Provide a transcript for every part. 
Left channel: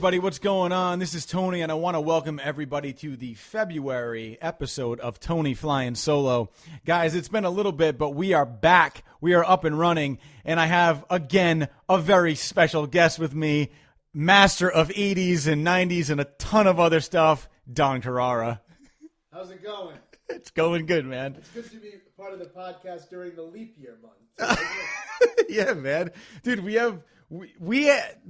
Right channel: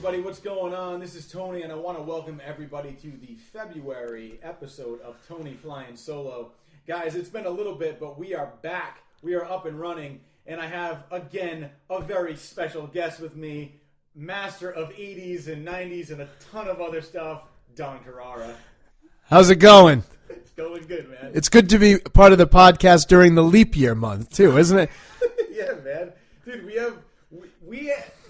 everybody, what's going on? This is Tony, and I want to welcome everybody to the February episode of Tony Flyin Solo. Guys, it's been a little bit, but we are back. We are up and running, and I have, again, a very special guest with me, master of 80s and 90s and a ton of other stuff, Don Carrara. How's it going? It's going good, man. It's good to be part of the podcast during the leap year month, too, isn't it? Yeah, man. Dude, we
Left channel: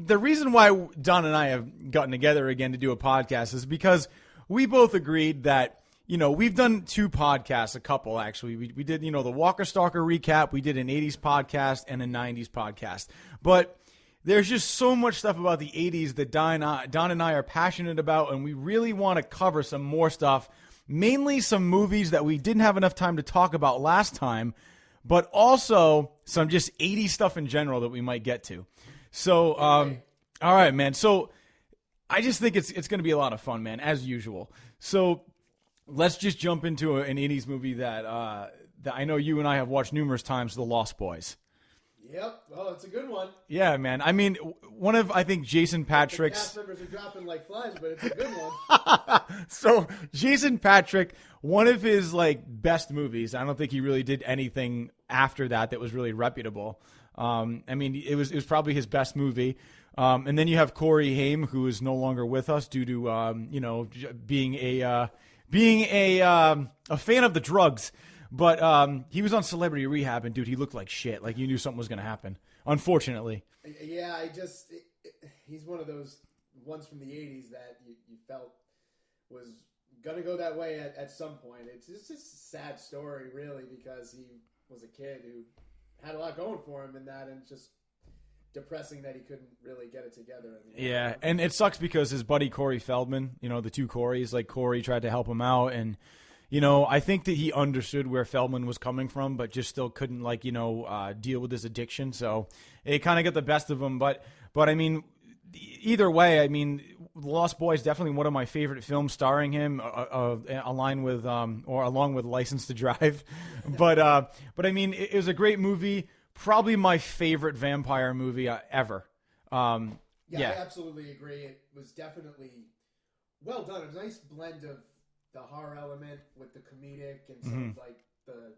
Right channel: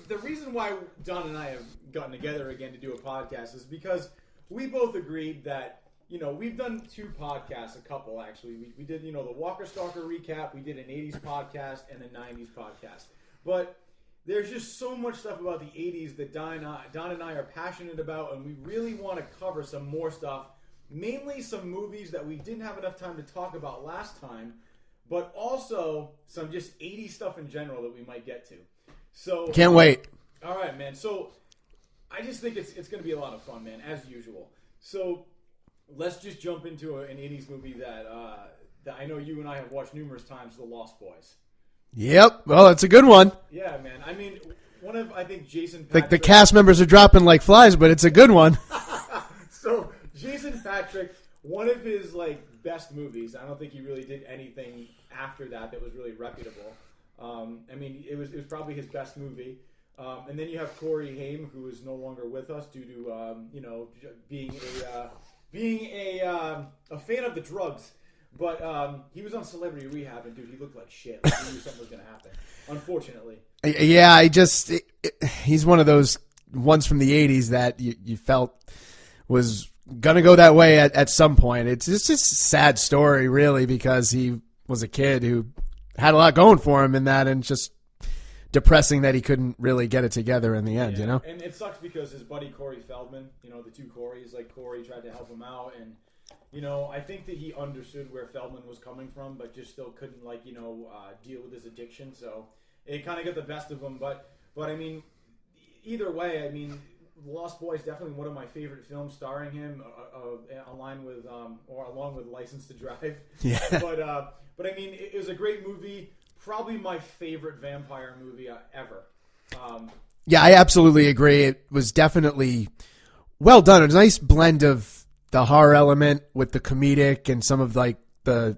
the reason why Don and I have gotten together again to do a podcast is because we both agreed that, you know, we've done two podcasts, a couple actually. We did, you know, the Walker Stalker recap. We did an 80s podcast and a 90s podcast. But there's just so much stuff about the 80s that Don and I are passionate about, and we really want to cover some more stuff, mainly some movies that we didn't have enough time to talk about last time, but also some just 80s stuff in general that we might get to. So can't wait. All right, man. So I just think it's going to be a lot of fun, man, as usual. So let's just jump into an 80s movie that I know you and I have watched numerous times, The Lost Boys. Yep. Well, it's a good one. Yeah, man. I mean, I think Jason Patrick. The cast members are dropping like flies, but it's a good one. So Jason Patrick, one of his best movies. I don't think he really did anything after that was really reputable. I mean, it was probably his best movie. And then you have Corey Haim, who is no longer with us due to being a fan of the drugs. But he was on Celebrity Rehab, and dude, he looked like shit. Like he knew something was going to happen. Unfortunately. Yeah, he's one of those ones from the 80s that you felt was going to go that way at some point. It's just a sad story, really, because he was a kid who had a lot going for him in that, and just depressing that he couldn't really get it together in the end. Yeah, you know? And it sucks because his buddy Corey Feldman, the two Coreys, Corey tried to help him out, and I think that he understood where Feldman was coming from, but just still couldn't deal with his addiction. So it kind of got the best of him. But I mean, either way, I mean, Lost Boys definitely one of my favorite films starring him, along with License to Drive. Yeah. But I mean, it was a great movie. Probably my favorite vampire movie ever. Yeah, I absolutely agree. It was definitely well done. It was a nice blend of the horror element with the comedic and some of the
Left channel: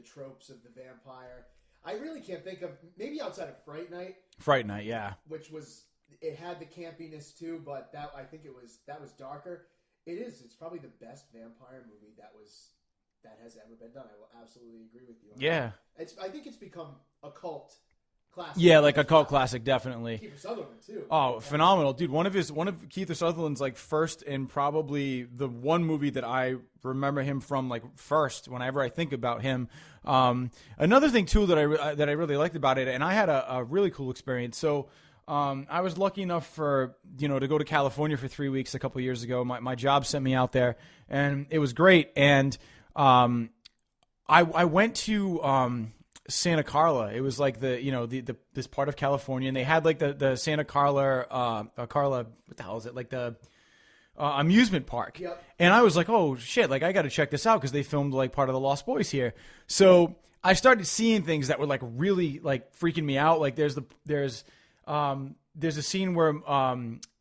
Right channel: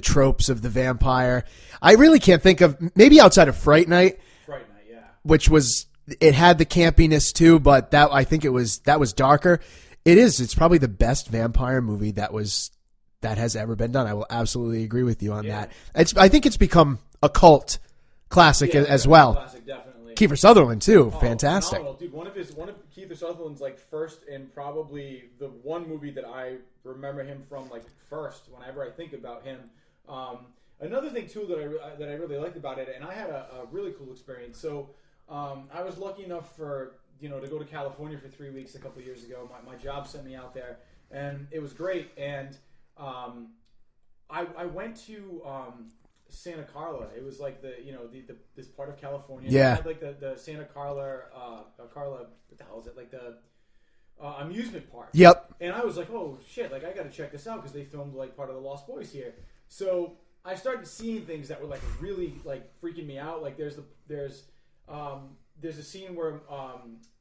tropes of the vampire. I really can't think of, maybe outside of Fright Night. Fright Night, yeah. Which was, it had the campiness too, but I think that was darker. It's probably the best vampire movie that has ever been done. I will absolutely agree with you on that. I think it's become a cult classic as well. Classic, definitely. Kiefer Sutherland too, fantastic, phenomenal, dude. One of Kiefer Sutherland's first and probably the one movie that I remember him from first whenever I think about him. Another thing too that I really liked about it, and I had a really cool experience. So I was lucky enough to go to California for 3 weeks a couple of years ago. My job sent me out there, and it was great. And I went to Santa Carla. It was this part of California. Yeah. They had the Santa Carla, what the hell is it? The amusement park. Yep. And I was like, oh shit, I got to check this out because they filmed part of the Lost Boys here. So I started seeing things that were really freaking me out. There's a scene where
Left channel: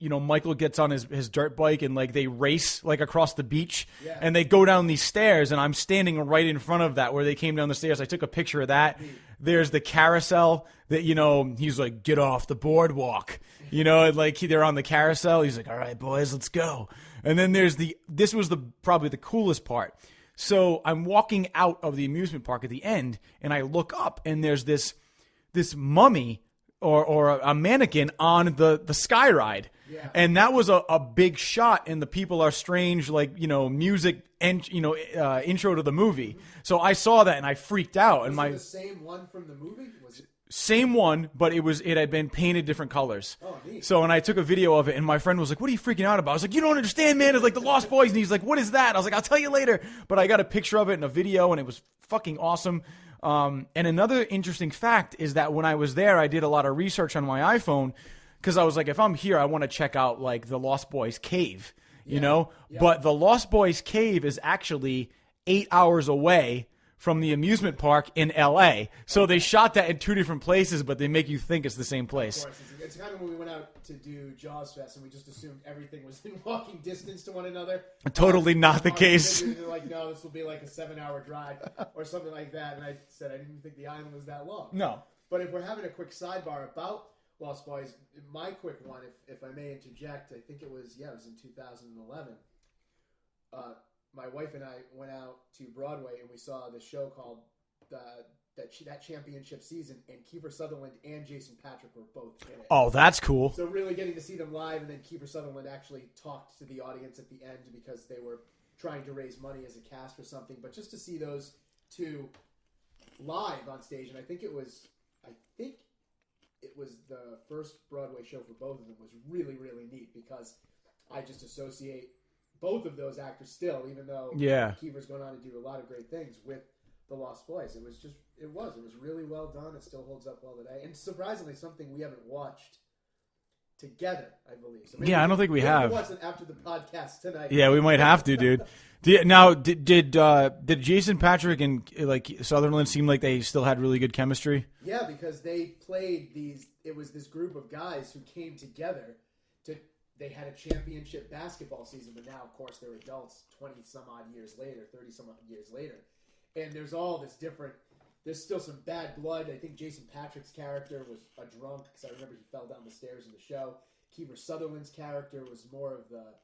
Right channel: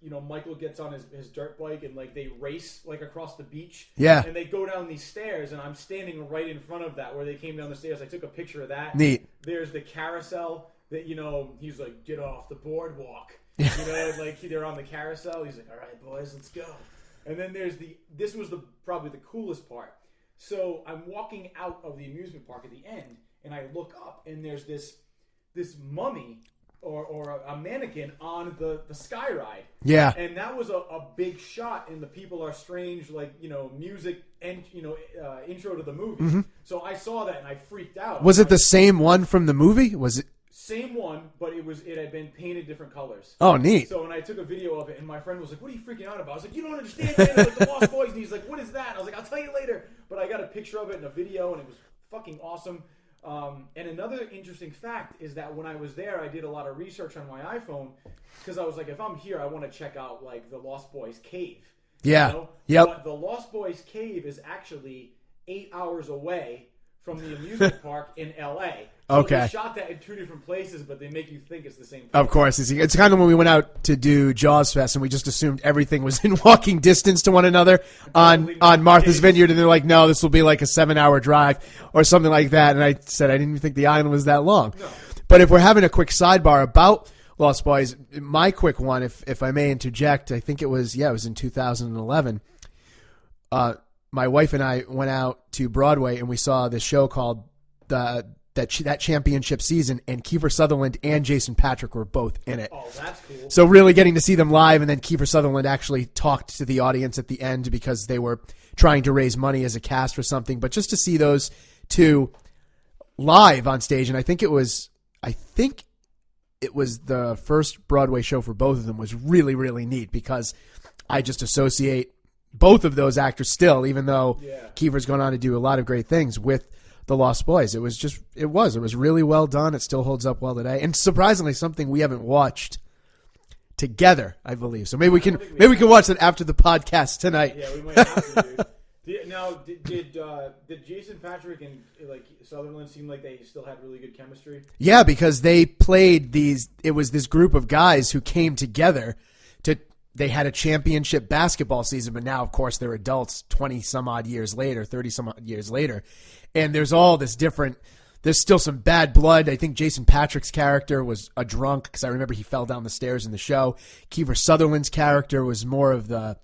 Michael gets on his dirt bike and they race across the beach. Yeah. And they go down these stairs, and I'm standing right in front of that where they came down the stairs. I took a picture of that. Neat. There's the carousel that he's like, get off the boardwalk. They're on the carousel. He's like, all right, boys, let's go. And then this was probably the coolest part. So I'm walking out of the amusement park at the end, and I look up, and there's this mummy or a mannequin on the sky ride. Yeah. And that was a big shot in the People Are Strange, music and, intro to the movie. Mm-hmm. So I saw that and I freaked out. Was it the same one from the movie? Was it? Same one, but it had been painted different colors. Oh, neat. So when I took a video of it, and my friend was like, what are you freaking out about? I was like, you don't understand, man. It's the Lost Boys. And he's like, what is that? I was like, I'll tell you later. But I got a picture of it in a video, and it was fucking awesome. And another interesting fact is that when I was there, I did a lot of research on my iPhone because I was like, if I'm here, I want to check out the Lost Boys cave. Yeah. You know? Yep. But the Lost Boys cave is actually 8 hours away from the amusement park in L.A. So they Okay. shot that in 2 different places, but they make you think it's the same place. Of course. It's kind of when we went out to do Jaws Fest and we just assumed everything was in walking distance to one another Totally not on the Martha's case. Vineyard. And they're like, no, this will be like a 7-hour drive or something like that. And I said I didn't even think the island was that long. No. But if we're having a quick sidebar about Lost Boys, my quick one, if I may interject, I think it was in 2011. My wife and I went out to Broadway and we saw this show called that championship season, and Kiefer Sutherland and Jason Patric were both in it. Oh, that's cool. So really getting to see them live, and then Kiefer Sutherland actually talked to the audience at the end because they were trying to raise money as a cast for something. But just to see those two live on stage, and I think it was the first Broadway show for both of them, was really, really neat because I just associate both of those actors still, even though Kiefer's gone on to do a lot of great things with the Lost Boys. It was really well done. It still holds up well today, and surprisingly, something we haven't watched together, I believe. So maybe we can watch that after the podcast tonight. Yeah, we might have to, dude. Now, did Jason Patric and Sutherland seem like they still had really good chemistry? Yeah, because they played these. It was this group of guys who came together to. They had a championship basketball season, but now, of course, they're adults 20 some odd years later, 30 some odd years later. And there's all this different, there's still some bad blood. I think Jason Patric's character was a drunk because I remember he fell down the stairs in the show. Kiefer Sutherland's character was more of the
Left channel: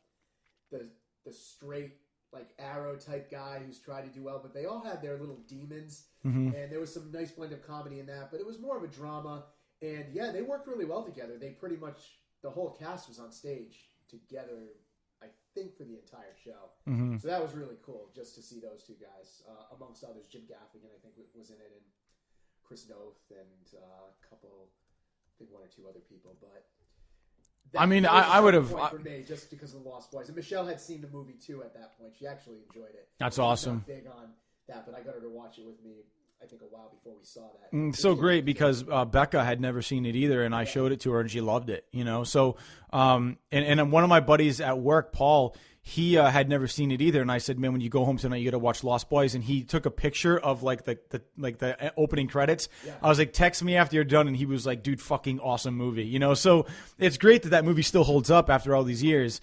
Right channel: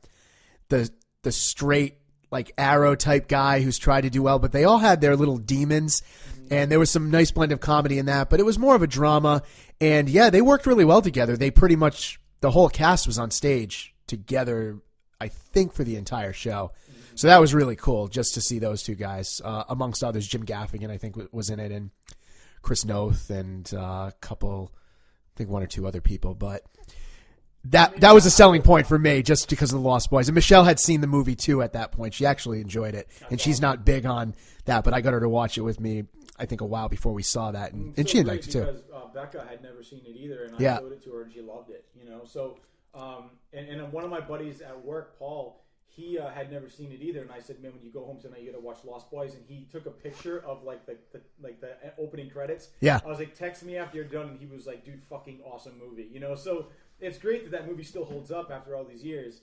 straight, like Arrow type guy who's tried to do well, but they all had their little demons. Mm-hmm. And there was some nice blend of comedy in that, but it was more of a drama. And yeah, they worked really well together. They pretty much, the whole cast was on stage together, I think, for the entire show. Mm-hmm. So that was really cool just to see those two guys. Amongst others, Jim Gaffigan, I think, was in it, and Chris Noth, and a couple, I think 1 or 2 other people. But that was a selling point for me just because of the Lost Boys. And Michelle had seen the movie, too, at that point. She actually enjoyed it. That's and she's not big on that, but I got her to watch it with me, I think, a while before we saw that. And so great because Becca had never seen it either, and I showed it to her, and she loved it. So and one of my buddies at work, Paul, he had never seen it either, and I said, man, when you go home tonight, you got to watch Lost Boys. And he took a picture of the opening credits. Yeah, I was like, text me after you're done, and he was like, dude, fucking awesome movie. So it's great that movie still holds up after all these years.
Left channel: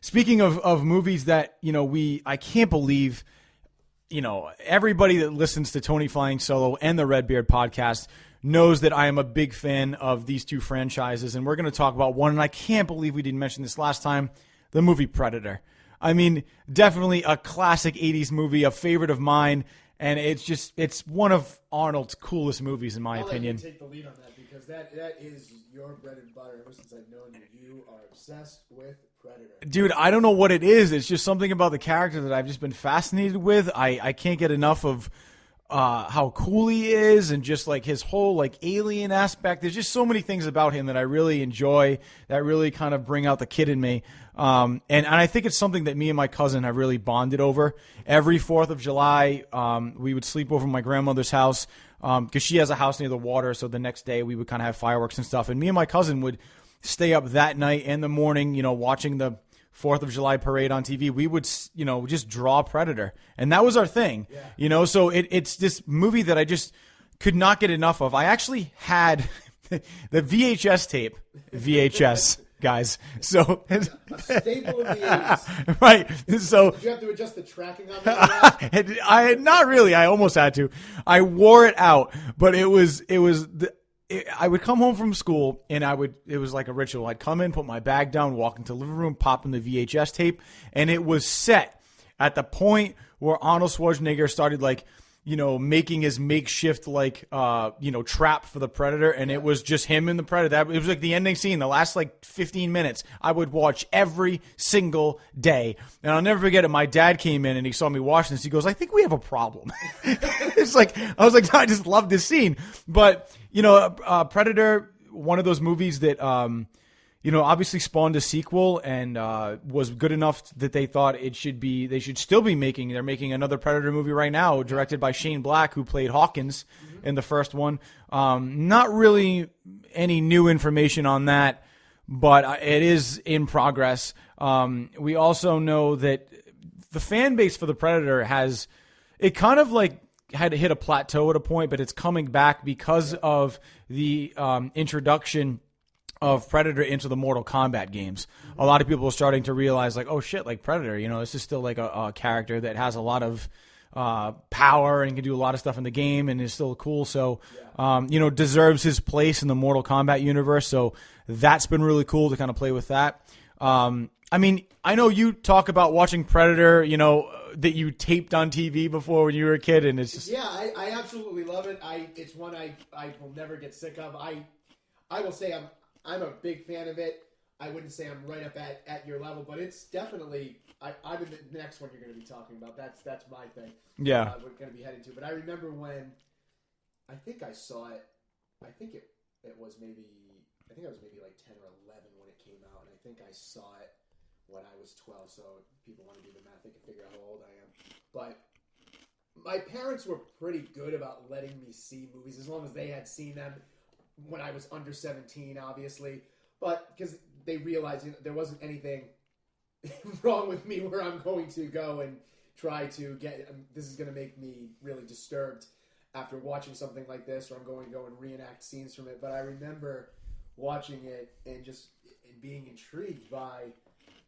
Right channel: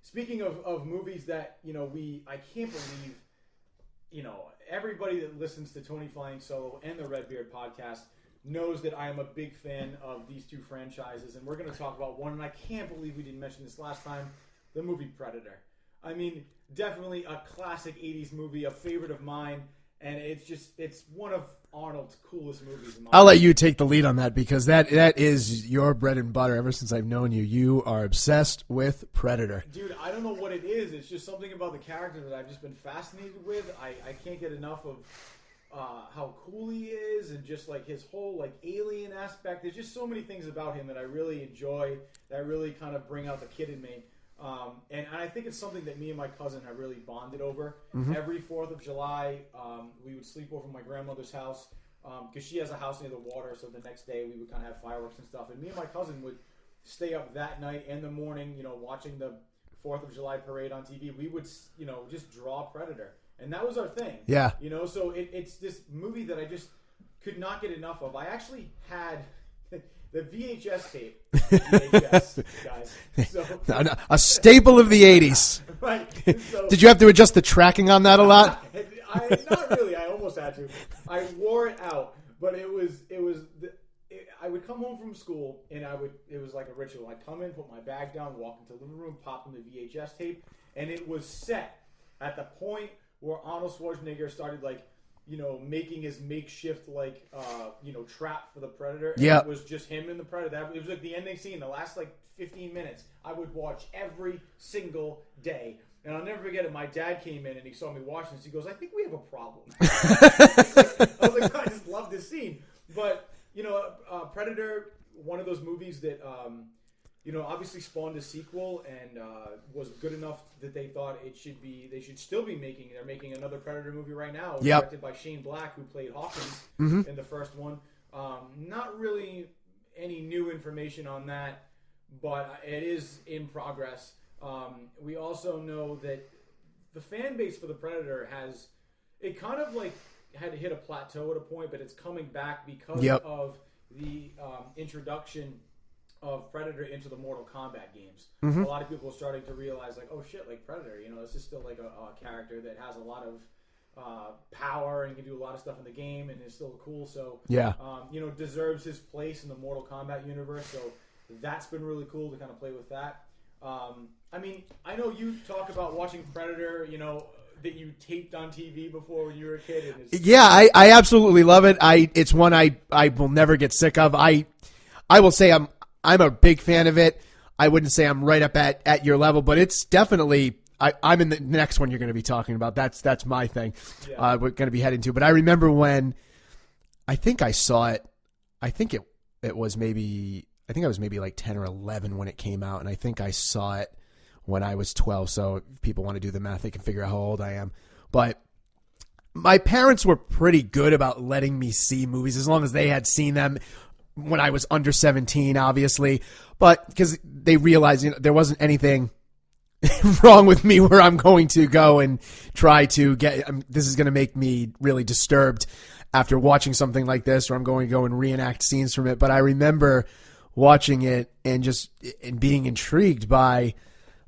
Speaking of movies that I can't believe. Everybody that listens to Tony Flying Solo and the Redbeard podcast knows that I am a big fan of these two franchises, and we're going to talk about one, and I can't believe we didn't mention this last time, the movie Predator. I mean, definitely a classic 80s movie, a favorite of mine, and it's one of Arnold's coolest movies in my opinion. I'll let you take the lead on that because that is your bread and butter. Ever since I've known you, you are obsessed with Predator. Dude, I don't know what it is. It's just something about the character that I've just been fascinated with. I can't get enough of how cool he is and just like his whole like alien aspect. There's just so many things about him that I really enjoy that really kind of bring out the kid in me. And I think it's something that me and my cousin have really bonded over. Mm-hmm. Every 4th of July, we would sleep over at my grandmother's house because she has a house near the water. So the next day we would kind of have fireworks and stuff. And me and my cousin would stay up that night and the morning, watching the 4th of July parade on TV. We would, just draw Predator. And that was our thing. Yeah. So it's this movie that I just could not get enough of. I actually had the VHS tape. VHS, guys. So a staple of the 80s. Right. So did you have to adjust the tracking on that a lot? I not really. I almost had to. I wore it out, but I would come home from school and it was like a ritual. I'd come in, put my bag down, walk into the living room, pop in the VHS tape, and it was set at the point where Arnold Schwarzenegger started making his makeshift trap for the Predator, and it was just him and the Predator. It was like the ending scene, the last 15 minutes. I would watch every single day, and I'll never forget it. My dad came in and he saw me watching this. He goes, "I think we have a problem." I was like, I just love this scene, but Predator, one of those movies that obviously spawned a sequel and was good enough that they thought they should still be making. They're making another Predator movie right now, directed by Shane Black, who played Hawkins in the first one. Not really any new information on that, but it is in progress. We also know that the fan base for the Predator it kind of like had hit a plateau at a point, but it's coming back because of the introduction of Predator into the Mortal Kombat games. A lot of people are starting to realize, like, oh shit, like Predator, this is still like a character that has a lot of power and can do a lot of stuff in the game and is still cool. So, deserves his place in the Mortal Kombat universe. So that's been really cool to kind of play with that. I mean, I know you talk about watching Predator, that you taped on TV before when you were a kid, and it's I absolutely love it. It's one I will never get sick of. I will say I'm a big fan of it. I wouldn't say I'm right up at your level, but it's definitely I'm in the next one you're going to be talking about. That's my thing. Yeah, we're going to be heading to. But I remember when I think I saw it. I think it was maybe I was maybe like 10 or 11 when it came out, and I think I saw it when I was 12. So if people want to do the math, they can figure out how old I am. But my parents were pretty good about letting me see movies as long as they had seen them when I was under 17, obviously. But because they realized there wasn't anything wrong with me where I'm going to go and try to get this is going to make me really disturbed after watching something like this, or I'm going to go and reenact scenes from it. But I remember watching it and being intrigued by,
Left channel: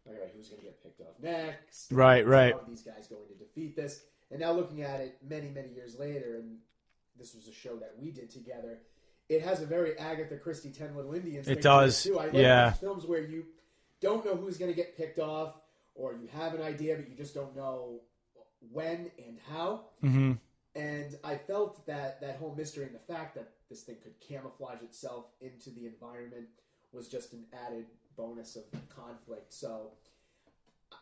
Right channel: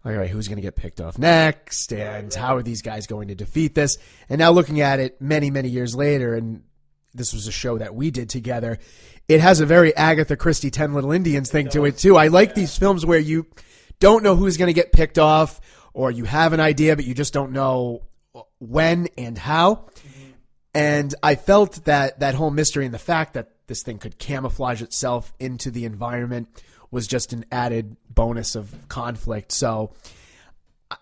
all right, who's going to get picked off next? And right. How are these guys going to defeat this? And now looking at it many, many years later, and this was a show that we did together, it has a very Agatha Christie 10 Little Indians thing to it, too. I like these films where you don't know who's going to get picked off, or you have an idea, but you just don't know when and how. Mm-hmm. And I felt that whole mystery and the fact that this thing could camouflage itself into the environment was just an added bonus of conflict. So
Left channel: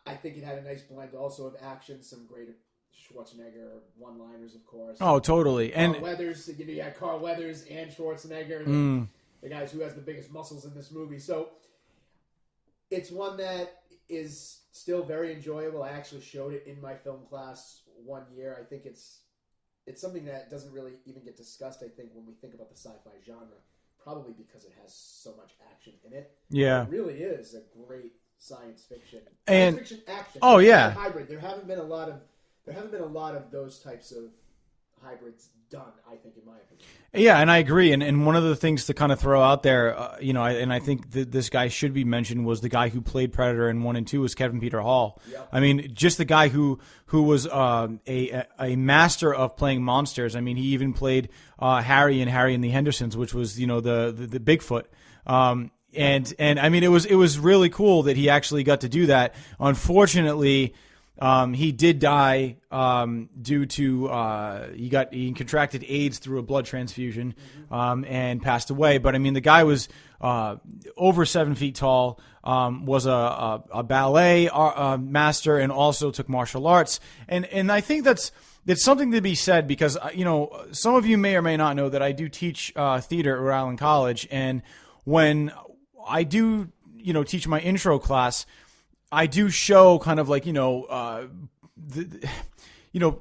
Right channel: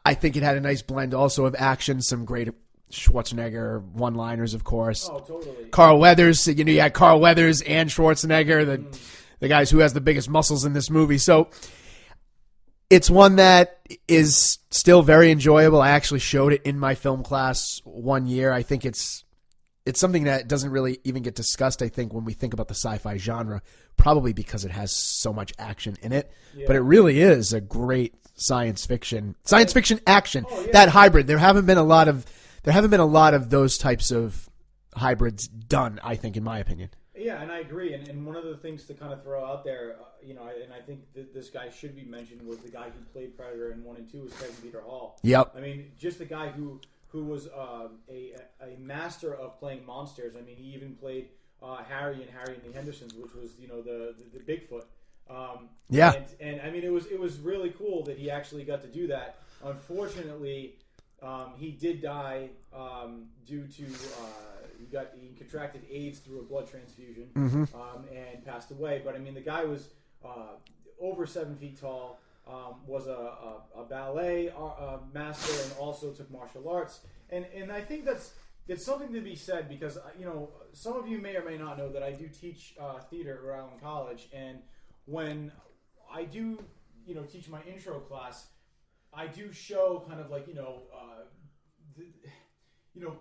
I think it had a nice blend also of action, some great Schwarzenegger one-liners, of course. Oh, totally. Carl Weathers, you had Carl Weathers and Schwarzenegger, the guys who has the biggest muscles in this movie. So it's one that is still very enjoyable. I actually showed it in my film class one year. I think it's something that doesn't really even get discussed, I think, when we think about the sci-fi genre, probably because it has so much action in it. Yeah. But it really is a great science fiction action. Oh, yeah. That hybrid. There haven't been a lot of those types of hybrids done, I think, in my opinion. Yeah, and I agree. And one of the things to kind of throw out there, and I think this guy should be mentioned, was the guy who played Predator in 1 and 2 was Kevin Peter Hall. Yep. I mean, just the guy who was a master of playing monsters. I mean, he even played Harry and the Hendersons, which was the Bigfoot. Yeah. And I mean, it was really cool that he actually got to do that. Unfortunately, he did die due to he contracted AIDS through a blood transfusion and passed away. But I mean, the guy was over 7 feet tall, was a ballet master, and also took martial arts. And I think that's something to be said because some of you may or may not know that I do teach theater at Rhode Island College, and when I do teach my intro class, I do show kind of like,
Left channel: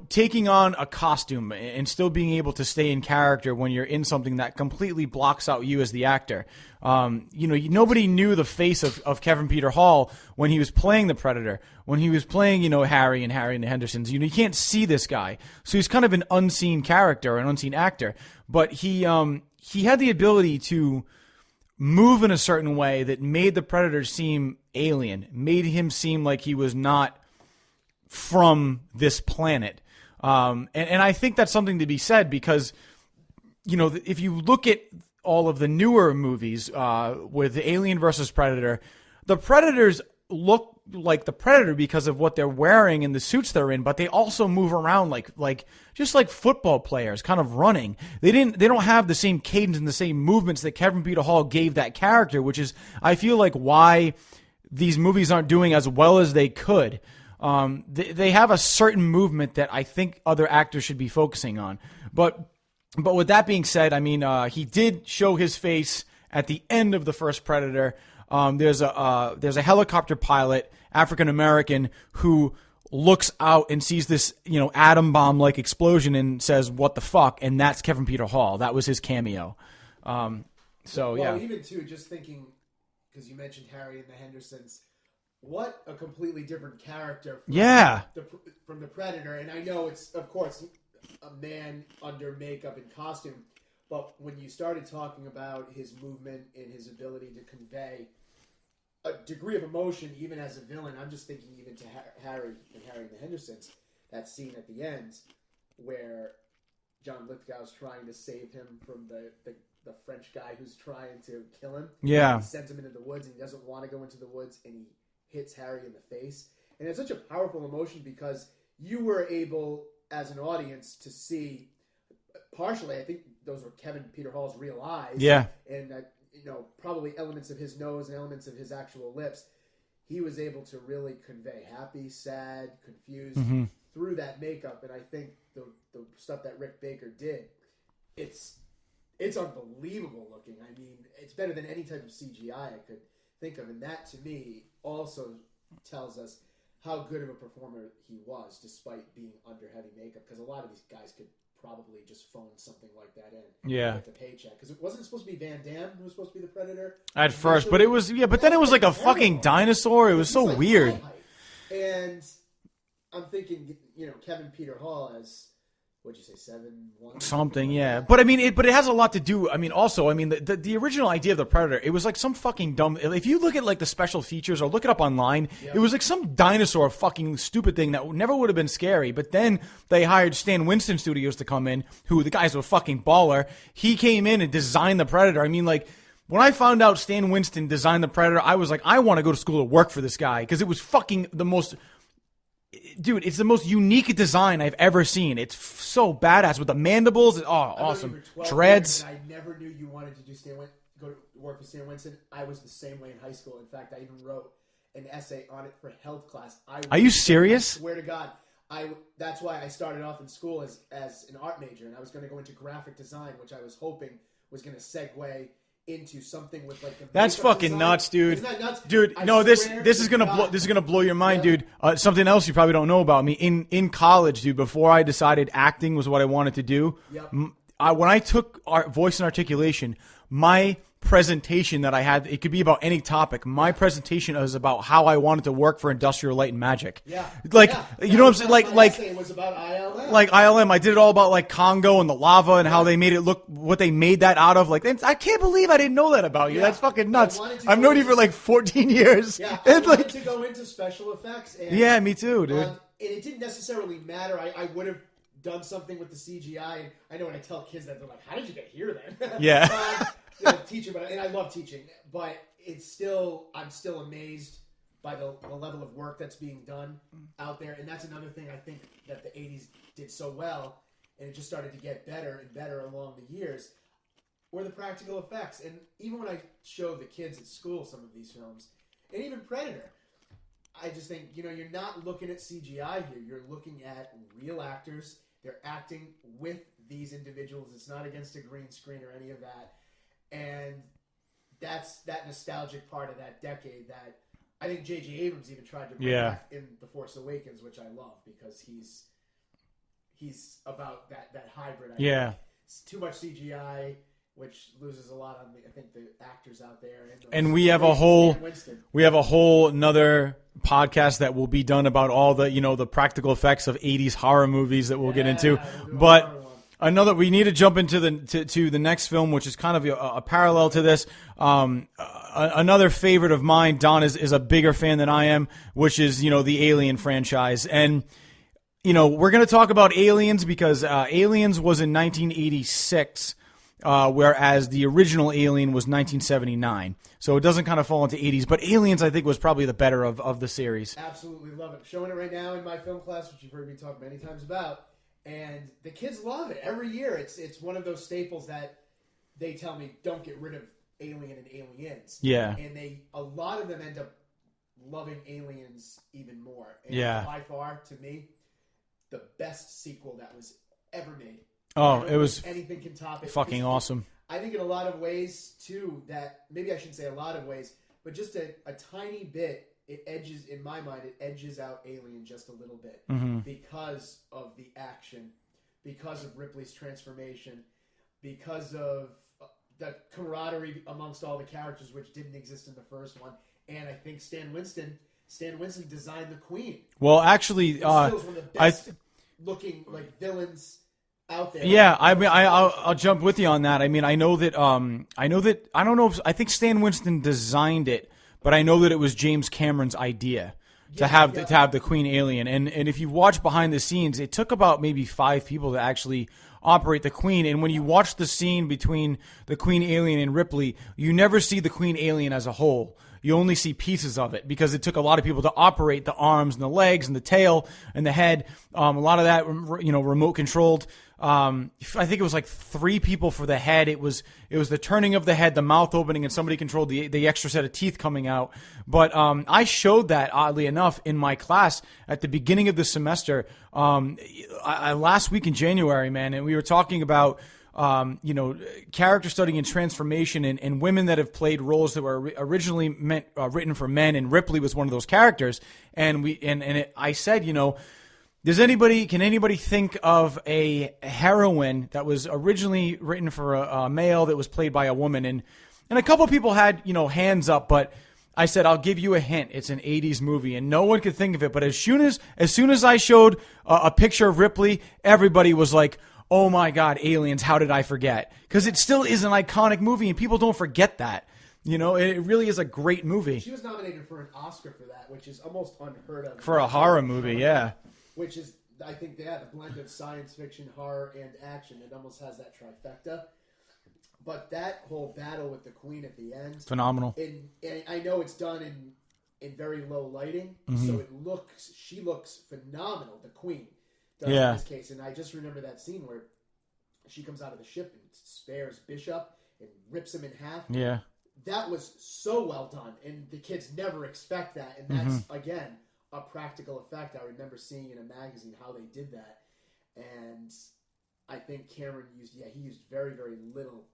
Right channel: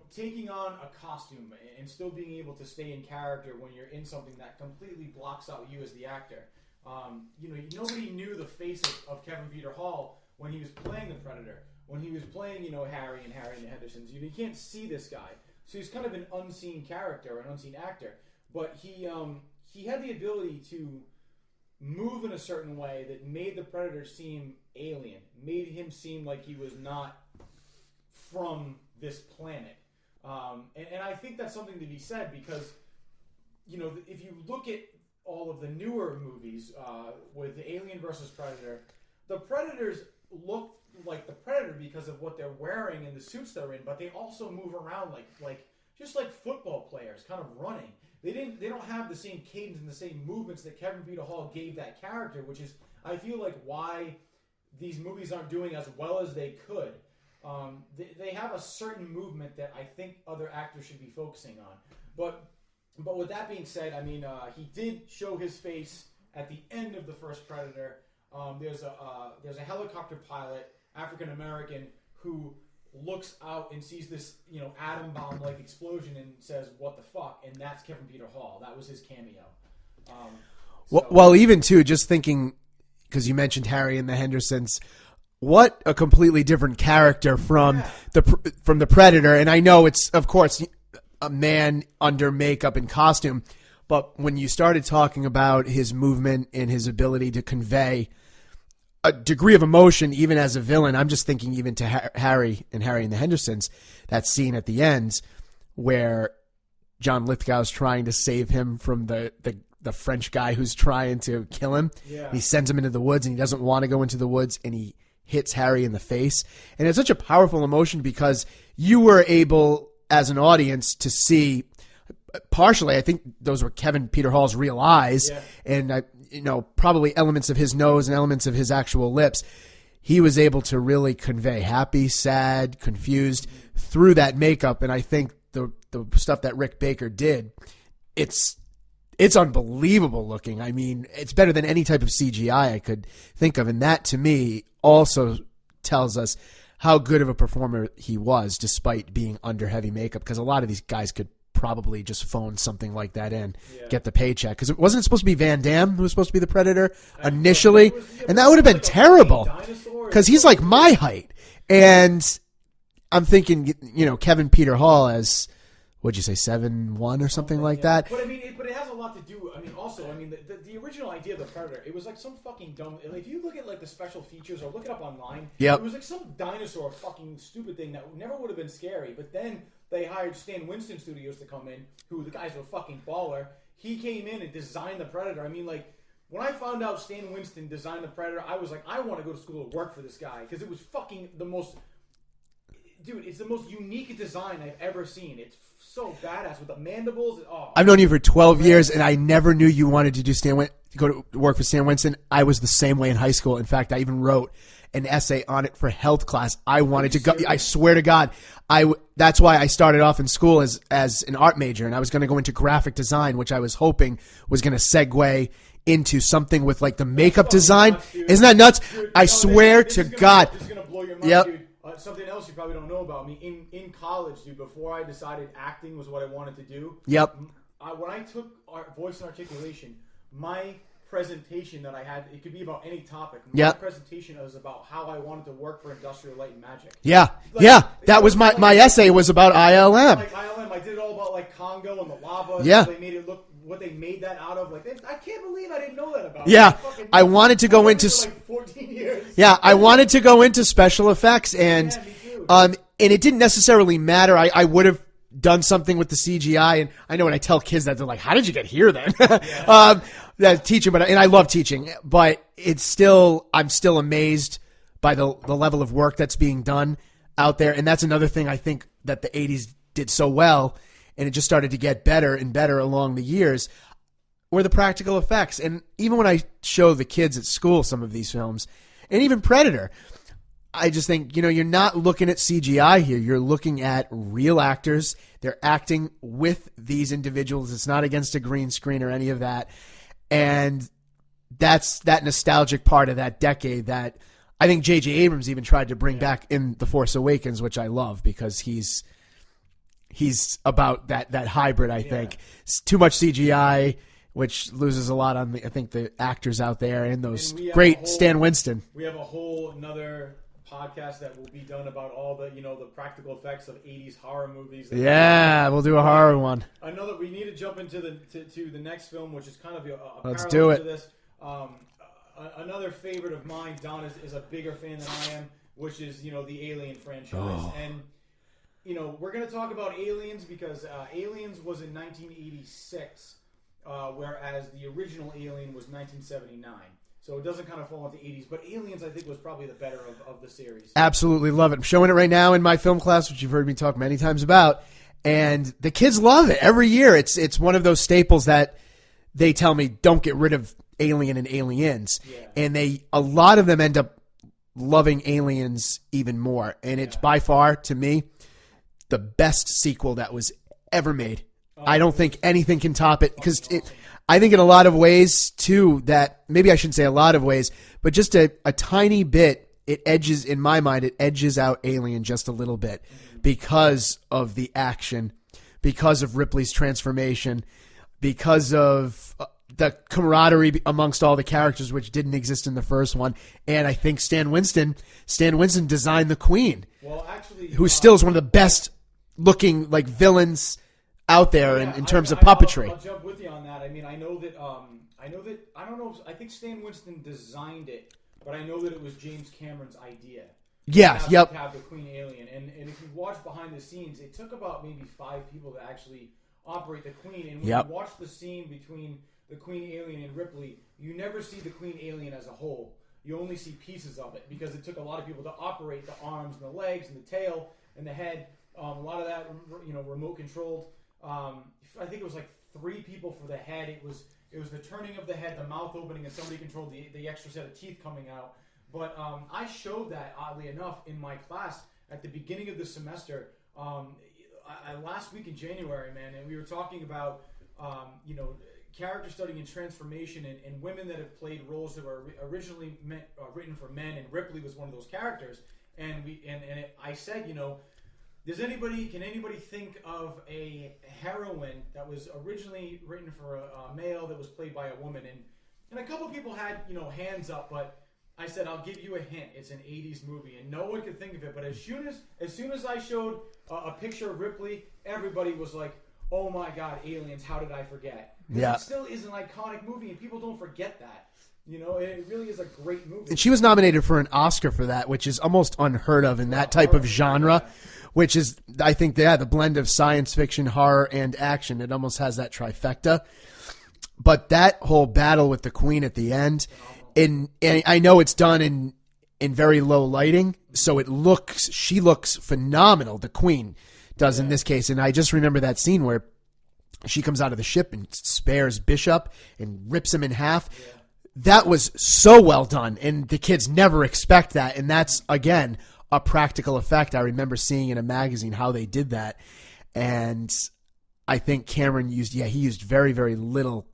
taking on a costume and still being able to stay in character when you're in something that completely blocks out you as the actor. Nobody knew the face of Kevin Peter Hall when he was playing the Predator, when he was playing, Harry and the Hendersons. You can't see this guy. So he's kind of an unseen character, an unseen actor. But he had the ability to move in a certain way that made the Predator seem alien, made him seem like he was not from this planet. And I think that's something to be said because, if you look at all of the newer movies with Alien versus Predator, the Predators look like the Predator because of what they're wearing and the suits they're in, but they also move around like just like football players, kind of running. They don't have the same cadence and the same movements that Kevin Peter Hall gave that character, which is, I feel like, why these movies aren't doing as well as they could. They have a certain movement that I think other actors should be focusing on. But with that being said, I mean, he did show his face at the end of the first Predator. There's a helicopter pilot, African American, who looks out and sees this, atom bomb like explosion and says, "What the fuck?" And that's Kevin Peter Hall. That was his cameo. Even too, just thinking, because you mentioned Harry and the Hendersons, what a completely different character from Yeah. the Predator. And I know it's, of course, a man under makeup and costume, but when you started talking about his movement and his ability to convey a degree of emotion, even as a villain, I'm just thinking even to Harry and the Hendersons, that scene at the end where John Lithgow's trying to save him from the French guy who's trying to kill him. Yeah. He sends him into the woods, and he doesn't want to go into the woods, and he hits Harry in the face. And it's such a powerful emotion because you were able, as an audience, to see partially, I think those were Kevin Peter Hall's real eyes. Yeah. And, probably elements of his nose and elements of his actual lips. He was able to really convey happy, sad, confused through that makeup. And I think the stuff that Rick Baker did, it's unbelievable looking. I mean, it's better than any type of CGI I could think of. And that, to me, also tells us how good of a performer he was, despite being under heavy makeup. Because a lot of these guys could probably just phone something like that in, get the paycheck. Because it wasn't supposed to be Van Damme who was supposed to be the Predator initially. And that would have been like terrible. A dinosaur. Because he's like my height. And I'm thinking, Kevin Peter Hall as, what'd you say, 7'1" or something like that? But I mean, it has a lot to do. I mean, also, the original idea of the Predator, it was like some fucking dumb. If you look at like the special features or look it up online, it was like some dinosaur fucking stupid thing that never would have been scary. But then they hired Stan Winston Studios to come in, who the guy's a fucking baller. He came in and designed the Predator. I mean, like, when I found out Stan Winston designed the Predator, I was like, I want to go to school to work for this guy because it was fucking the most. Dude, it's the most unique design I've ever seen. It's so badass with the mandibles. I've known you for 12 years, and I never knew you wanted to do go to work for Stan Winston. I was the same way in high school. In fact, I even wrote an essay on it for health class. I wanted to serious? go. I swear to God. That's why I started off in school as an art major, and I was going to go into graphic design, which I was hoping was going to segue into something with like the makeup design. Nuts, dude. Isn't that nuts? Dude, I swear this to is gonna God. This is going to blow your mind, dude. Something else you probably don't know about me. In college, dude, before I decided acting was what I wanted to do. When I took voice and articulation, my presentation that I had, it could be about any topic. My presentation was about how I wanted to work for Industrial Light and Magic. That was my essay was about ILM. Like ILM, I did it all about like Congo and the lava and how they made it look, what they made that out of. Like, I can't believe I didn't know that about you. That's fucking nuts. I wanted to go I've known into you for like 14 years. I wanted to go into special effects, and me too. Dude. And it didn't necessarily matter. I would have done something with the CGI, and I know when I tell kids that, they're like, "How did you get here then?" Teaching, and I love teaching, but I'm still amazed by the level of work that's being done out there. And that's another thing I think that the 80s did so well, and it just started to get better and better along the years, were the practical effects. And even when I show the kids at school some of these films, and even Predator, I just think, you're not looking at CGI here. You're looking at real actors. They're acting with these individuals. It's not against a green screen or any of that. And that's that nostalgic part of that decade that I think J.J. Abrams even tried to bring back in The Force Awakens, which I love because he's about that hybrid, I think. It's too much CGI, which loses a lot on I think the actors out there and those great Stan Winston. We have a whole another podcast that will be done about all the the practical effects of 80s horror movies that we'll get into. Yeah, we'll do a horror one. We need to jump into the next film, which is kind of a parallel to this. Another favorite of mine, Don is a bigger fan than I am, which is the Alien franchise. And we're going to talk about Aliens because Aliens was in 1986, whereas the original Alien was 1979. So it doesn't kind of fall into 80s. But Aliens, I think, was probably the better of the series. Absolutely love it. I'm showing it right now in my film class, which you've heard me talk many times about. And the kids love it. Every year, it's one of those staples that they tell me, don't get rid of Alien and Aliens. Yeah. And a lot of them end up loving Aliens even more. And it's by far, to me, the best sequel that was ever made. I don't think anything can top it. Fucking awesome. I think in a lot of ways, too, that maybe I shouldn't say a lot of ways, but just a tiny bit, it edges out Alien just a little bit because of the action, because of Ripley's transformation, because of the camaraderie amongst all the characters, which didn't exist in the first one. And I think Stan Winston designed the Queen. Well, actually, who still is one of the best looking like villains out there. Yeah, in terms of puppetry. I'll jump with you on that. I mean, I know that I don't know if I think Stan Winston designed it, but I know that it was James Cameron's idea. Yeah, to have the Queen alien, and if you watch behind the scenes, it took about maybe 5 people to actually operate the Queen. And when you watch the scene between the Queen alien and Ripley, you never see the Queen alien as a whole. You only see pieces of it because it took a lot of people to operate the arms and the legs and the tail and the head. A lot of that, remote controlled. I think it was like 3 people for the head. It was the turning of the head, the mouth opening, and somebody controlled the extra set of teeth coming out. But I showed that, oddly enough, in my class at the beginning of the semester. Last week in January, man, and we were talking about character study and transformation, and women that have played roles that were originally written for men, and Ripley was one of those characters. And I said, can anybody think of a heroine that was originally written for a male that was played by a woman? And a couple of people had, hands up, but I said, I'll give you a hint. It's an 80s movie, and no one could think of it. But as soon as I showed a picture of Ripley, everybody was like, oh my God, Aliens, how did I forget? Because it still is an iconic movie, and people don't forget that. It really is a great movie. And she was nominated for an Oscar for that, which is almost unheard of in for that type of movie, genre. Yeah. Which is, I think, the blend of science fiction, horror, and action. It almost has that trifecta. But that whole battle with the Queen at the end, phenomenal. And I know it's done in very low lighting, so she looks phenomenal. The Queen does in this case, and I just remember that scene where she comes out of the ship and spares Bishop and rips him in half. Yeah, that was so well done, and the kids never expect that, and that's again a practical effect. I remember seeing in a magazine how they did that, and I think Cameron used very, very little.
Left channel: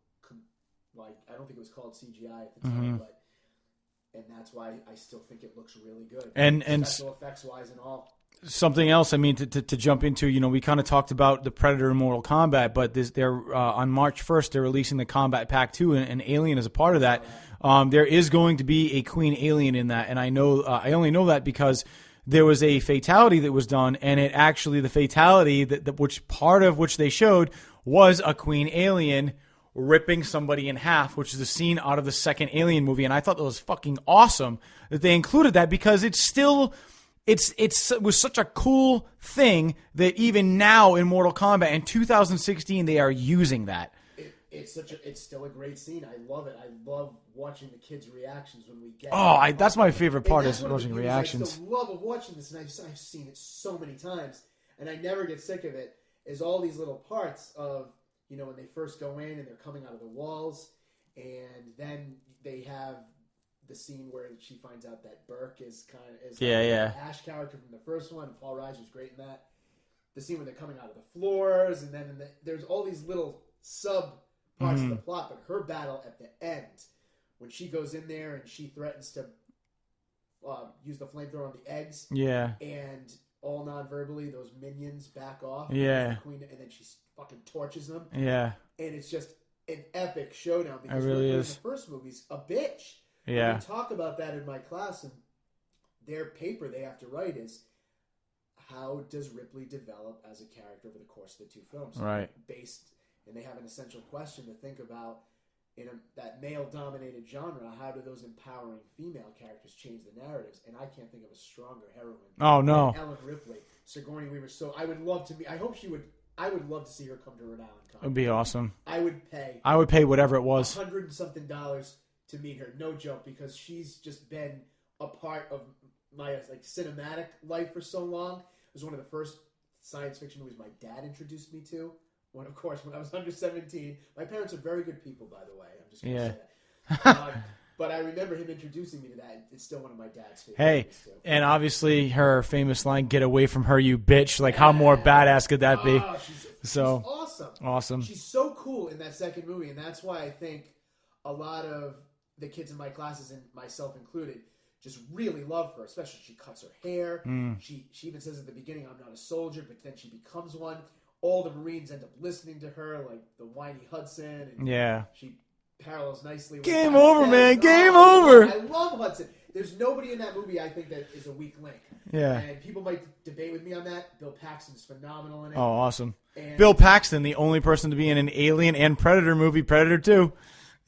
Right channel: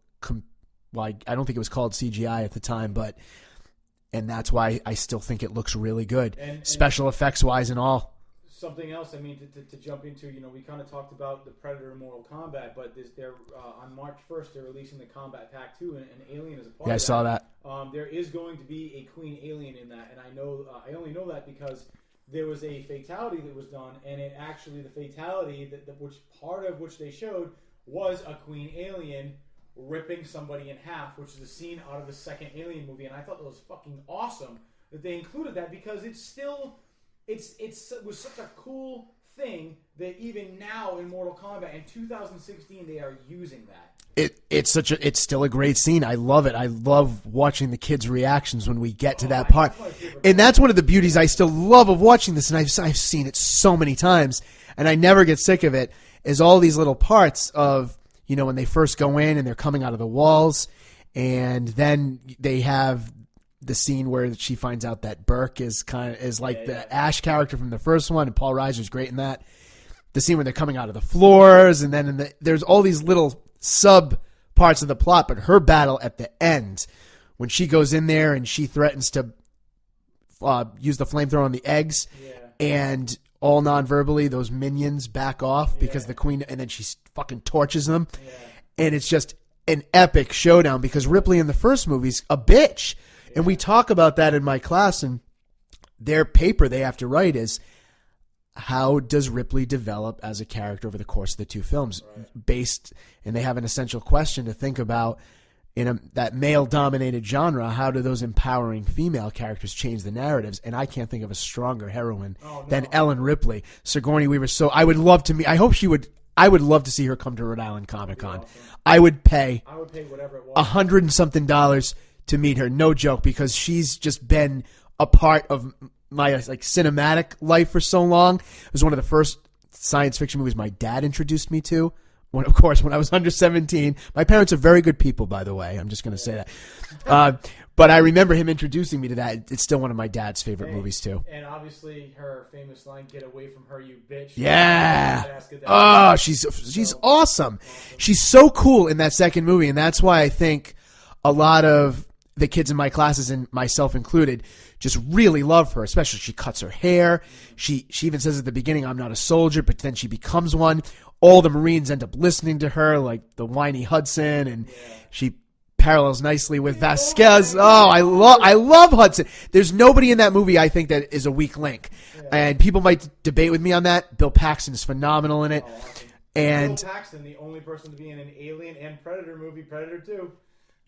I don't think it was called CGI at the time, and that's why I still think it looks really good, and special effects wise and all. Something else, I mean, to jump into, we kind of talked about the Predator and Mortal Kombat, but they're on March 1st, they're releasing the Combat Pack 2, and Alien is a part of that. I saw that. There is going to be a Queen Alien in that, and I know I only know that because there was a fatality that was done, and it actually, the fatality which they showed was a Queen Alien ripping somebody in half, which is a scene out of the second Alien movie, and I thought that was fucking awesome that they included that, because it was such a cool thing that even now in Mortal Kombat in 2016 they are using that. It's still a great scene. I love it. I love watching the kids' reactions when we get to that part. That's my favorite part. And that's one of the beauties I still love of watching this, and I've seen it so many times, and I never get sick of it, is all these little parts of, when they first go in and they're coming out of the walls, and then they have the scene where she finds out that Burke is the Ash character from the first one, and Paul Reiser's great in that. The scene where they're coming out of the floors, and then there's all these little sub parts of the plot, but her battle at the end, when she goes in there and she threatens to use the flamethrower on the eggs, and all non-verbally those minions back off because the Queen, and then she fucking torches them, and it's just an epic showdown, because Ripley in the first movie's a bitch. And we talk about that in my class, and their paper they have to write is, how does Ripley develop as a character over the course of the 2 films? Right. And they have an essential question to think about in that male-dominated genre. How do those empowering female characters change the narratives? And I can't think of a stronger heroine than Ellen Ripley. Sigourney Weaver. So I would love to meet. I hope she would. I would love to see her come to Rhode Island Comic Con. It would be awesome. I would pay whatever it was, $100 and something to meet her. No joke, because she's just been a part of my cinematic life for so long. It was one of the first science fiction movies my dad introduced me to. When I was under 17. My parents are very good people, by the way. I'm just going to say that. But I remember him introducing me to that. It's still one of my dad's favorite movies, too. And obviously her famous line, "Get away from her, you bitch." How more badass could that be? Oh, she's awesome. Awesome. She's so cool in that second movie, and that's why I think a lot of the kids in my classes, and myself included, just really love her. Especially she cuts her hair. She even says at the beginning, "I'm not a soldier," but then she becomes one. All the Marines end up listening to her, like the whiny Hudson, and she parallels nicely with Game Vasquez. over, man. I love Hudson. There's nobody in that movie I think that is a weak link. Yeah. And people might debate with me on that. Bill Paxton is phenomenal in it. Oh, awesome. And Bill Paxton, the only person to be in an Alien and Predator movie, Predator 2.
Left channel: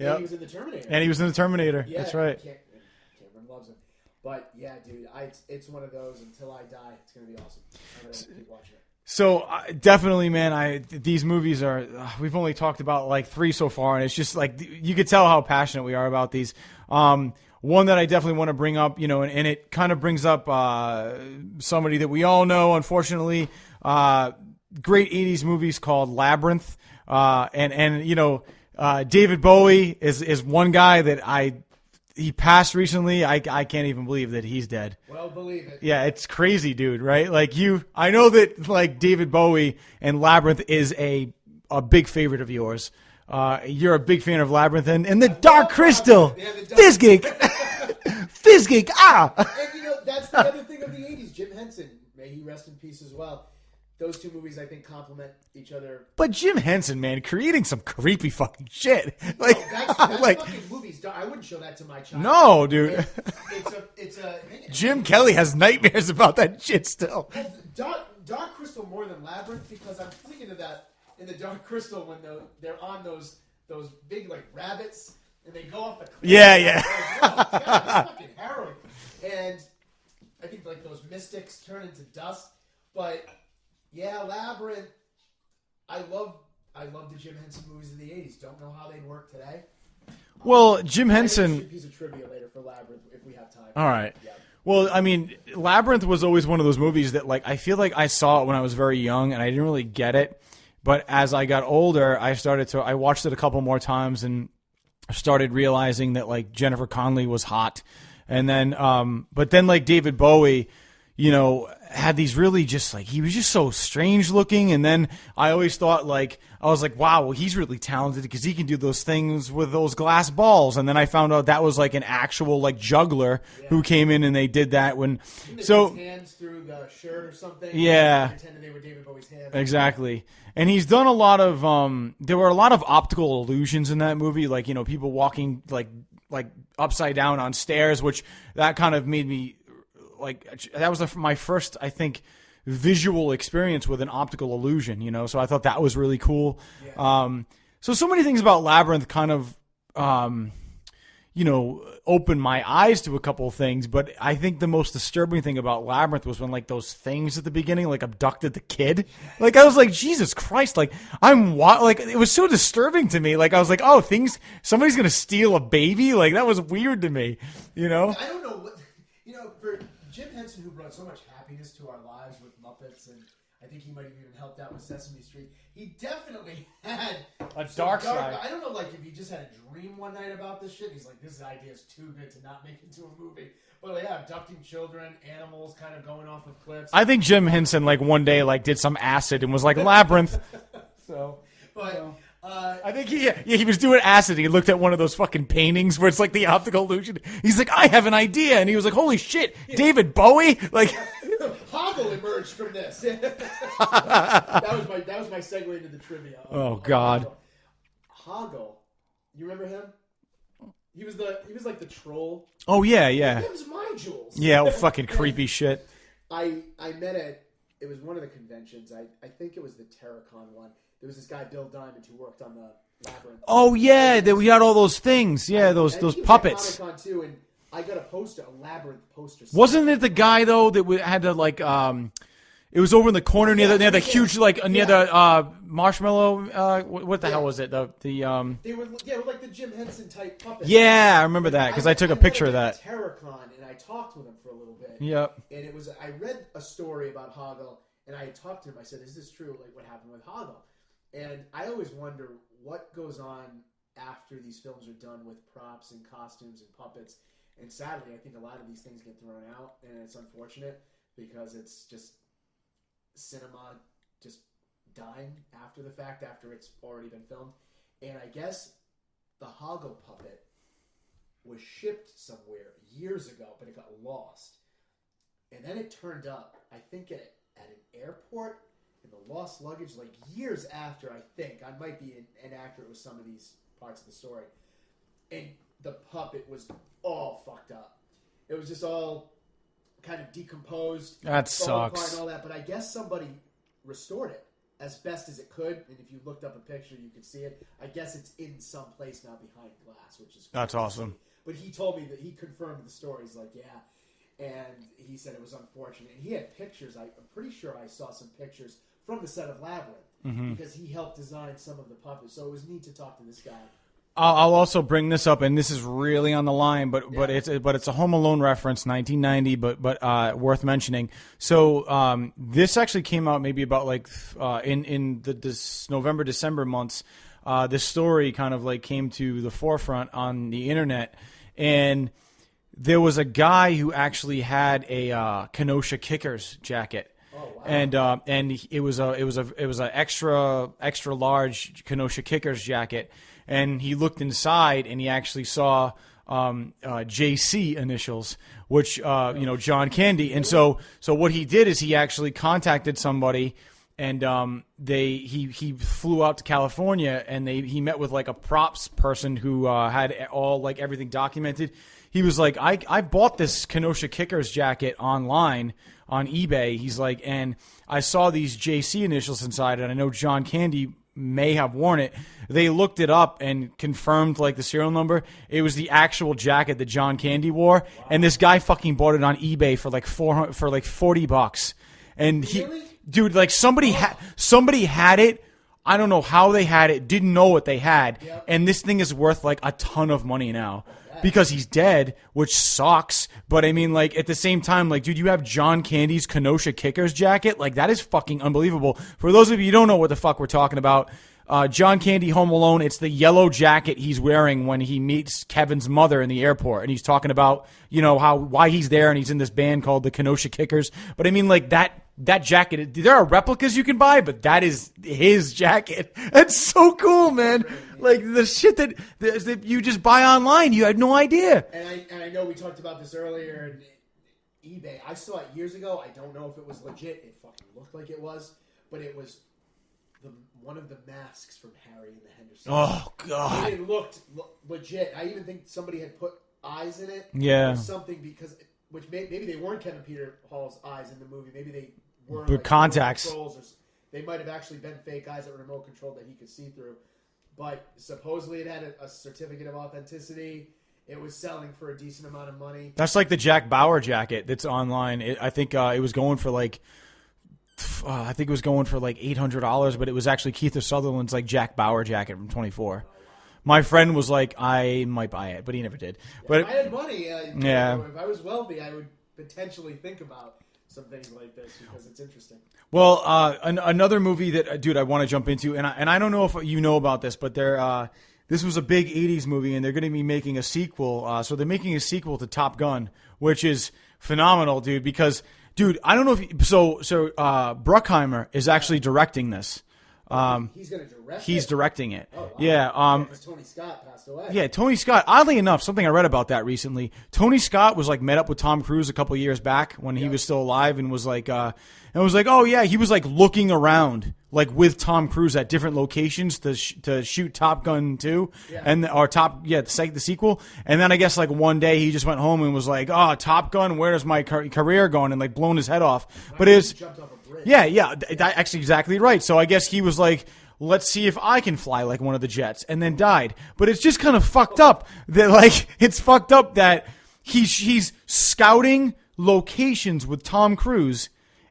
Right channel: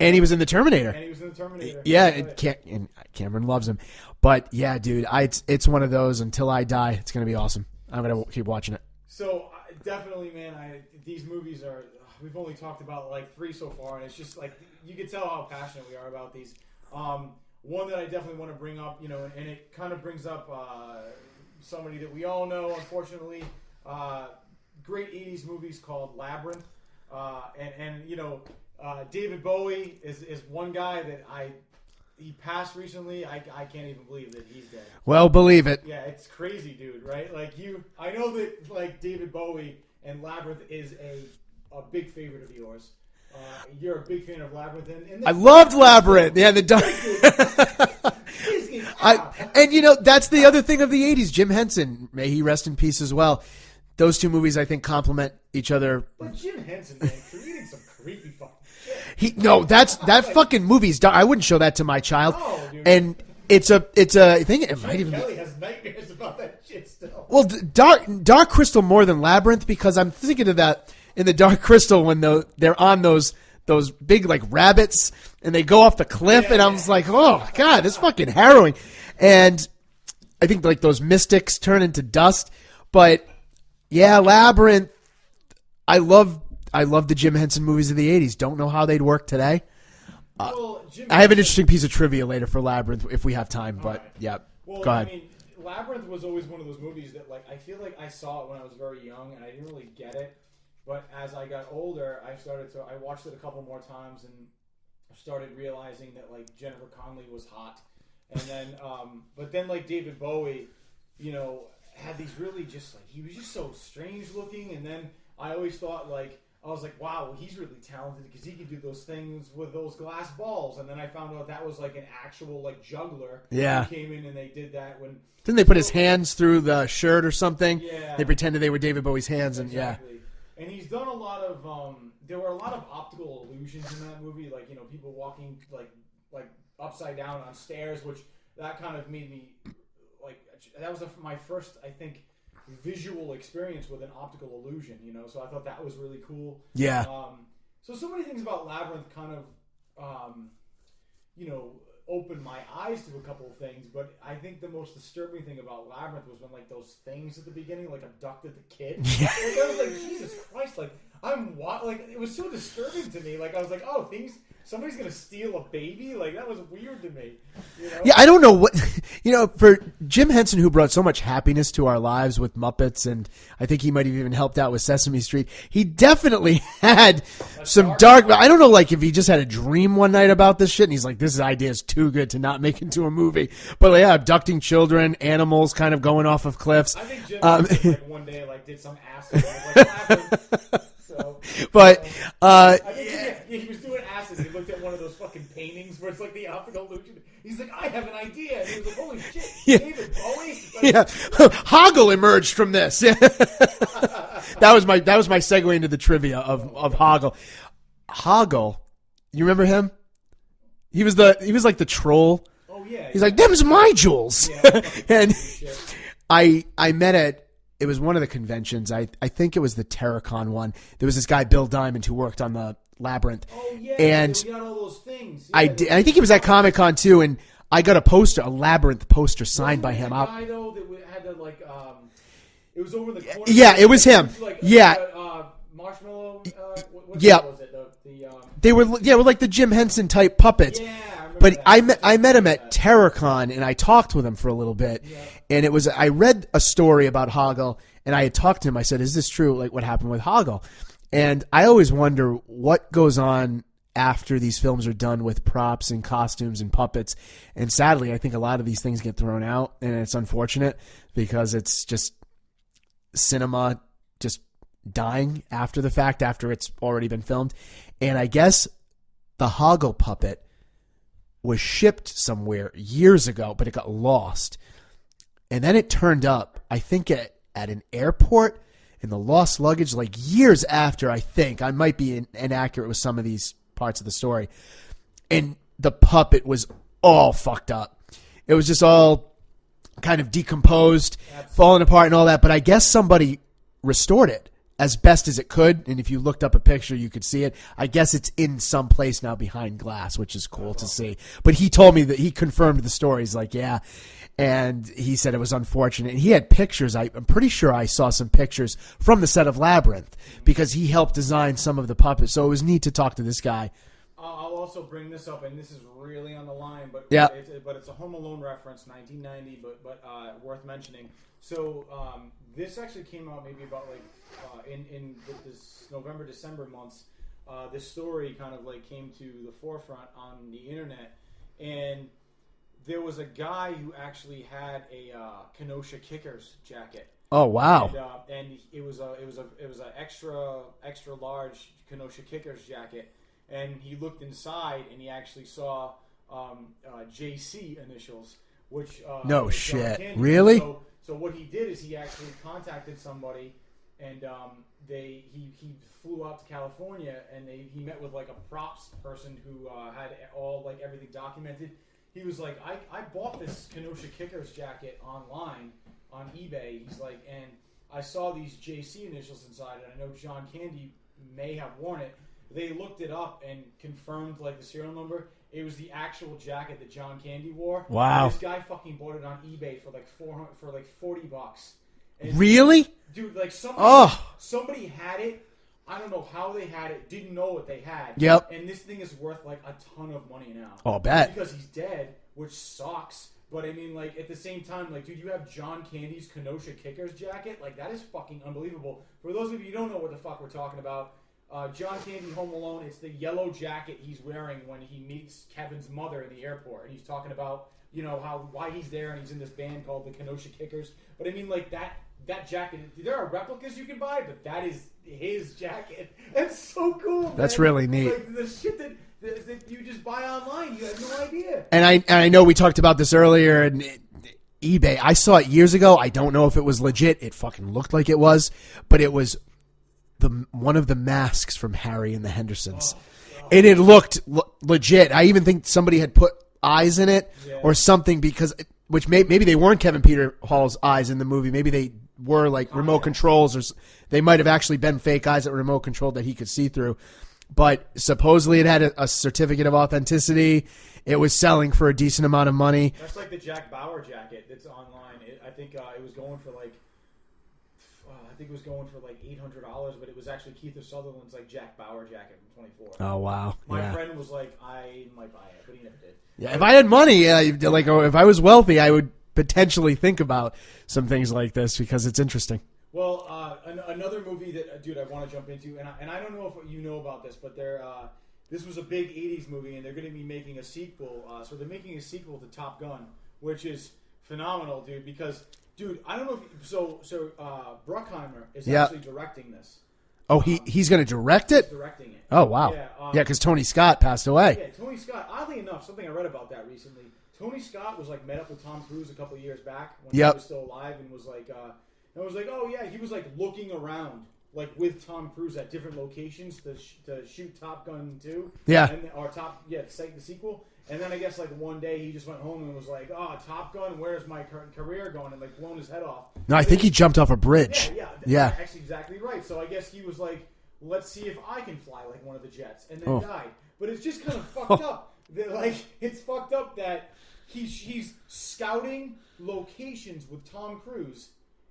And he was in the Terminator. And he was in the Terminator. Yeah, That's right. and Cameron loves him. But yeah, dude, it's one of those. Until I die, it's gonna be awesome. I'm gonna keep watching it. So definitely, man, these movies are. We've only talked about like 3 so far, and it's just like you could tell how passionate we are about these. One that I definitely want to bring up, and it kind of brings up somebody that we all know, unfortunately. Great 80s movies called Labyrinth, and David Bowie is one guy that he passed recently. I can't even believe that he's dead. Well, believe it. Yeah, it's crazy, dude, right? Like I know that like David Bowie and Labyrinth is a big favorite of yours. You're a big fan of Labyrinth and the Dark Crystal. Labyrinth. Yeah, the Dark Fizgig. And that's the other thing of the 80s. Jim Henson, may he rest in peace as well. Those two movies, I think, complement each other. But Jim Henson, man, creating some creepy fucking shit. That's fucking movies. I wouldn't show that to my child. No, dude. And it's a thing. Jim Kelly has nightmares about that shit still. Well, Dark Crystal more than Labyrinth, because I'm thinking of that in the Dark Crystal when they're on those big like rabbits and they go off the cliff, and I was like, oh my god, this is fucking harrowing. And I think like those mystics turn into dust, but. Yeah, Labyrinth. I love the Jim Henson movies of the 80s. Don't know how they'd work today. Well, Jim Henson. I have an interesting piece of trivia later for Labyrinth if we have time. All right. Yeah. Well, I mean, Labyrinth was always one of those movies that, like, I feel like I saw it when I was very young and I didn't really get it. But as I got older, I watched it a couple more times and started realizing that, like, Jennifer Connelly was hot. And then, but then, like, David Bowie, had these really just like he was just so strange looking, and then I always thought I was like, wow, well, he's really talented because he can do those things with those glass balls. And then I found out that was like an actual like juggler who came in and they did that when didn't they put his hands through the shirt or something? Yeah, they pretended they were David Bowie's hands. Exactly. And he's done a lot of there were a lot of optical illusions in that movie, like people walking like upside down on stairs, which that kind of made me. Like that was my first, I think, visual experience with an optical illusion. So I thought that was really cool. Yeah. So many things about Labyrinth kind of, opened my eyes to a couple of things. But I think the most disturbing thing about Labyrinth was when like those things at the beginning like abducted the kid. Yeah. Like I was like, Jesus Christ! Like it was so disturbing to me. Like I was like, oh, somebody's gonna steal a baby. Like that was weird to me. Yeah, I don't know what for Jim Henson, who brought so much happiness to our lives with Muppets, and I think he might have even helped out with Sesame Street. He definitely had some dark. I don't know, like if he just had a dream one night about this shit, and he's like, "This idea is too good to not make into a movie." But yeah, abducting children, animals, kind of going off of cliffs. I think Jim Henson like one day like did some acid and was like Labyrinth. But I think he was doing acid. He looked at one of those fucking paintings where it's like the optical illusion. He's like, I have an idea, and he was like, holy shit, David Bowie. Like, Hoggle emerged from this. that was my segue into the trivia of Hoggle. Hoggle, you remember him? He was like the troll. Oh yeah, he's like, them's my jewels. Yeah, fucking creepy shit. I met at. It was one of the conventions. I think it was the Terracon one. There was this guy, Bill Diamond, who worked on the Labyrinth. Oh, yeah. We had all those things. Yeah, I think he was at Comic-Con, too, and I got a Labyrinth poster signed Wasn't by it him. the guy, though, that had to, like, it was over in the corner? Yeah, it was him. Huge, like, marshmallow, what the hell was it? They were like the Jim Henson type puppets. Yeah, I remember that. I met him at Terracon, and I talked with him for a little bit. Yeah. And I read a story about Hoggle, and I had talked to him. I said, is this true, like what happened with Hoggle? And I always wonder what goes on after these films are done with props and costumes and puppets. And sadly, I think a lot of these things get thrown out, and it's unfortunate because it's just cinema just dying after the fact, after it's already been filmed. And I guess the Hoggle puppet was shipped somewhere years ago, but it got lost. And then it turned up, I think, at an airport in the lost luggage, like years after, I think. I might be inaccurate with some of these parts of the story. and the puppet was all fucked up. It was just all kind of decomposed, falling apart and all that. But I guess somebody restored it as best as it could. And if you looked up a picture, you could see it. I guess it's in some place now behind glass, which is cool to see. But he told me that he confirmed the story. He's like, yeah. And he said it was unfortunate. And he had pictures. I'm pretty sure I saw some pictures from the set of Labyrinth because he helped design some of the puppets. So it was neat to talk to this guy. I'll also bring this up, and this is really on the line, but it's a Home Alone reference, 1990, but worth mentioning. So this actually came out maybe about like in this November, December months. This story kind of like came to the forefront on the internet, and there was a guy who actually had a Kenosha Kickers jacket. Oh wow! And it was a extra large Kenosha Kickers jacket. And he looked inside, and he actually saw JC initials, which John Candy. Really? And so what he did is he actually contacted somebody, and he flew out to California, and he met with like a props person who had all like everything documented. He was like, I bought this Kenosha Kickers jacket online on eBay. He's like, and I saw these JC initials inside, and I know John Candy may have worn it. They looked it up and confirmed like the serial number. It was the actual jacket that John Candy wore. Wow. And this guy fucking bought it on eBay for like $40. And really? Dude, like somebody had it. I don't know how they had it. Didn't know what they had. Yep. And this thing is worth like a ton of money now. Oh, bad. Because he's dead, which sucks. But I mean, like at the same time, like, dude, you have John Candy's Kenosha Kickers jacket. Like that is fucking unbelievable. For those of you who don't know what the fuck we're talking about, John Candy, Home Alone, it's the yellow jacket he's wearing when he meets Kevin's mother in the airport. And he's talking about, why he's there, and he's in this band called the Kenosha Kickers. But I mean, like that jacket, there are replicas you can buy, but that is his jacket. That's so cool, man. That's really neat. Like the shit that you just buy online, you had no idea. And I know we talked about this earlier, and eBay, I saw it years ago. I don't know if it was legit. It fucking looked like it was, but it was one of the masks from Harry and the Hendersons. Oh, God. And it looked legit. I even think somebody had put eyes in it or something, because which maybe they weren't Kevin Peter Hall's eyes in the movie. Maybe they were like contacts. Remote controls, or they might have actually been fake eyes that were remote controlled that he could see through. But supposedly it had a certificate of authenticity. It was selling for a decent amount of money. That's like the Jack Bauer jacket that's online. I think it was going for like $800, but it was actually Keith Sutherland's like Jack Bauer jacket from 24. Oh wow! My friend was like, I might buy it, but he never did. Yeah, but if I had money, like if I was wealthy, I would potentially think about some things like this because it's interesting. Well, another movie that, dude, I want to jump into, and I don't know if you know about this, but this was a big 80s movie, and they're going to be making a sequel. So they're making a sequel to Top Gun, which is phenomenal, dude, because, dude, I don't know if Bruckheimer is actually directing this. Oh, he's going to direct it? He's directing it. Oh, wow. Yeah, because Tony Scott passed away. Yeah, Tony Scott, oddly enough, something I read about that recently, Tony Scott was like met up with Tom Cruise a couple years back when he was still alive, and was like, oh yeah, he was like looking around like with Tom Cruise at different locations to shoot Top Gun 2. Yeah. The sequel. And then I guess like one day he just went home and was like, oh, Top Gun, where's my career going? And like blown his head off. No, I think he jumped off a bridge. Yeah. Actually exactly right. So I guess he was like, let's see if I can fly like one of the jets, and then died. But it's just kind of fucked up that like, it's fucked up that he's scouting locations with Tom Cruise.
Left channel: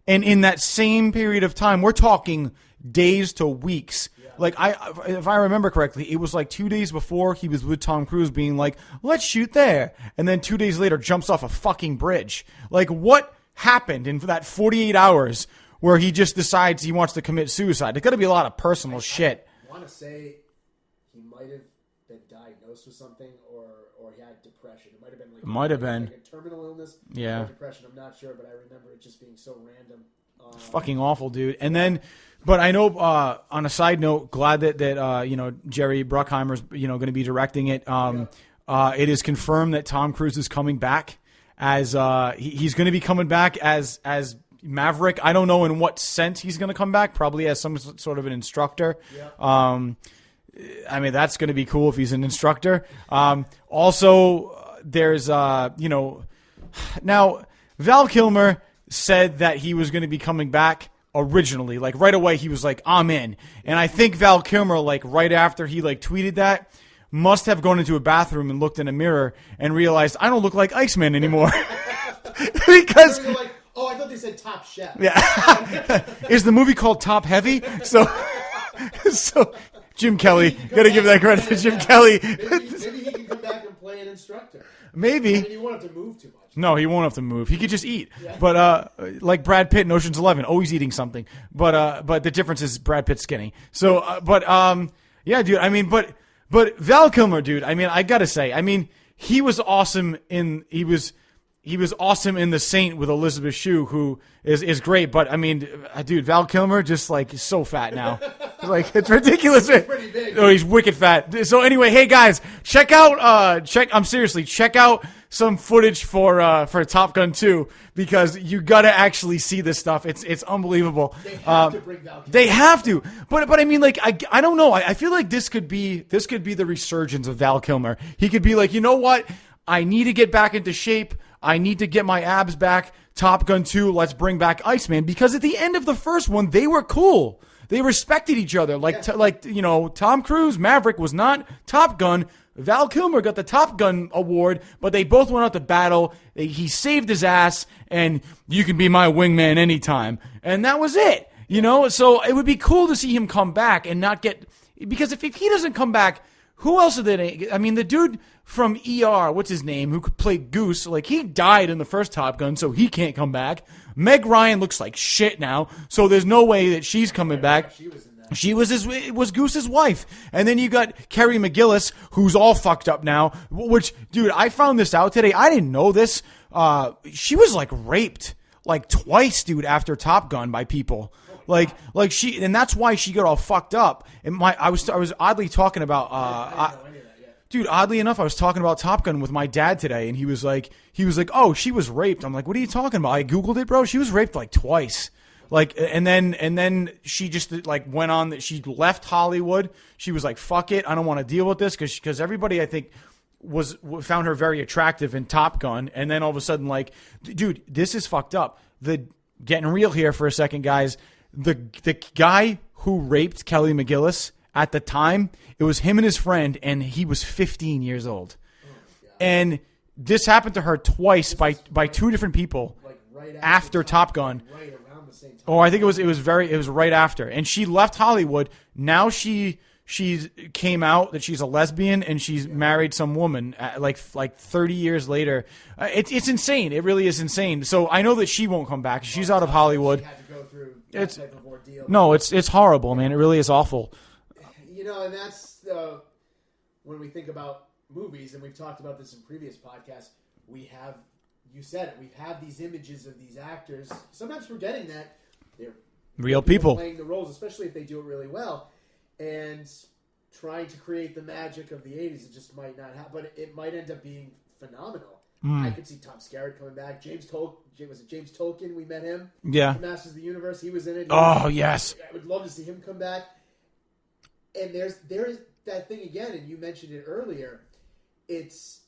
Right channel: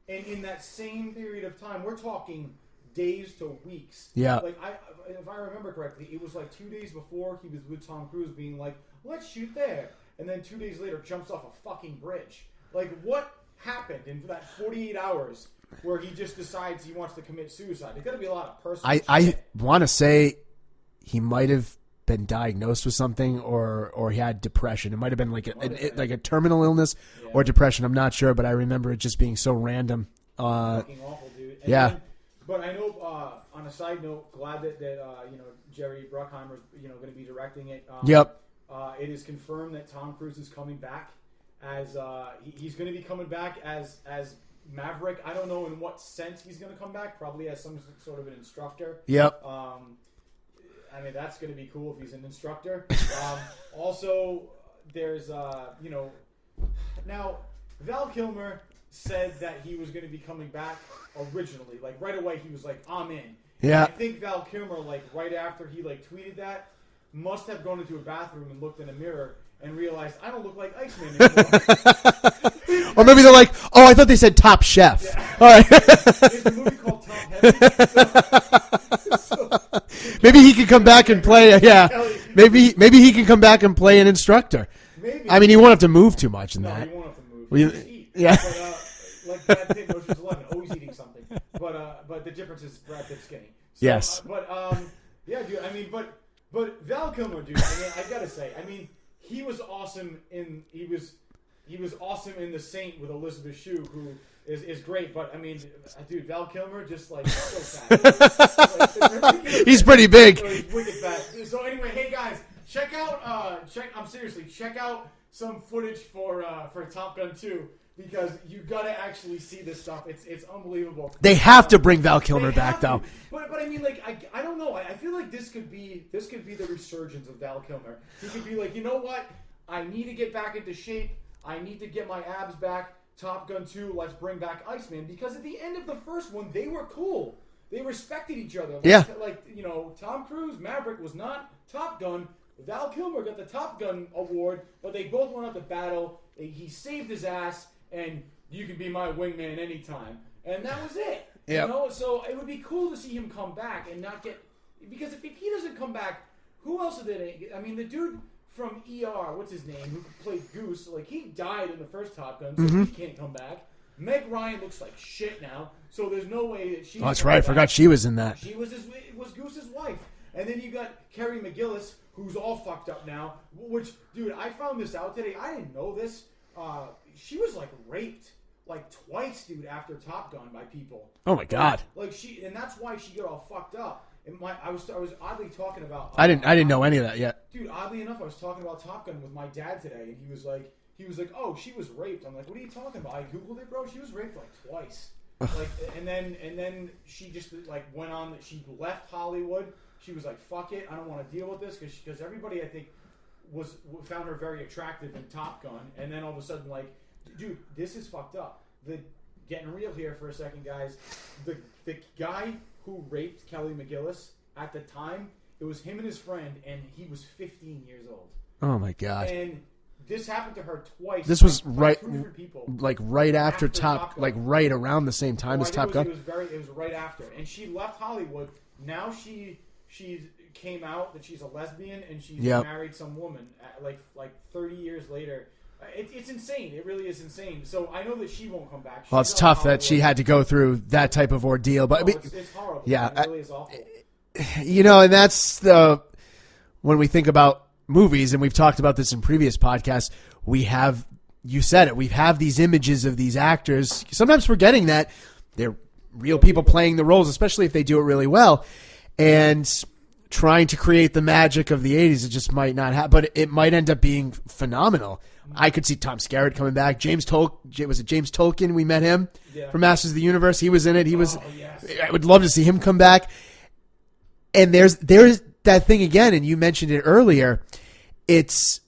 And in that same period of time, we're talking days to weeks. Yeah. Like if I remember correctly, it was like 2 days before he was with Tom Cruise being like, let's shoot there. And then 2 days later jumps off a fucking bridge. Like what happened in that 48 hours where he just decides he wants to commit suicide? There's got to be a lot of personal shit. I want to say he might have been diagnosed with something or he had depression. It might have been like a terminal illness or depression. I'm not sure, but I remember it just being so random. Fucking awful, dude. And then, but I know on a side note, glad that Jerry Bruckheimer's going to be directing it. It is confirmed that Tom Cruise is coming back as he's going to be coming back as Maverick. I don't know in what sense he's going to come back. Probably as some sort of an instructor. Yep. I mean, that's going to be cool if he's an instructor. Also, there's, now Val Kilmer said that he was going to be coming back originally. Like right away, he was like, I'm in. Yeah. And I think Val Kilmer, like right after he like tweeted that, must have gone into a bathroom and looked in a mirror and realized I don't look like Iceman anymore. Or maybe they're like, oh, I thought they said Top Chef. Yeah. Is the movie called Top Heavy? So Jim Kelly. Maybe he can come back and play. Jim Kelly. Maybe he can come back and play an instructor. Maybe. I mean, he won't have to move too much. No, he won't have to move. He could just eat. Yeah. But like Brad Pitt in Ocean's 11, always eating something. But the difference is Brad Pitt's skinny. So, Yes. Yeah, dude. I mean, but Val Kilmer, dude. I mean, I gotta say, I mean, he was awesome he was awesome in The Saint with Elizabeth Shue, who is great. But I mean, dude, Val Kilmer just like so fat now, like it's ridiculous. He's pretty big. Oh, he's wicked fat. So anyway, hey guys, check out check out some footage for Top Gun 2 because you gotta actually see this stuff. It's unbelievable. They have to bring Val Kilmer. They have back, to. But I mean, like I don't know. I feel like this could be the resurgence of Val Kilmer. He could be like, you know what? I need to get back into shape. I need to get my abs back. Top Gun 2, let's bring back Iceman. Because at the end of the first one, they were cool. They respected each other. Like, Tom Cruise, Maverick was not Top Gun. Val Kilmer got the Top Gun award, but they both went out to battle. He saved his ass, and you can be my wingman anytime. And that was it. Yeah. You know? So it would be cool to see him come back and not get... Because if he doesn't come back, who else are they... I mean, the dude from ER, what's his name, who could play Goose, like, he died in the first Top Gun, so he can't come back. Meg Ryan looks like shit now, so there's no way that she's coming back. I forgot she was in that. She was Goose's wife. And then you got Kerry McGillis, who's all fucked up now, which, dude, I found this out today. I didn't know this. She was, like, raped, like, twice, dude, after Top Gun by people. Oh, my God. And that's why she got all fucked up. And I was oddly talking about... I didn't know any of that yet. Dude, oddly enough, I was talking about Top Gun with my dad today, and he was like, oh, she was raped. I'm like, what are you talking about? I Googled it, bro. She was raped like twice. Like, and then she just like went on that. She left Hollywood. She was like, fuck it. I don't want to deal with this because everybody, I think, found her very attractive in Top Gun. And then all of a sudden, like, dude, this is fucked up. Getting real here for a second, guys. The guy who raped Kelly McGillis at the time, it was him and his friend, and he was 15 years old. Oh my God. And this happened to her twice by two different people. Like right after Top Gun. Like right around the same time. Oh, I think it was right after. And she left Hollywood. Now she came out that she's a lesbian and she's married some woman like 30 years later. It's insane. It really is insane. So I know that she won't come back. She's it's out tough of Hollywood. that she had to go through that type of ordeal. But no, it's horrible. Yeah, man. It really is awful. And that's when we think about movies, and we've talked about this in previous podcasts, you said it, we have these images of these actors, sometimes forgetting that they're real people playing the roles, especially if they do it really well, and trying to create the magic of the 80s. It just might not happen, but it might end up being phenomenal. I could see Tom Skerritt coming back. Was it James Tolkien? We met him from Masters of the Universe. He was in it. Yes. I would love to see him come back. And there's that thing again, and you mentioned it earlier. It's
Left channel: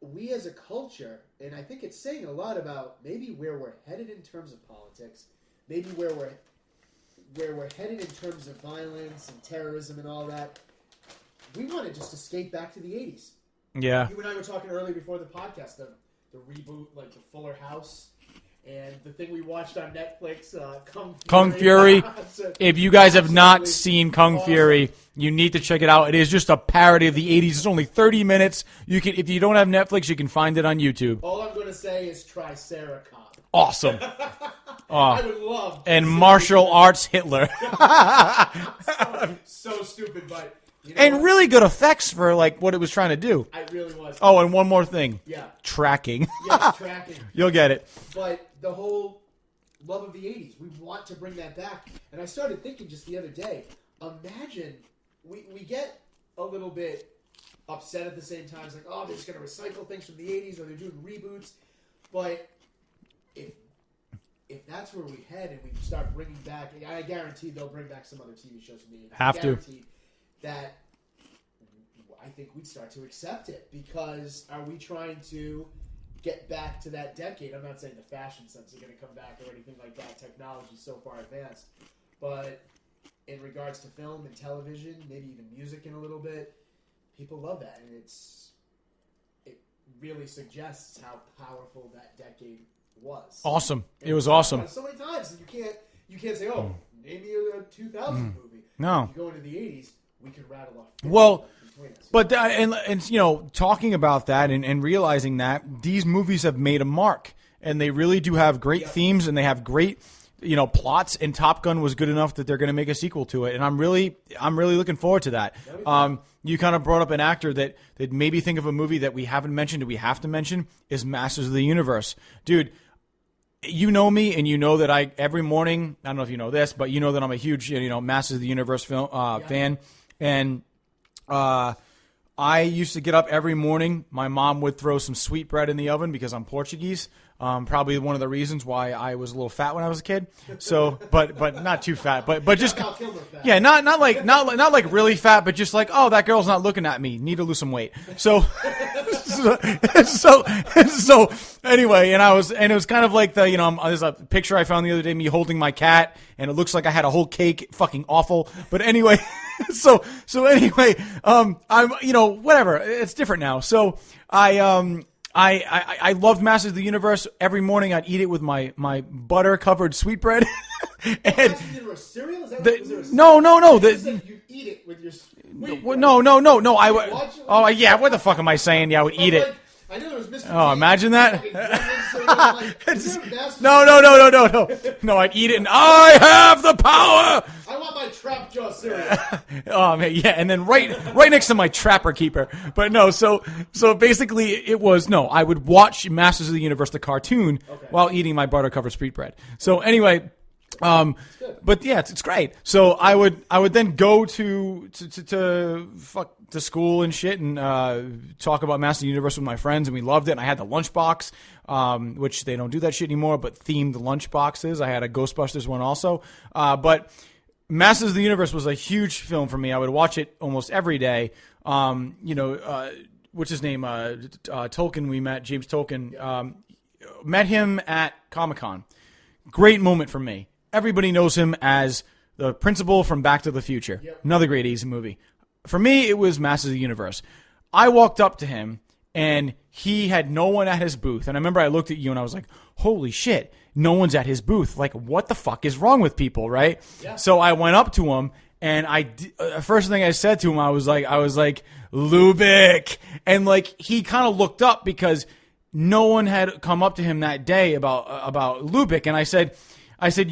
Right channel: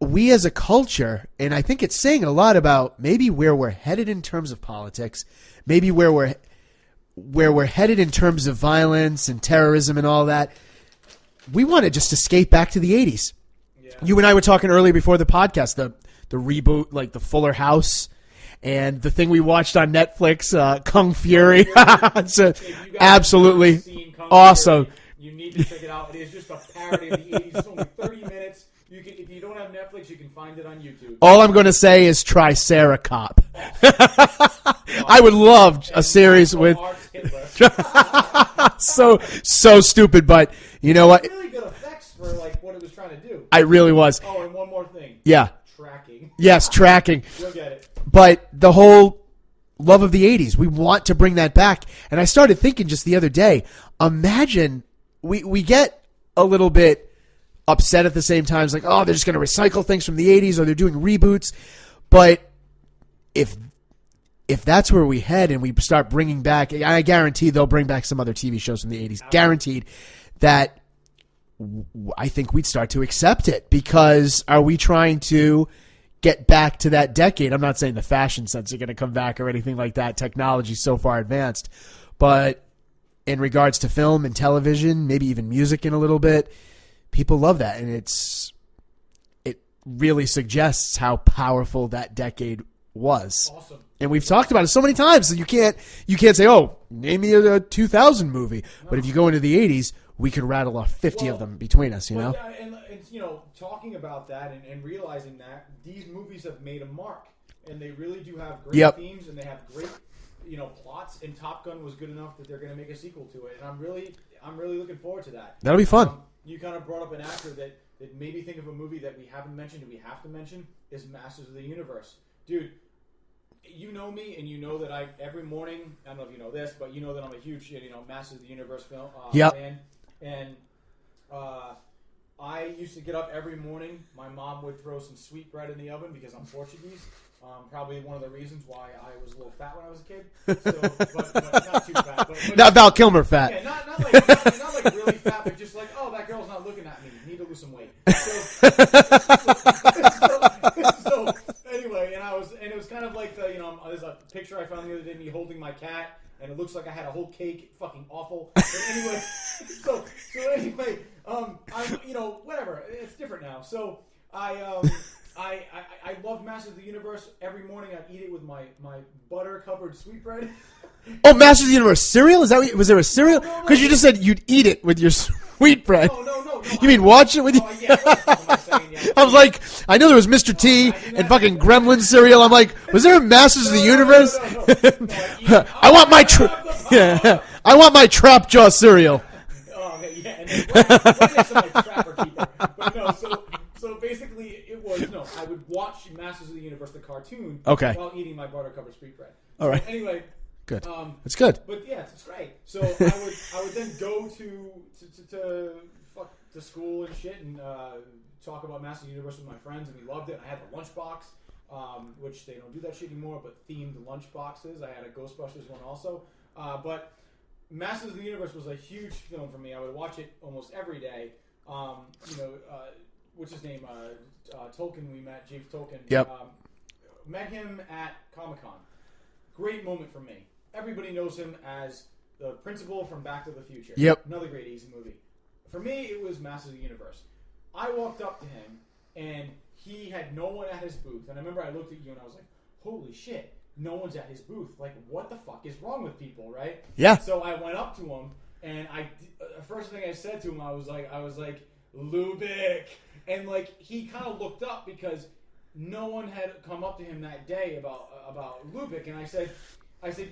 we as a culture, and I think it's saying a lot about maybe where we're headed in terms of politics, maybe where we're headed in terms of violence and terrorism and all that. We want to just escape back to the 80s. Yeah. You and I were talking earlier before the podcast, the reboot, like the Fuller House, and the thing we watched on Netflix, Kung Fury. If you guys have not seen Kung Fury, you need to check it out. It is just a parody of the 80s. It's only 30 minutes. If you don't have Netflix, you can find it on YouTube. All I'm going to say is Triceracop. Awesome. I would love a series martial with arts Hitler. so stupid, but you know what? Really good effects for like what it was trying to do. I really was. Oh, and one more thing. Yeah. Tracking. Yes, tracking. You'll get it. But the whole love of the 80s, we want to bring that back. And I started thinking just the other day, imagine we get a little bit upset at the same time. It's like, oh, they're just going to recycle things from the 80s or they're doing reboots. But if that's where we head and we start bringing back, I guarantee they'll bring back some other TV shows from the 80s. Guaranteed. that I think we'd start to accept it, because are we trying to get back to that decade? I'm not saying the fashion sense are going to come back or anything like that. Technology's so far advanced. But in regards to film and television, maybe even music in a little bit, people love that. And it really suggests how powerful that decade was. Awesome. And we've talked about it so many times that you can't say, oh, name me a 2000 movie. No. But if you go into the 80s, we could rattle off 50 of them between us. But talking about that and realizing that these movies have made a mark, and they really do have great themes, and they have great plots. And Top Gun was good enough that they're going to make a sequel to it, and I'm really looking forward to that. That'll be fun. You kind of brought up an actor that maybe think of a movie that we haven't mentioned that we have to mention is Masters of the Universe, dude. You know me, and you know that every morning, I don't know if you know this, but you know that I'm a huge Masters of the Universe film fan. And I used to get up every morning. My mom would throw some sweetbread in the oven because I'm Portuguese. Probably one of the reasons why I was a little fat when I was a kid. So, but not too fat. But not Val Kilmer fat. Yeah, not like really fat, but just like, oh, that girl's not looking at me. Need to lose some weight. So anyway, and it was kind of like there's a picture I found the other day, me holding my cat, and it looks like I had a whole cake. Fucking awful. But anyway, so anyway, I'm whatever. It's different now. So I loved Masters of the Universe. Every morning I'd eat it with my butter-covered sweetbread. Oh, Masters of the Universe cereal? Was there a cereal? No. Because you just said you'd eat it with your sweetbread. No. I mean, watch it with Oh, yeah. What the fuck am I saying? Yeah, I was like, I know there was Mr. T. Imagine that. And fucking Gremlin cereal. I'm like, was there a Masters of the Universe? No, I'd eat it. I have the power. I want my Trap Jaw cereal. Oh man, yeah, and then right next to my Trapper Keeper. But no, so basically it was I would watch Masters of the Universe the cartoon while eating my butter covered sweetbread. So anyway, good. It's good. But yeah, it's great. So I would then go to school and shit and talk about Masters of the Universe with my friends, and we loved it. And I had the lunchbox, which they don't do that shit anymore, but themed lunchboxes. I had a Ghostbusters one also, but Masters of the Universe was a huge film for me. I would watch it almost every day. What's his name? Tolkien. We met James Tolkien. Yep. Met him at Comic-Con. Great moment for me. Everybody knows him as the principal from Back to the Future. Yep. Another great 80s movie. For me, it was Masters of the Universe. I walked up to him, and he had no one at his booth. And I remember I looked at you, and I was like, holy shit. No one's at his booth. Like, what the fuck is wrong with people, right? Yeah. So I went up to him, and first thing I said to him, I was like, Lubick. And like, he kind of looked up because no one had come up to him that day about Lubick. And I said,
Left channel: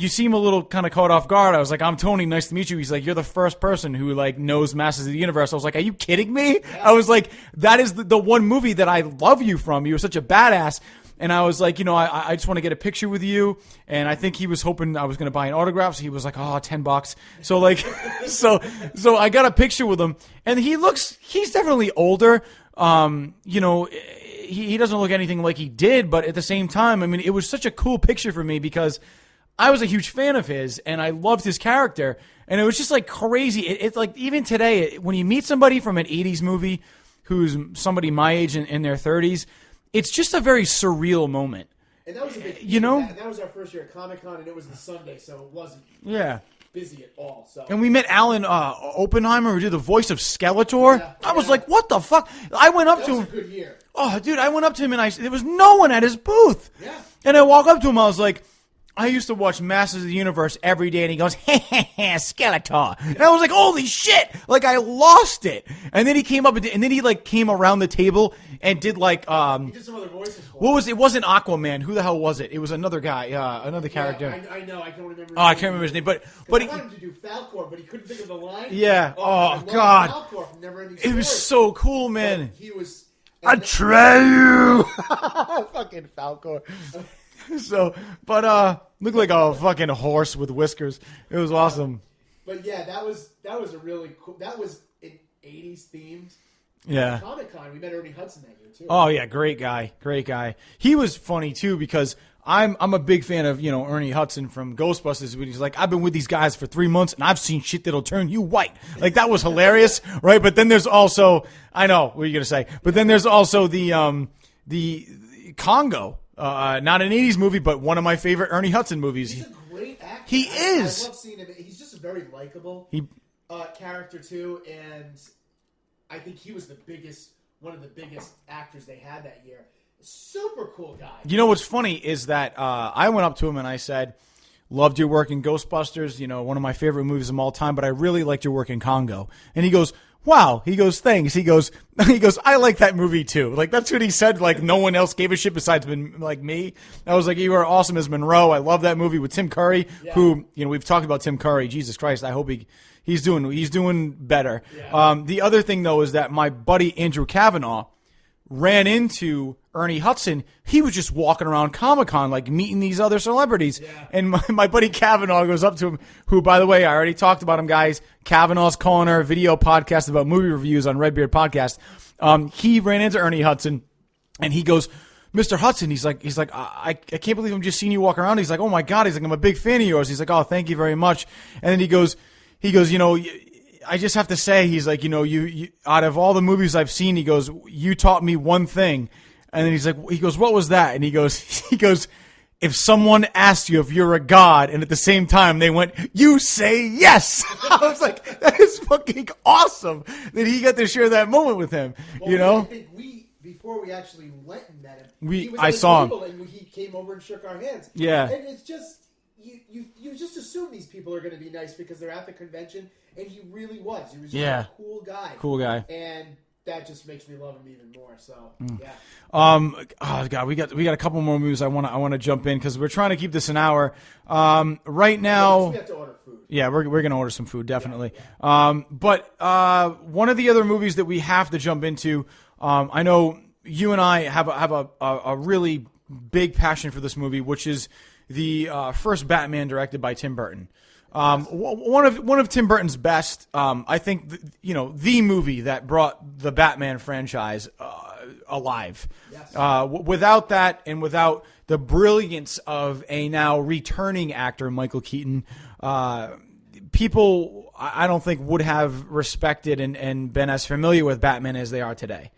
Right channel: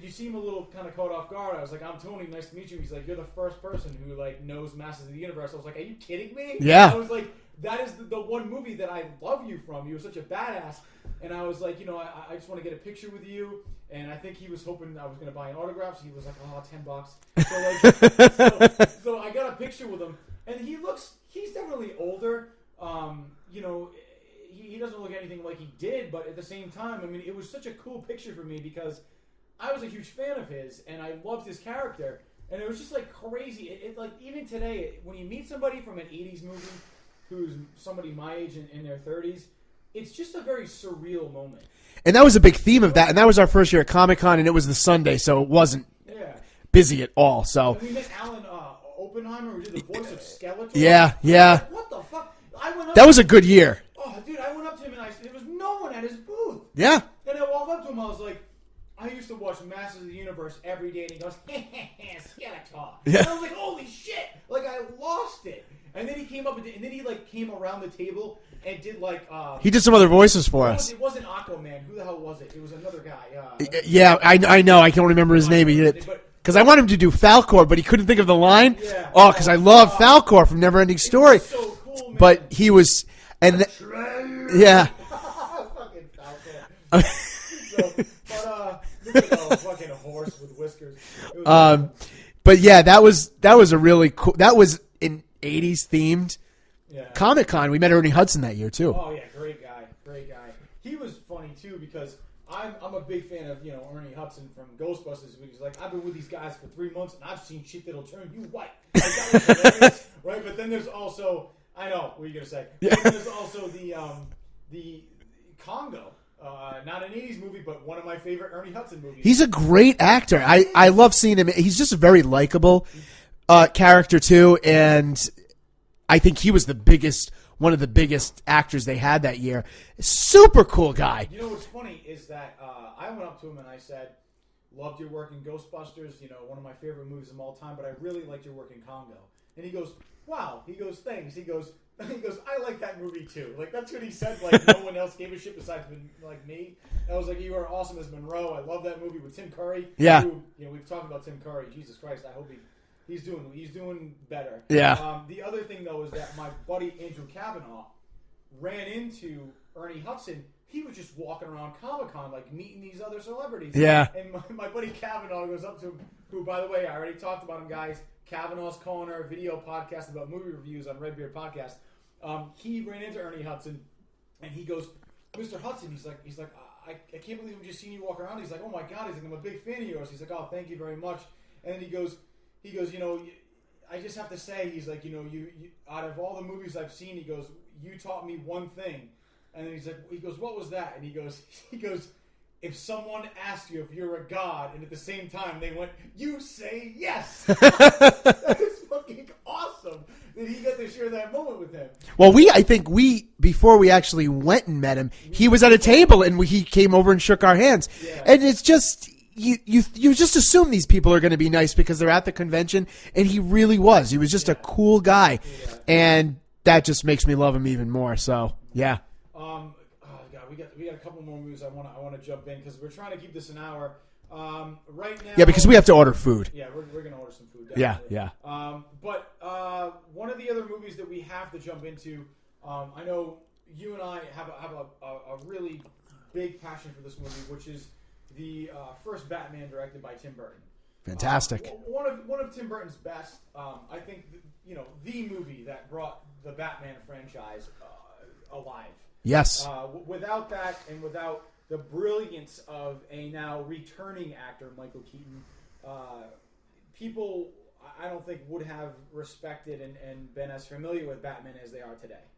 you seem a little kind of caught off guard. I was like, I'm Tony. Nice to meet you. He's like, you're the first person who like knows Masters of the Universe. I was like, are you kidding me? Yeah. I was like, that is the one movie that I love you from. You were such a badass. And I was like, I just want to get a picture with you. And I think he was hoping I was going to buy an autograph. So he was like, oh, $10. So like, so I got a picture with him, and he's definitely older. He doesn't look anything like he did, but at the same time, I mean, it was such a cool picture for me because I was a huge fan of his, and I loved his character. And it was just like crazy. It's like, even today, when you meet somebody from an 80s movie who's somebody my age in their 30s, it's just a very surreal moment. And that was a big theme of that. And that was our first year at Comic-Con, and it was the Sunday, so it wasn't busy at all. So, and we met Alan Oppenheimer, who did the voice of Skeletor. Yeah, I was like, what the fuck? I went up. That was a good year. Oh, dude, I went up to him, and there was no one at his booth. Yeah. And I walk up to him, I was like, I used to watch Masters of the Universe every day, and he goes, Skeletor. And I was like, holy shit! Like, I lost it. And then he came up, and then he like came around the table and did like he did some other voices for us. It wasn't Aquaman. Who the hell was it? It was another guy. I know. I can't remember his name. Because I wanted him to do Falcor, but he couldn't think of the line. Yeah. Oh, because I love Falcor from Neverending Story. It was so cool, man. But he was. Atreyu. Yeah. Fucking Falcor. Looked like a fucking horse with whiskers. It was awesome. But yeah, that was a really cool. That was an 80s themed. Yeah. Comic-Con. We met Ernie Hudson that year too. Oh yeah, great guy. He was funny too because I'm a big fan of, Ernie Hudson from Ghostbusters when he's like, I've been with these guys for 3 months and I've seen shit that'll turn you white. Like, that was hilarious, right? But then there's also, I know what you're gonna say, but then there's also the Congo. Not an 80s movie, but one of my favorite Ernie Hudson movies. He's a great actor. He I is. love seeing him. He's just a very likable character too, and I think he was one of the biggest actors they had that year. Super cool guy. You know what's funny is that I went up to him and I said, loved your work in Ghostbusters, one of my favorite movies of all time, but I really liked your work in Congo. And he goes, wow. He goes, thanks. He goes, I like that movie too. Like, that's what he said. Like, no one else gave a shit besides like me. I was like, you were awesome as Monroe. I love that movie with Tim Curry. Yeah. Who, we've talked about Tim Curry. Jesus Christ. I hope he's doing better. Yeah. The other thing though is that my buddy Andrew Kavanaugh ran into Ernie Hudson. He was just walking around Comic-Con, like, meeting these other celebrities. Yeah. And my buddy Kavanaugh goes up to him, who, by the way, I already talked about him, guys. Kavanaugh's Corner, video podcast about movie reviews on Redbeard Podcast. He ran into Ernie Hudson, and he goes, Mr. Hudson, he's like, I can't believe I'm just seeing you walk around. He's like, oh my God. He's like, I'm a big fan of yours. He's like, oh, thank you very much. And then he goes, I just have to say, he's like, you out of all the movies I've seen, he goes, you taught me one thing. And then he goes, what was that? And he goes, if someone asked you if you're a god, and at the same time they went, you say yes. I was like, that is fucking awesome that he got to share that moment with him. Well, I think before we actually went and met him, he was at a table and he came over and shook our hands. Yeah. And it's just, you just assume these people are going to be nice because they're at the convention, and he really was. He was just a cool guy. Cool guy. And that just makes me love him even more. So, yeah. Oh God, we got a couple more movies I want to jump in because we're trying to keep this an hour. Right now, yeah, because we have to order food. Yeah, we're gonna order some food definitely. Yeah. But one of the other movies that we have to jump into, I know you and I have a really big passion for this movie, which is the first Batman directed by Tim Burton. Fantastic. One of Tim Burton's best. I think the movie that brought the Batman franchise alive. Yes. Without that, and without the brilliance of a now returning actor, Michael Keaton, people I don't think would have respected and been as familiar with Batman as they are today.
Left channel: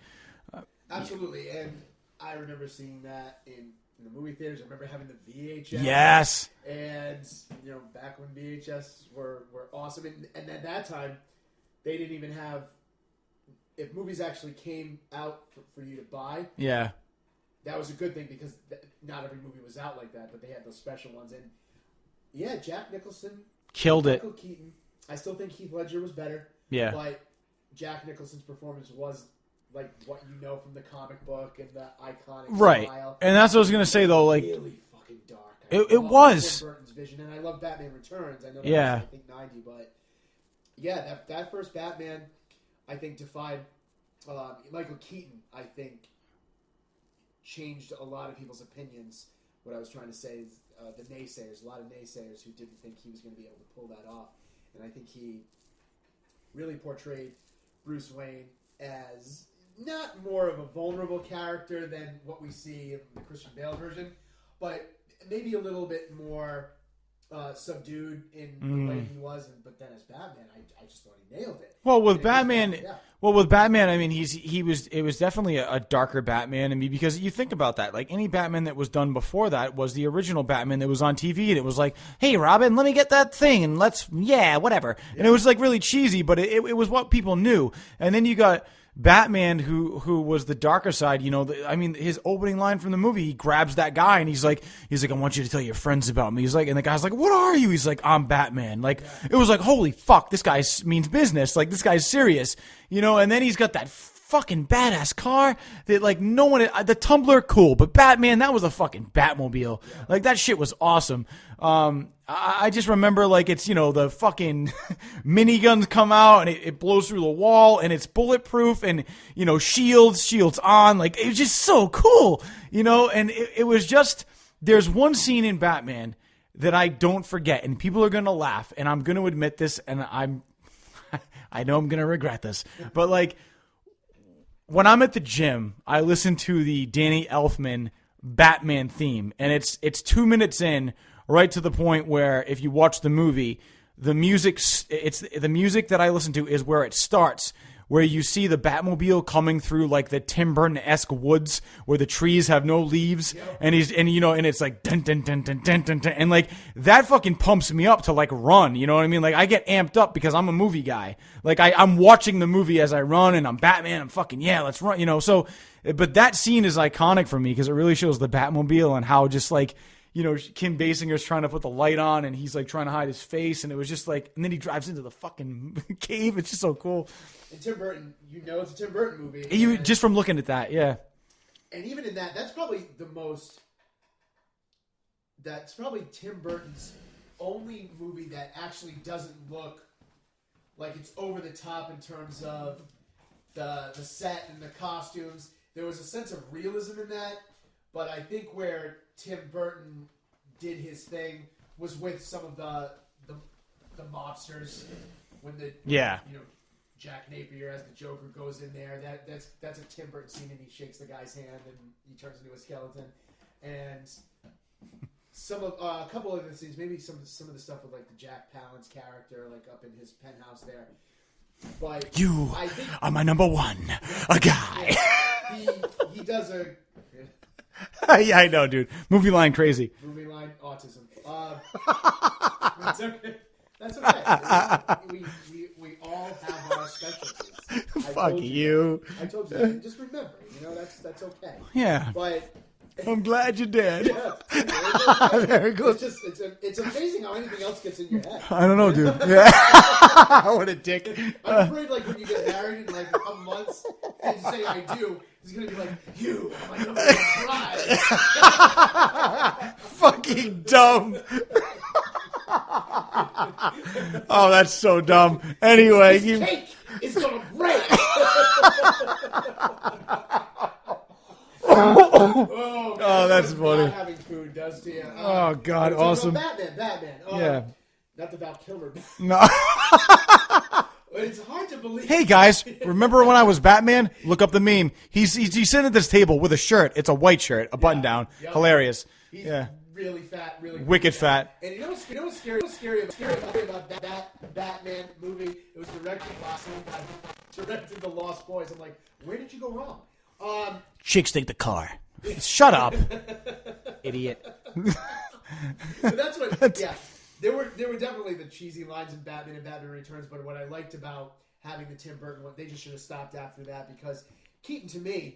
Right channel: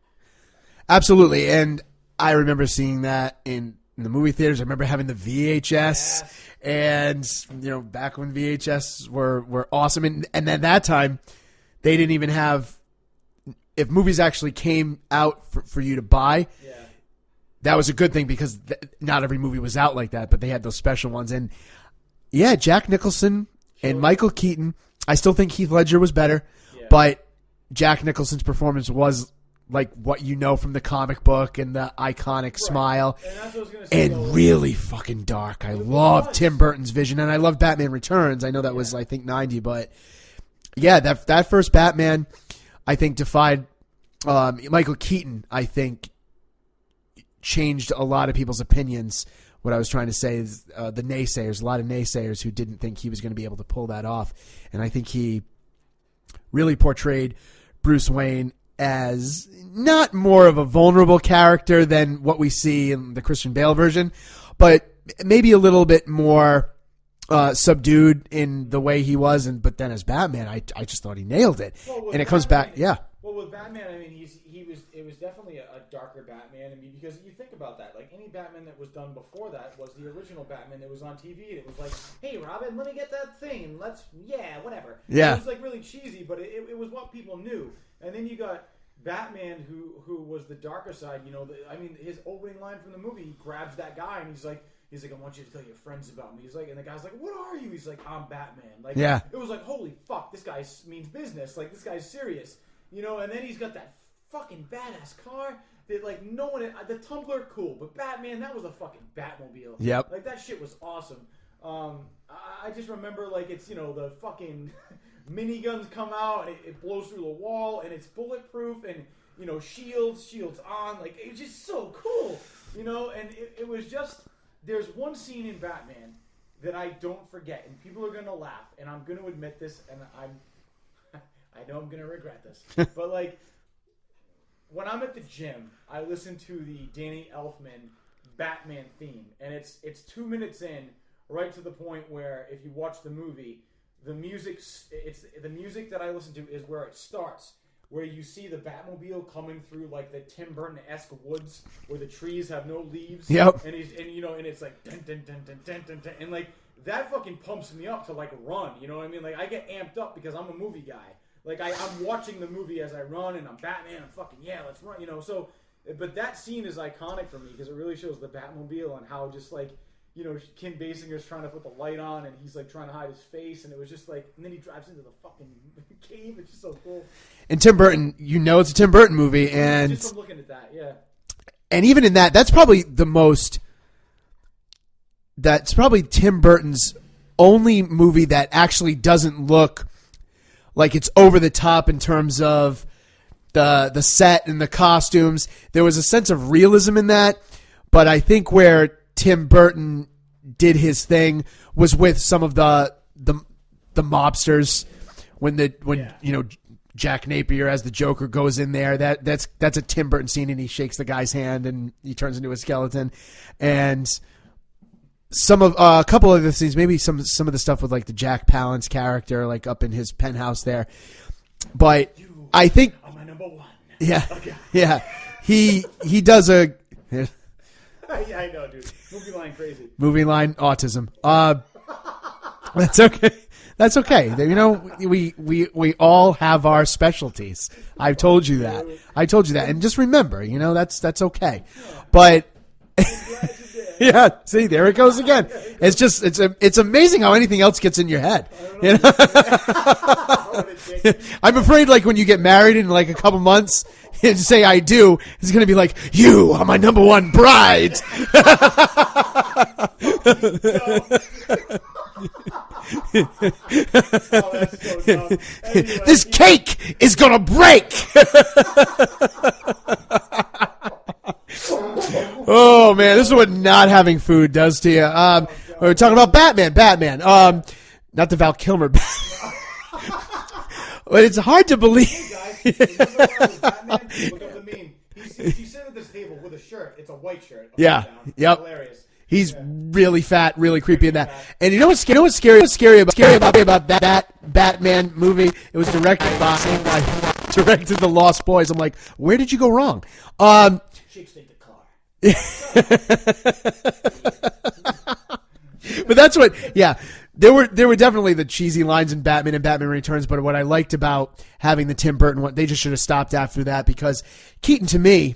Absolutely. And I remember seeing that in the movie theaters. I remember having the VHS. Yes. And, back when VHS were awesome. And at that time, they didn't even have, if movies actually came out for you to buy, that was a good thing because not every movie was out like that, but they had those special ones. And, Jack Nicholson Killed and Michael Keaton. I still think Heath Ledger was better, but Jack Nicholson's performance was like what you know from the comic book and the iconic smile. And that's what I was going to say, and though. Like, really fucking dark. I it love was. Tim Burton's vision, and I love Batman Returns. I know that was, I think, 90, but that first Batman, I think, defied Michael Keaton, I think, changed a lot of people's opinions. What I was trying to say is the naysayers, a lot of naysayers who didn't think he was going to be able to pull that off. And I think he really portrayed Bruce Wayne as not more of a vulnerable character than what we see in the Christian Bale version, but maybe a little bit more subdued in the way he was. But then as Batman, I just thought he nailed it. Well, with and Batman, Well, with Batman, I mean, it was definitely a darker Batman. I mean, because you think about that, like any Batman that was done before that was the original Batman that was on TV, and it was like, hey, Robin, let me get that thing, and whatever. Yeah. And it was like really cheesy, but it was what people knew. And then you got Batman, who was the darker side. His opening line from the movie, he grabs that guy and he's like, I want you to tell your friends about me. He's like, and the guy's like, what are you? He's like, I'm Batman. Like, it was like, holy fuck, this guy means business. Like, this guy's serious. And then he's got that fucking badass car that like no one, the Tumbler, cool, but Batman, that was a fucking Batmobile. Yep. Like that shit was awesome. I just remember like it's, the fucking miniguns come out and it blows through the wall and it's bulletproof and, shields on. Like it was just so cool, and it was just, there's one scene in Batman that I don't forget and people are going to laugh and I'm going to admit this and I know I'm going to regret this, but like when I'm at the gym, I listen to the Danny Elfman Batman theme, and it's 2 minutes in, right to the point where if you watch the movie, the music that I listen to is where it starts, where you see the Batmobile coming through like the Tim Burton-esque woods where the trees have no leaves. Yep. And it's like dun dun dun dun dun dun dun, and like that fucking pumps me up to like run. You know what I mean? Like I get amped up because I'm a movie guy. Like I'm watching the movie as I run, and I'm Batman. I'm fucking let's run. You know, so but that scene is iconic for me because it really shows the Batmobile and how just like, you know, Kim Basinger's trying to put the light on and he's like trying to hide his face, and it was just like, and then he drives into the fucking cave. It's just so cool. And Tim Burton, you know, it's a Tim Burton movie, and just from looking at that, yeah. And even in that, that's probably Tim Burton's only movie that actually doesn't look like it's over the top in terms of the set and the costumes. There was a sense of realism in that, but I think where Tim Burton did his thing was with some of the mobsters when you know, Jack Napier as the Joker goes in there. That's a Tim Burton scene, and he shakes the guy's hand and he turns into a skeleton. And some of a couple of the scenes, maybe some of the stuff with like the Jack Palance character, like up in his penthouse there. But I think are my number one. Yeah, a guy. Yeah, he does a. Yeah, I know, dude. Movie line crazy. Movie line autism. That's okay. That's okay. You know, we all have our specialties. I've told you that. I told you that. And just remember, you know, that's okay. Yeah. But I'm glad you did. Yeah. See, there it goes again. It's just it's amazing how anything else gets in your head. I don't know. You know? What a dick. I'm afraid, like, when you get married in like a couple months and say I do, it's gonna be like, you are my number one bride. Fucking dumb. Oh, that's so dumb. Anyway, this cake is gonna break. Oh man, this is what not having food does to you. Oh God, we're talking about Batman. Not the Val Kilmer. No. But it's hard to believe. Hey guys, remember when I was Batman? Look up the meme. He's sitting at this table with a shirt. It's a white shirt, a button down. Yep. Hilarious. He's really fat, really creepy. Wicked fat. And you know what's scary about that Batman movie? It was directed The Lost Boys. I'm like, where did you go wrong? Chicks take the car. Shut up, idiot. But that's what. Yeah, there were definitely the cheesy lines in Batman and Batman Returns. But what I liked about having the Tim Burton one, they just should have stopped after that, because Keaton, to me.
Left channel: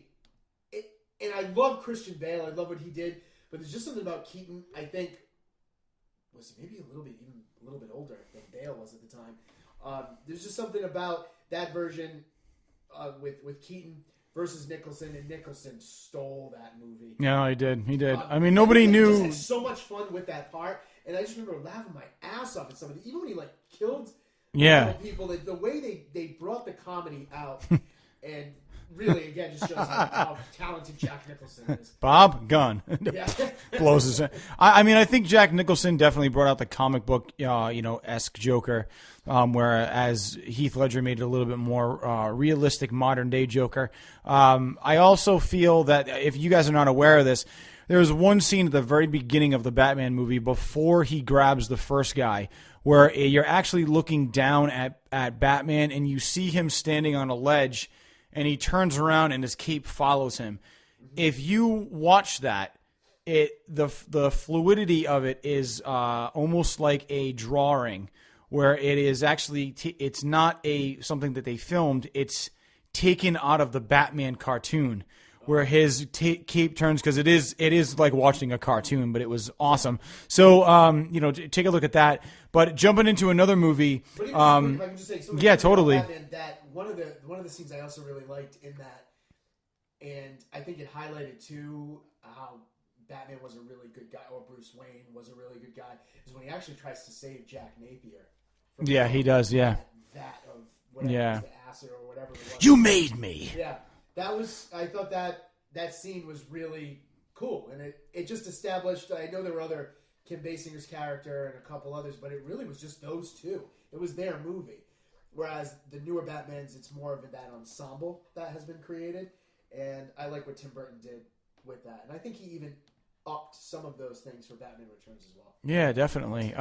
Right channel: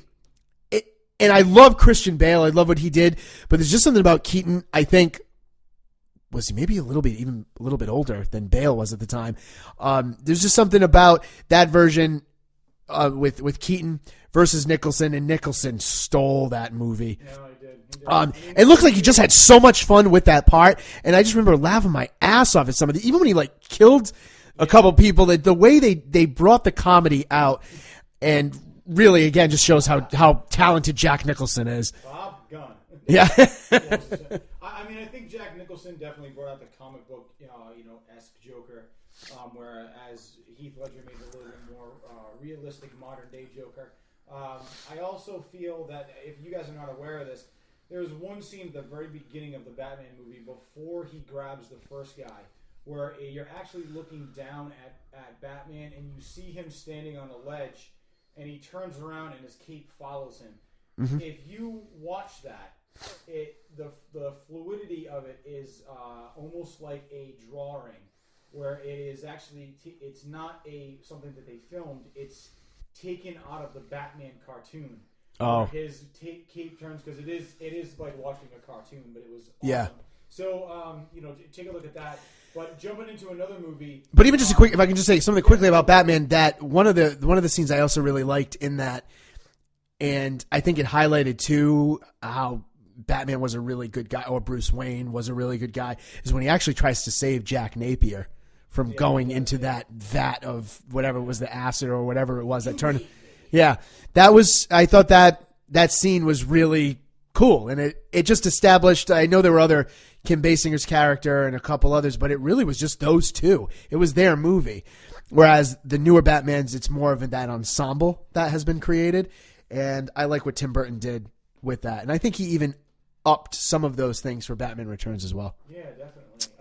And I love Christian Bale. I love what he did. But there's just something about Keaton, I think, was he maybe even a little bit older than Bale was at the time. There's just something about that version with Keaton versus Nicholson, and Nicholson stole that movie. Yeah, he did. I mean, it looked like he just had so much fun with that part. And I just remember laughing my ass off at some of the, even when he like killed a couple people, the way they brought the comedy out and really, again, just shows how talented Jack Nicholson is. Bob Gunn. Yeah. Blows his head. I mean, I think Jack Nicholson definitely brought out the comic book, esque Joker, whereas Heath Ledger made it a little bit more realistic, modern-day Joker. I also feel that, if you guys are not aware of this, there was one scene at the very beginning of the Batman movie before he grabs the first guy, where you're actually looking down at Batman, and you see him standing on a ledge, and he turns around and his cape follows him. Mm-hmm. If you watch that, the fluidity of it is almost like a drawing, where it is actually it's not something that they filmed. It's taken out of the Batman cartoon, where his cape turns, because it is like watching a cartoon, but it was awesome. Yeah. So take a look at that. But jumping into another movie, but even just quick, if I can just say something quickly about Batman, that one of the scenes I also really liked in that, and I think it highlighted too how Batman was a really good guy, or Bruce Wayne was a really good guy, is when he actually tries to save Jack Napier from going into that vat of whatever was the acid or whatever it was. You made me. Yeah, I thought that scene was really cool, and it just established. I know there were other Kim Basinger's character and a couple others, but it really was just those two. It was their movie. Whereas the newer Batmans, it's more of that ensemble that has been created. And I like what Tim Burton did with that. And I think he even upped some of those things for Batman Returns as well. Yeah, definitely.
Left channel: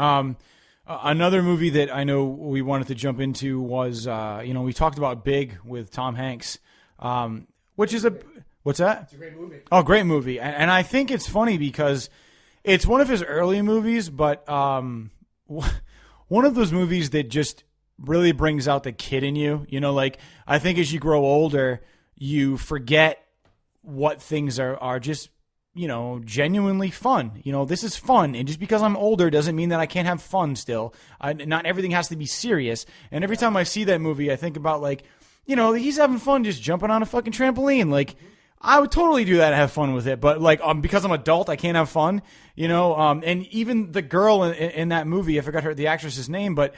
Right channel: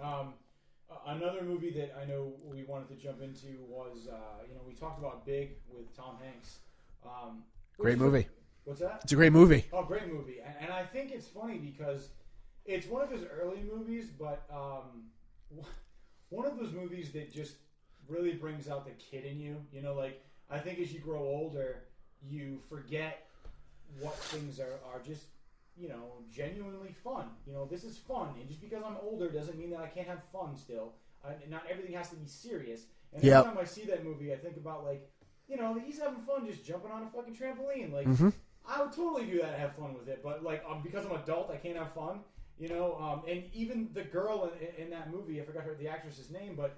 Another movie that I know we wanted to jump into was, we talked about Big with Tom Hanks, which Great is movie. What's that? It's a great movie. Oh, great movie. And I think it's funny because it's one of his early movies, but one of those movies that just really brings out the kid in you. Like I think as you grow older, you forget what things are just, genuinely fun. This is fun. And just because I'm older doesn't mean that I can't have fun still. Not everything has to be serious. And every time I see that movie, I think about like, he's having fun just jumping on a fucking trampoline. Like, I would totally do that and have fun with it. But like, because I'm adult, I can't have fun, and even the girl in that movie, I forgot the actress's name, but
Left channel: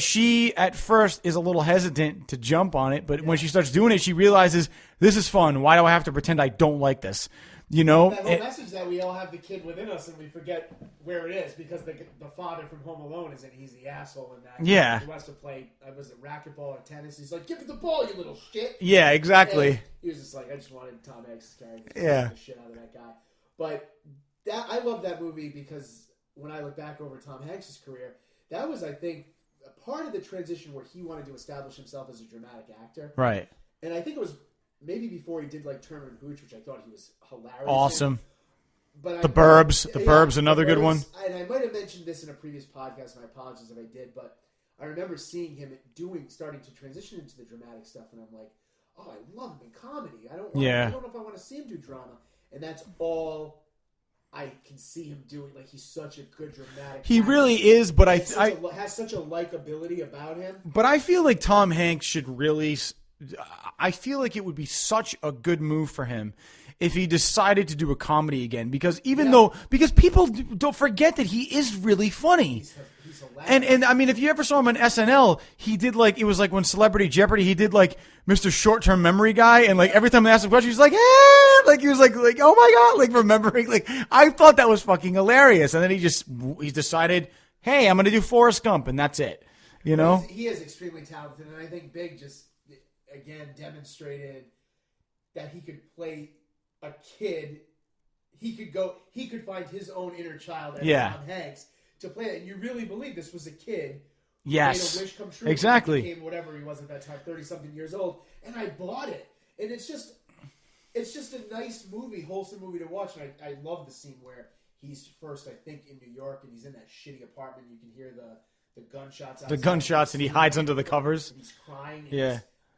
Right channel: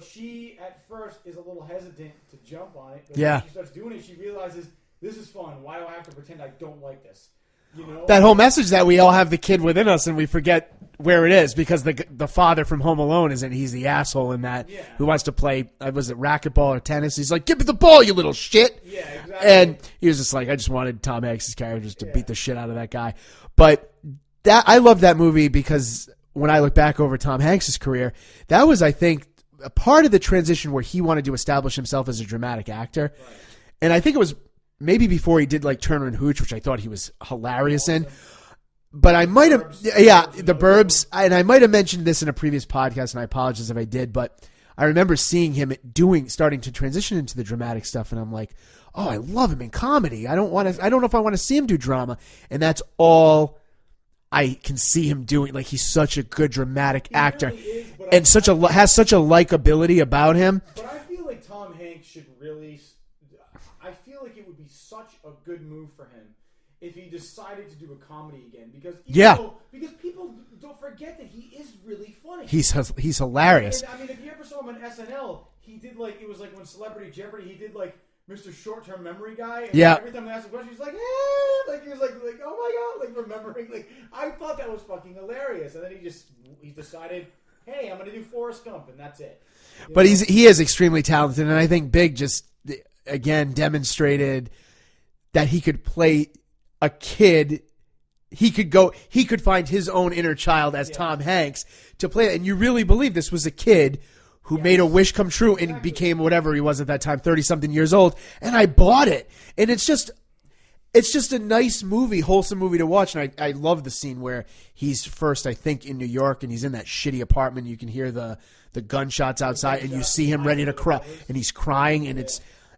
she at first is a little hesitant to jump on it. But when she starts doing it, she realizes this is fun. Why do I have to pretend I don't like this? That whole message that we all have the kid within us and we forget where it is because the father from Home Alone isn't. He's the asshole in that. Yeah. Who wants to play, was it racquetball or tennis? He's like, give me the ball, you little shit. Yeah, exactly. And he was just like, I just wanted Tom Hanks' character just to beat the shit out of that guy. But I love that movie because when I look back over Tom Hanks' career, that was, I think, a part of the transition where he wanted to establish himself as a dramatic actor. Right. And I think it was maybe before he did like Turner and Hooch, which I thought he was hilarious in. But I might have, Burbs, another good one. And I might have mentioned this in a previous podcast, and I apologize if I did. But I remember seeing him starting to transition into the dramatic stuff, and I'm like, oh, I love him in comedy. I don't want to. I don't know if I want to see him do drama, and that's all I can see him doing. Like he's such a good dramatic actor. He really is, but has such a likability about him. But I feel like Tom Hanks should really. I feel like it would be such a good move for him if he decided to do a comedy again, because because people don't forget that he is really funny. He's hilarious. And I mean, if you ever saw him on SNL, he did it was like when Celebrity Jeopardy, he did like Mr. Short-Term Memory Guy, and like every time they asked him a question, he was like, eh! Like he was like, oh my God, like remembering, like I thought that was fucking hilarious. And then he decided, hey, I'm going to do Forrest Gump, and that's it. But he is extremely talented, and I think Big just again demonstrated that he could play a kid. He could find his own inner child as Tom Hanks to play it. And you really believe this was a kid who made a wish come true and became whatever he was at that time, 30-something years old. And I bought it. And it's just a nice movie, wholesome movie to watch. And I love the scene where he's first, I think, in New York, and he's in that shitty apartment. You can hear the gunshots outside. And you see him ready to cry. And he's crying, and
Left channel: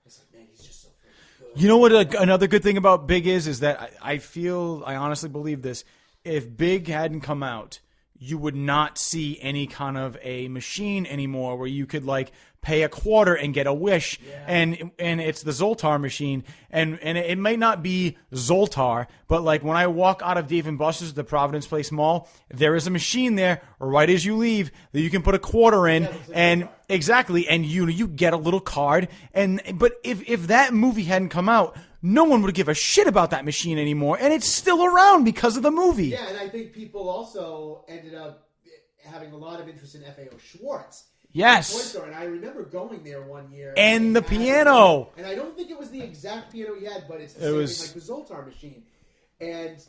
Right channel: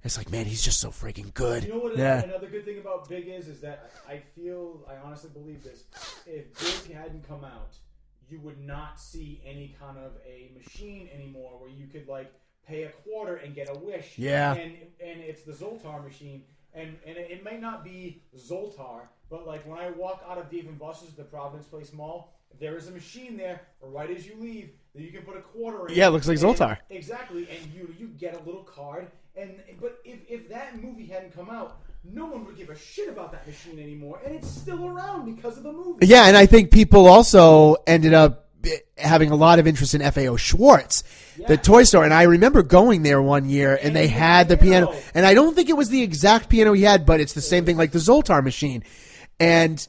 it's like, man, he's just so freaking good. You know what? Another good thing about Big is that I honestly believe this. If Big hadn't come out, you would not see any kind of a machine anymore where you could like pay a quarter and get a wish. Yeah. And it's the Zoltar machine. And it may not be Zoltar, but like when I walk out of Dave & Buster's at the Providence Place Mall, there is a machine there right as you leave that you can put a quarter in. Yeah, it looks like Zoltar. Exactly. And you get a little card. But if that movie hadn't come out, no one would give a shit about that machine anymore. And it's still around because of the movie. Yeah, and I think people also ended up having a lot of interest in FAO Schwartz, the toy store. And I remember going there one year, and they had the piano. And I don't think it was the exact piano he had, but it's the same thing like the Zoltar machine. And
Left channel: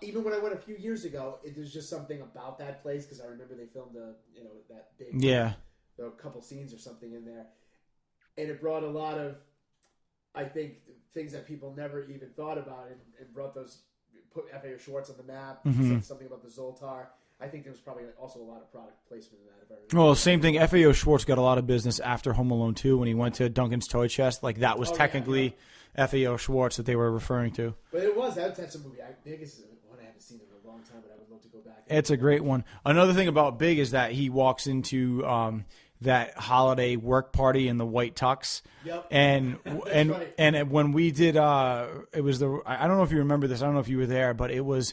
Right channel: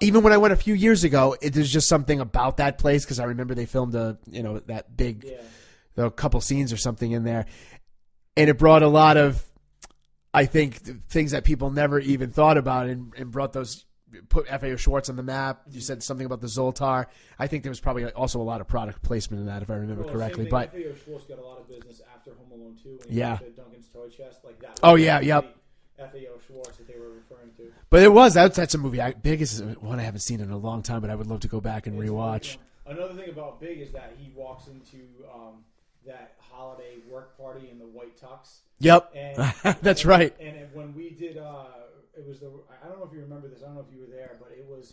even when I went a few years ago, there's just something about that place, because I remember they filmed that big, a couple scenes or something in there. And it brought a lot of, I think, things that people never even thought about, and brought put FAO Schwartz on the map. You said something about the Zoltar. I think there was probably also a lot of product placement in that, if I remember correctly. Same thing. FAO Schwartz got a lot of business after Home Alone 2 when he went to Duncan's Toy Chest. Like that was technically FAO Schwartz that they were referring to. But that's a movie. Big is one I haven't seen in a long time, but I would love to go back and It's rewatch. a great one. Another thing about Big is that he walks into that holiday work party in the white tux. Yep. And that's right. And when we did, it was I don't know if you remember this. I don't know if you were there, but it was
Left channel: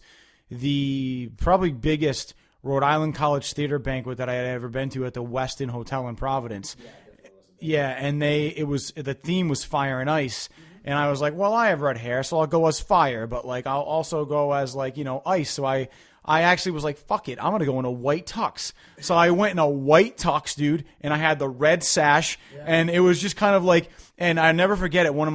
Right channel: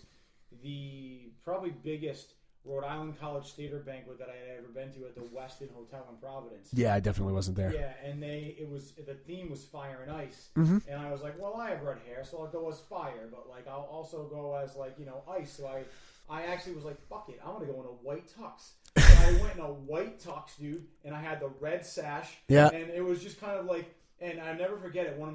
the probably biggest Rhode Island College theater banquet that I had ever been to at the Westin Hotel in Providence. Yeah, I definitely wasn't there. Yeah, and the theme was fire and ice, and I was like, well, I have red hair, so I'll go as fire, but like I'll also go as like ice. So I actually was like, fuck it, I'm gonna go in a white tux. So I went in a white tux, dude, and I had the red sash, and it was just kind of like, and I never forget it. One of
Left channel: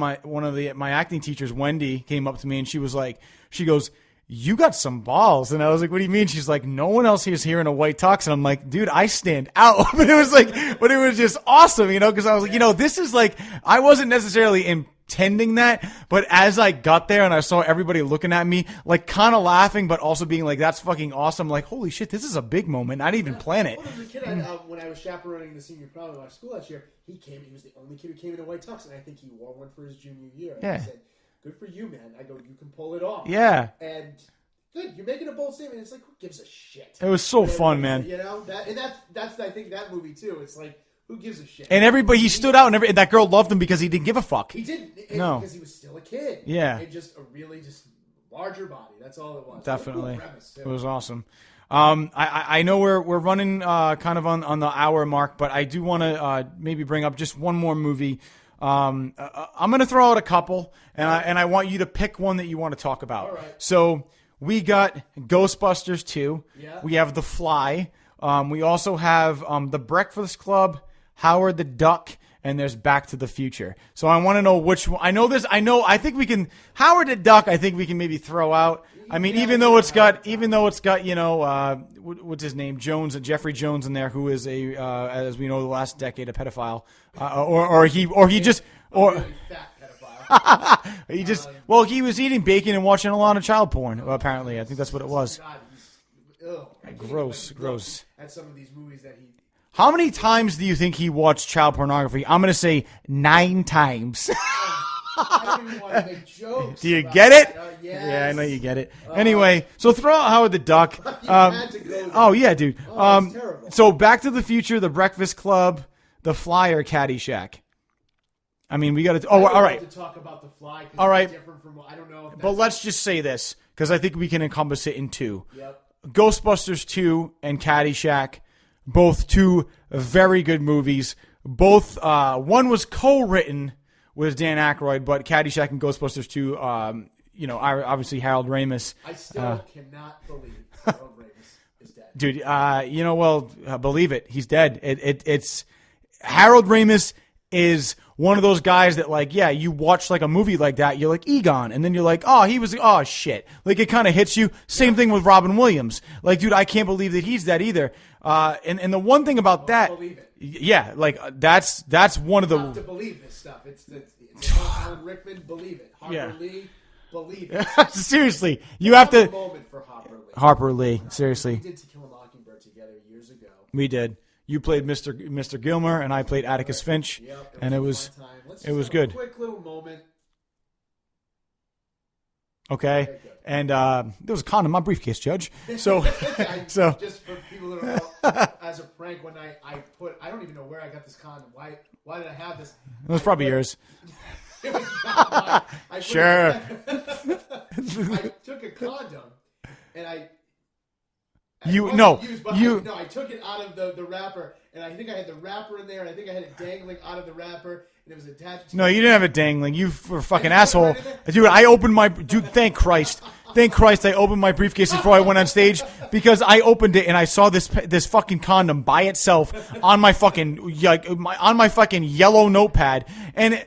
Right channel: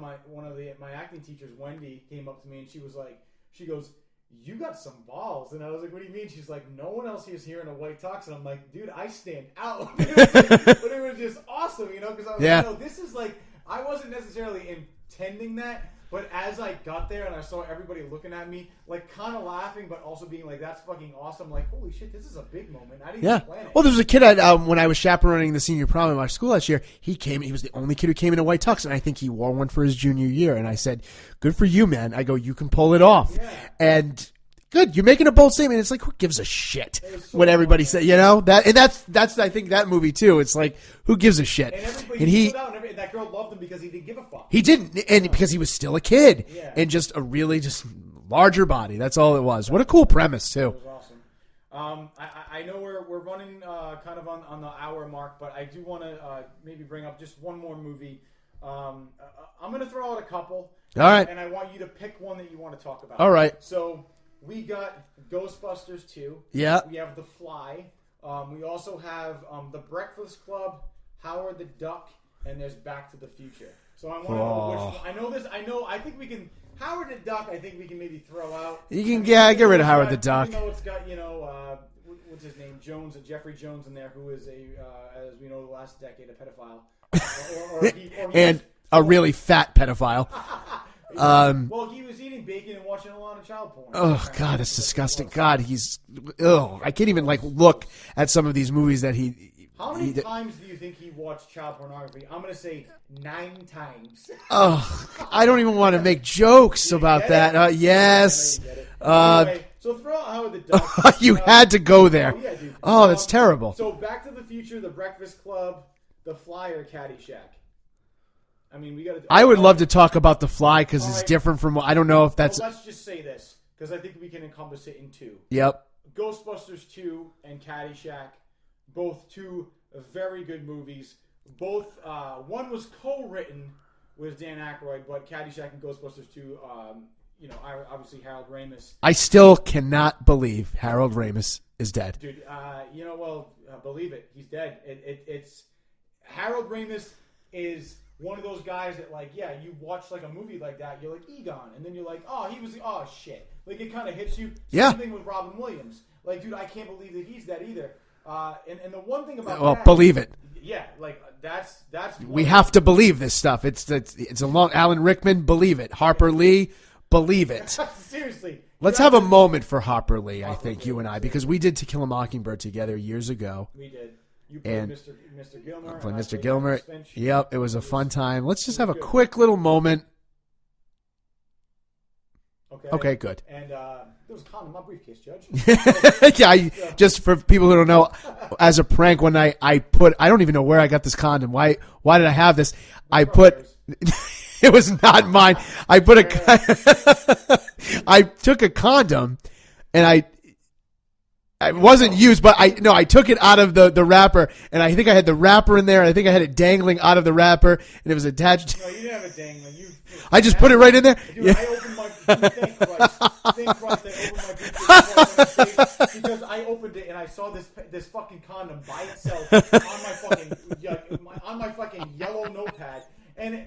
my acting teachers, Wendy, came up to me and she was like, She goes, you got some balls. And I was like, what do you mean? She's like, no one else is here in a white tux. And I'm like, dude, I stand out. But it was just awesome, because I was like, this is like, I wasn't necessarily intending that, but as I got there and I saw everybody looking at me, like kind of laughing, but also being like, that's fucking awesome. Like, holy shit, this is a big moment. I didn't even plan it. Well, there was a kid when I was chaperoning the senior prom in my school last year. He was the only kid who came in a white tux, and I think he wore one for his junior year. And I said, good for you, man. I go, you can pull it off. Yeah. And good, you're making a bold statement. It's like, who gives a shit? It was so what fun, everybody man. said, that's I think that movie too. It's like, who gives a shit? And everybody, he stood out, and that girl loved him because he didn't give a fuck. He didn't, and because he was still a kid. Yeah. And just a really just larger body. That's all it was. Definitely. What a cool premise too. It was awesome. I know we're running kind of on the hour mark, but I do want to maybe bring up just one more movie. I'm going to throw out a couple, All right. and I want you to pick one that you want to talk about. All right. So we got Ghostbusters 2. Yeah. We have The Fly. We also have The Breakfast Club, Howard the Duck, and there's Back to the Future. So I want to know which one. I think we can. Howard the Duck, I think we can maybe throw out. Even though it's got, what's his name? Jeffrey Jones in there, who is as we know, the last decade a pedophile. Really fat pedophile. He was eating bacon and watching a lot of child porn. Oh, apparently. God, I that's think that's what it disgusting. was. God, I can't even look at some of these movies that he. How many times do you think he watched child pornography? I'm going to say 9 times. I don't even want to make jokes about get that. It? Yes. Yeah, I know you get it. Anyway, so throw out Howard the Duck. You had to go there. Oh, yeah, dude. Oh, it's terrible. So Back to the Future, The Breakfast Club, The Fly, or Caddyshack? I mean, we got to. I would love to talk about The Fly because right. it's different from. I don't know if that's. Well, let's just say this because I think we can encompass it in 2. Yep. Ghostbusters 2 and Caddyshack, both 2 very good movies. Both one was co-written with Dan Aykroyd, but Caddyshack and Ghostbusters 2, obviously Harold Ramis. I still cannot believe Harold Ramis is dead, dude. Believe it, he's dead. It's Harold Ramis is one of those guys that, you watch a movie like that, you're like Egon, and then you're like, oh shit, it kind of hits you. Same thing with Robin Williams. Dude, I can't believe that he's dead either. And the one thing about that, believe it. Yeah, that's one. We have to believe this stuff. It's a long. Alan Rickman, believe it. Harper Lee, believe it. Seriously, let's have a moment for Harper Lee. Harper Lee, you and I, because we did To Kill a Mockingbird together years ago. We did. You played Mr. Gilmer, and I played Atticus Finch. Yep, it was a fun time. Let's just have a good. quick little moment. Okay, good. And there was a condom in my briefcase, Judge. So, just for people who don't know, as a prank one night, I don't even know where I got this condom. Why did I have this? Yours. It was not mine. I took a condom, and it wasn't used, but I took it out of the wrapper, and I think I had the wrapper in there, and I think I had it dangling out of the wrapper, and it was attached. No, you didn't have it dangling. You were fucking I just asshole. put it right in there. Dude, I opened my... Dude, thank Christ. Thank Christ I opened my briefcase before I went on stage, because I opened it, and I saw this fucking condom by itself on my fucking... on my fucking yellow notepad, and...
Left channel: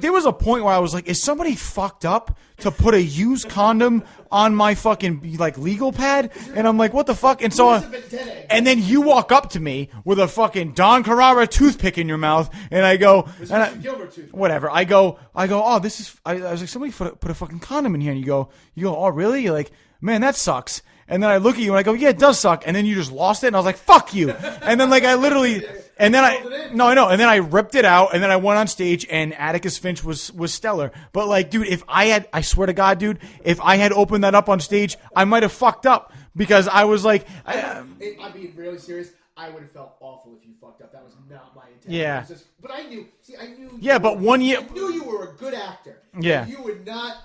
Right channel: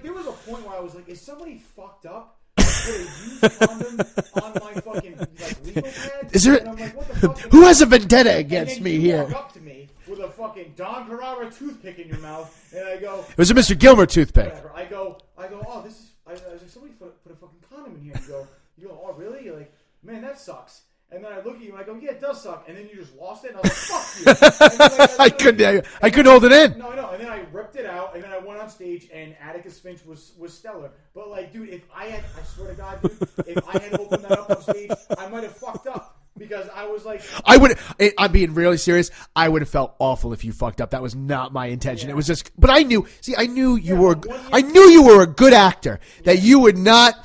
there was a point where I was like, is somebody fucked up to put a used condom on my fucking legal pad? And I'm like, what the fuck? And who has a vendetta against And then me you here? walk up to me with a fucking Don Carrara toothpick in your mouth, and I go, it was a Mr. Gilmer toothpick. Whatever. I go, oh, this is. I was like, somebody put a fucking condom in here, and you go, oh, really? You're like, man, that sucks. And then I look at you and I go, yeah, it does suck. And then you just lost it. And I was like, fuck you. And then I literally. I couldn't hold it in. No, I know. And then I ripped it out. And then I went on stage and Atticus Finch was stellar. But dude, I swear to God, dude, if I had opened that up on stage, I might have fucked up. Because I was like. I'm being really serious. I would have felt awful if you fucked up. That was not my intention. Yeah. It was just. But I knew. See, I knew you were. But 1 year. I knew you were a good actor. Yeah. That you would not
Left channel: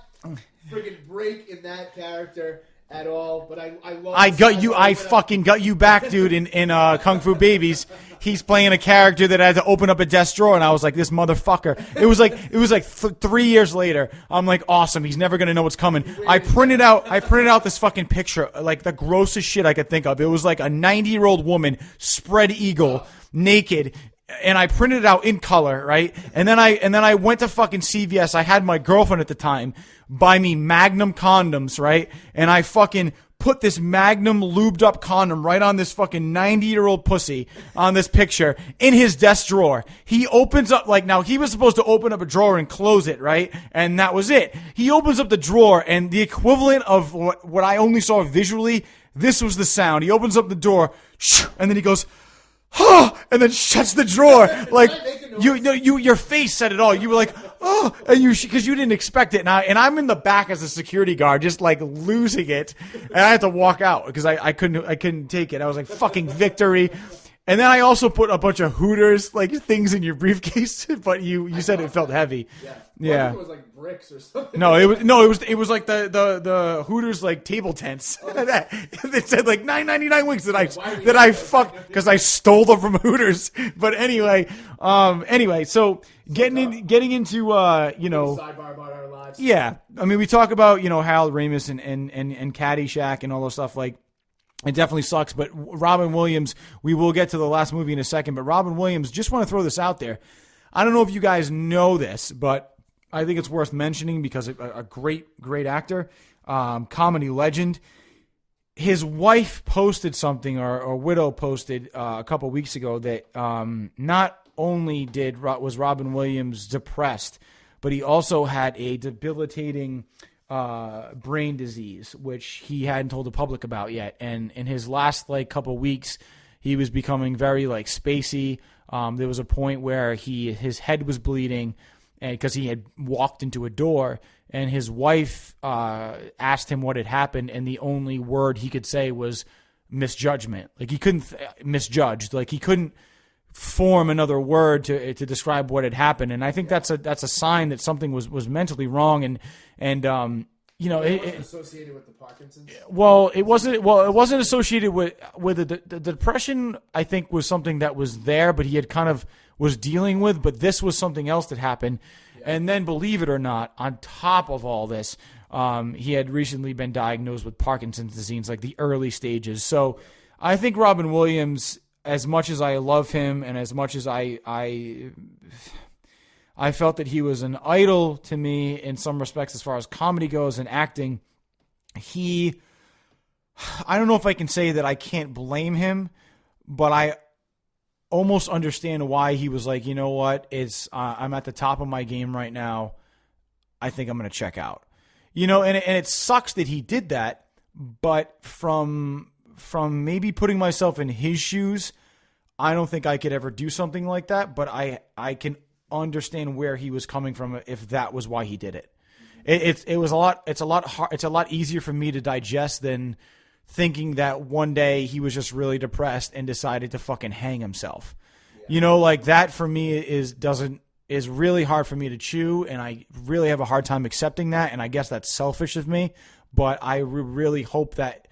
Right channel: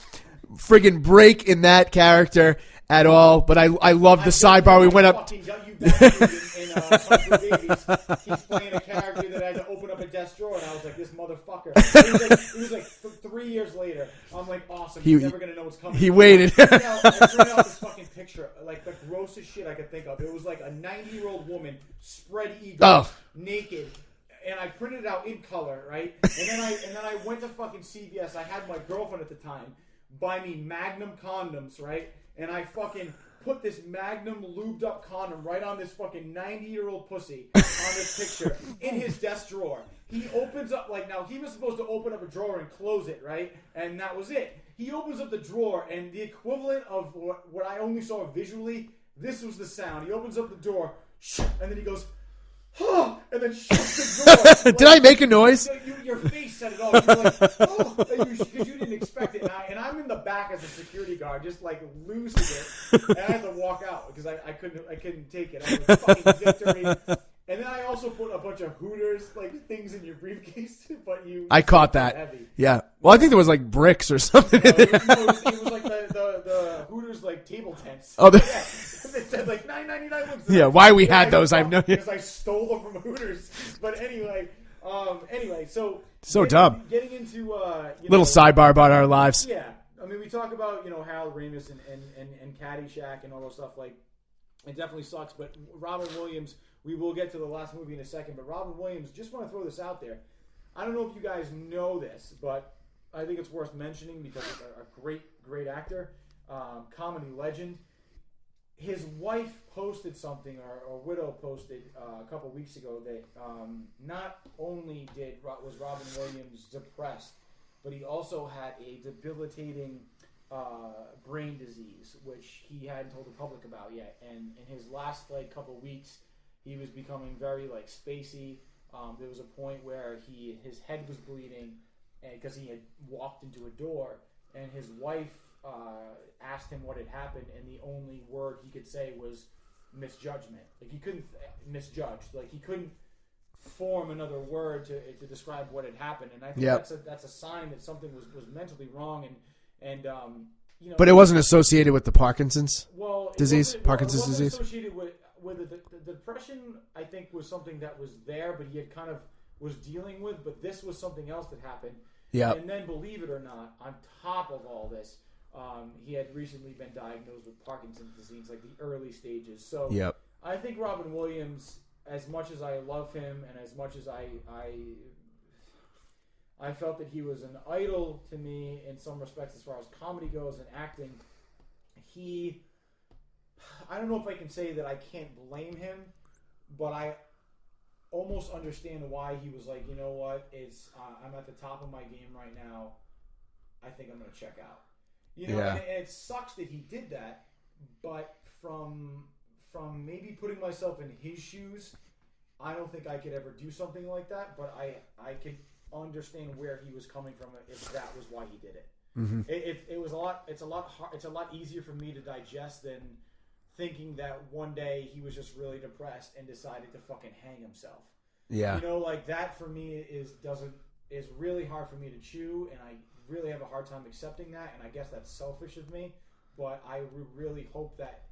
friggin' break in that character at all, but I love the sidebar. I fucking got you back, dude, in Kung Fu Babies. He's playing a character that had to open up a desk drawer, and I was like, this motherfucker. It was like 3 years later. I'm like, awesome. He's never gonna know what's coming. He waited. I printed out this fucking picture, the grossest shit I could think of. It was like a 90-year-old woman, spread eagle, naked. And I printed it out in color, right? And then I went to fucking CVS. I had my girlfriend at the time buy me Magnum condoms, right? And I fucking put this Magnum lubed up condom right on this fucking 90-year-old pussy on this picture in his desk drawer. He opens up, like, now he was supposed to open up a drawer and close it, right? And that was it. He opens up the drawer, and the equivalent of what I only saw visually, this was the sound. He opens up the door, and then he goes, oh, and then shuts the drawer. Like, did I make a noise? Your face said it all. You were like, oh, and because you didn't expect it. And I'm in the back as a security guard, just like losing it, and I had to walk out because I couldn't take it. I was like, fucking victory. And then I also put a bunch of Hooters like things in your briefcase, but you I said caught it felt that heavy. Yeah. Well, I think there was like bricks or something. No, it was like the Hooters like table tents. Oh, it said like $9.99 wings. Yeah, why we had those? I know. Because I stole them from Hooters. But anyway, so getting into little sidebar about our lives. Yeah, I mean we talk about Harold Ramis and Caddyshack and all those stuff like. It definitely sucks, but Robin Williams, we will get to the last movie in a second, but Robin Williams, just want to throw this out there. I don't know if you guys know this, but I think it's worth mentioning because a great, great actor, comedy legend. His wife posted something, or widow posted a couple weeks ago that not only was Robin Williams depressed, but he also had a debilitating brain disease, which he hadn't told the public about yet. And in his last couple weeks, he was becoming very spacey. There was a point where his head was bleeding, and because he had walked into a door, and his wife asked him what had happened, and the only word he could say was misjudgment. Like he couldn't misjudged. Like he couldn't form another word to describe what had happened. And I think that's a sign that something was mentally wrong. And but it wasn't associated with the Parkinson's. Well, it disease, wasn't. Well, it wasn't disease? associated with the depression. I think was something that was there, but he had kind of was dealing with. But this was something else that happened. Yeah. And then, believe it or not, on top of all this, he had recently been diagnosed with Parkinson's disease, like the early stages. So I think Robin Williams, as much as I love him and as much as I felt that he was an idol to me in some respects as far as comedy goes and acting, I don't know if I can say that I can't blame him, but I almost understand why he was like, you know what, I'm at the top of my game right now. I think I'm going to check out. And it sucks that he did that, but from maybe putting myself in his shoes, I don't think I could ever do something like that, but I can understand where he was coming from if that was why he did it. Mm-hmm. It's a lot easier for me to digest than thinking that one day he was just really depressed and decided to fucking hang himself. Yeah. Like that for me is really hard for me to chew, and I really have a hard time accepting that, and I guess that's selfish of me, but I really hope that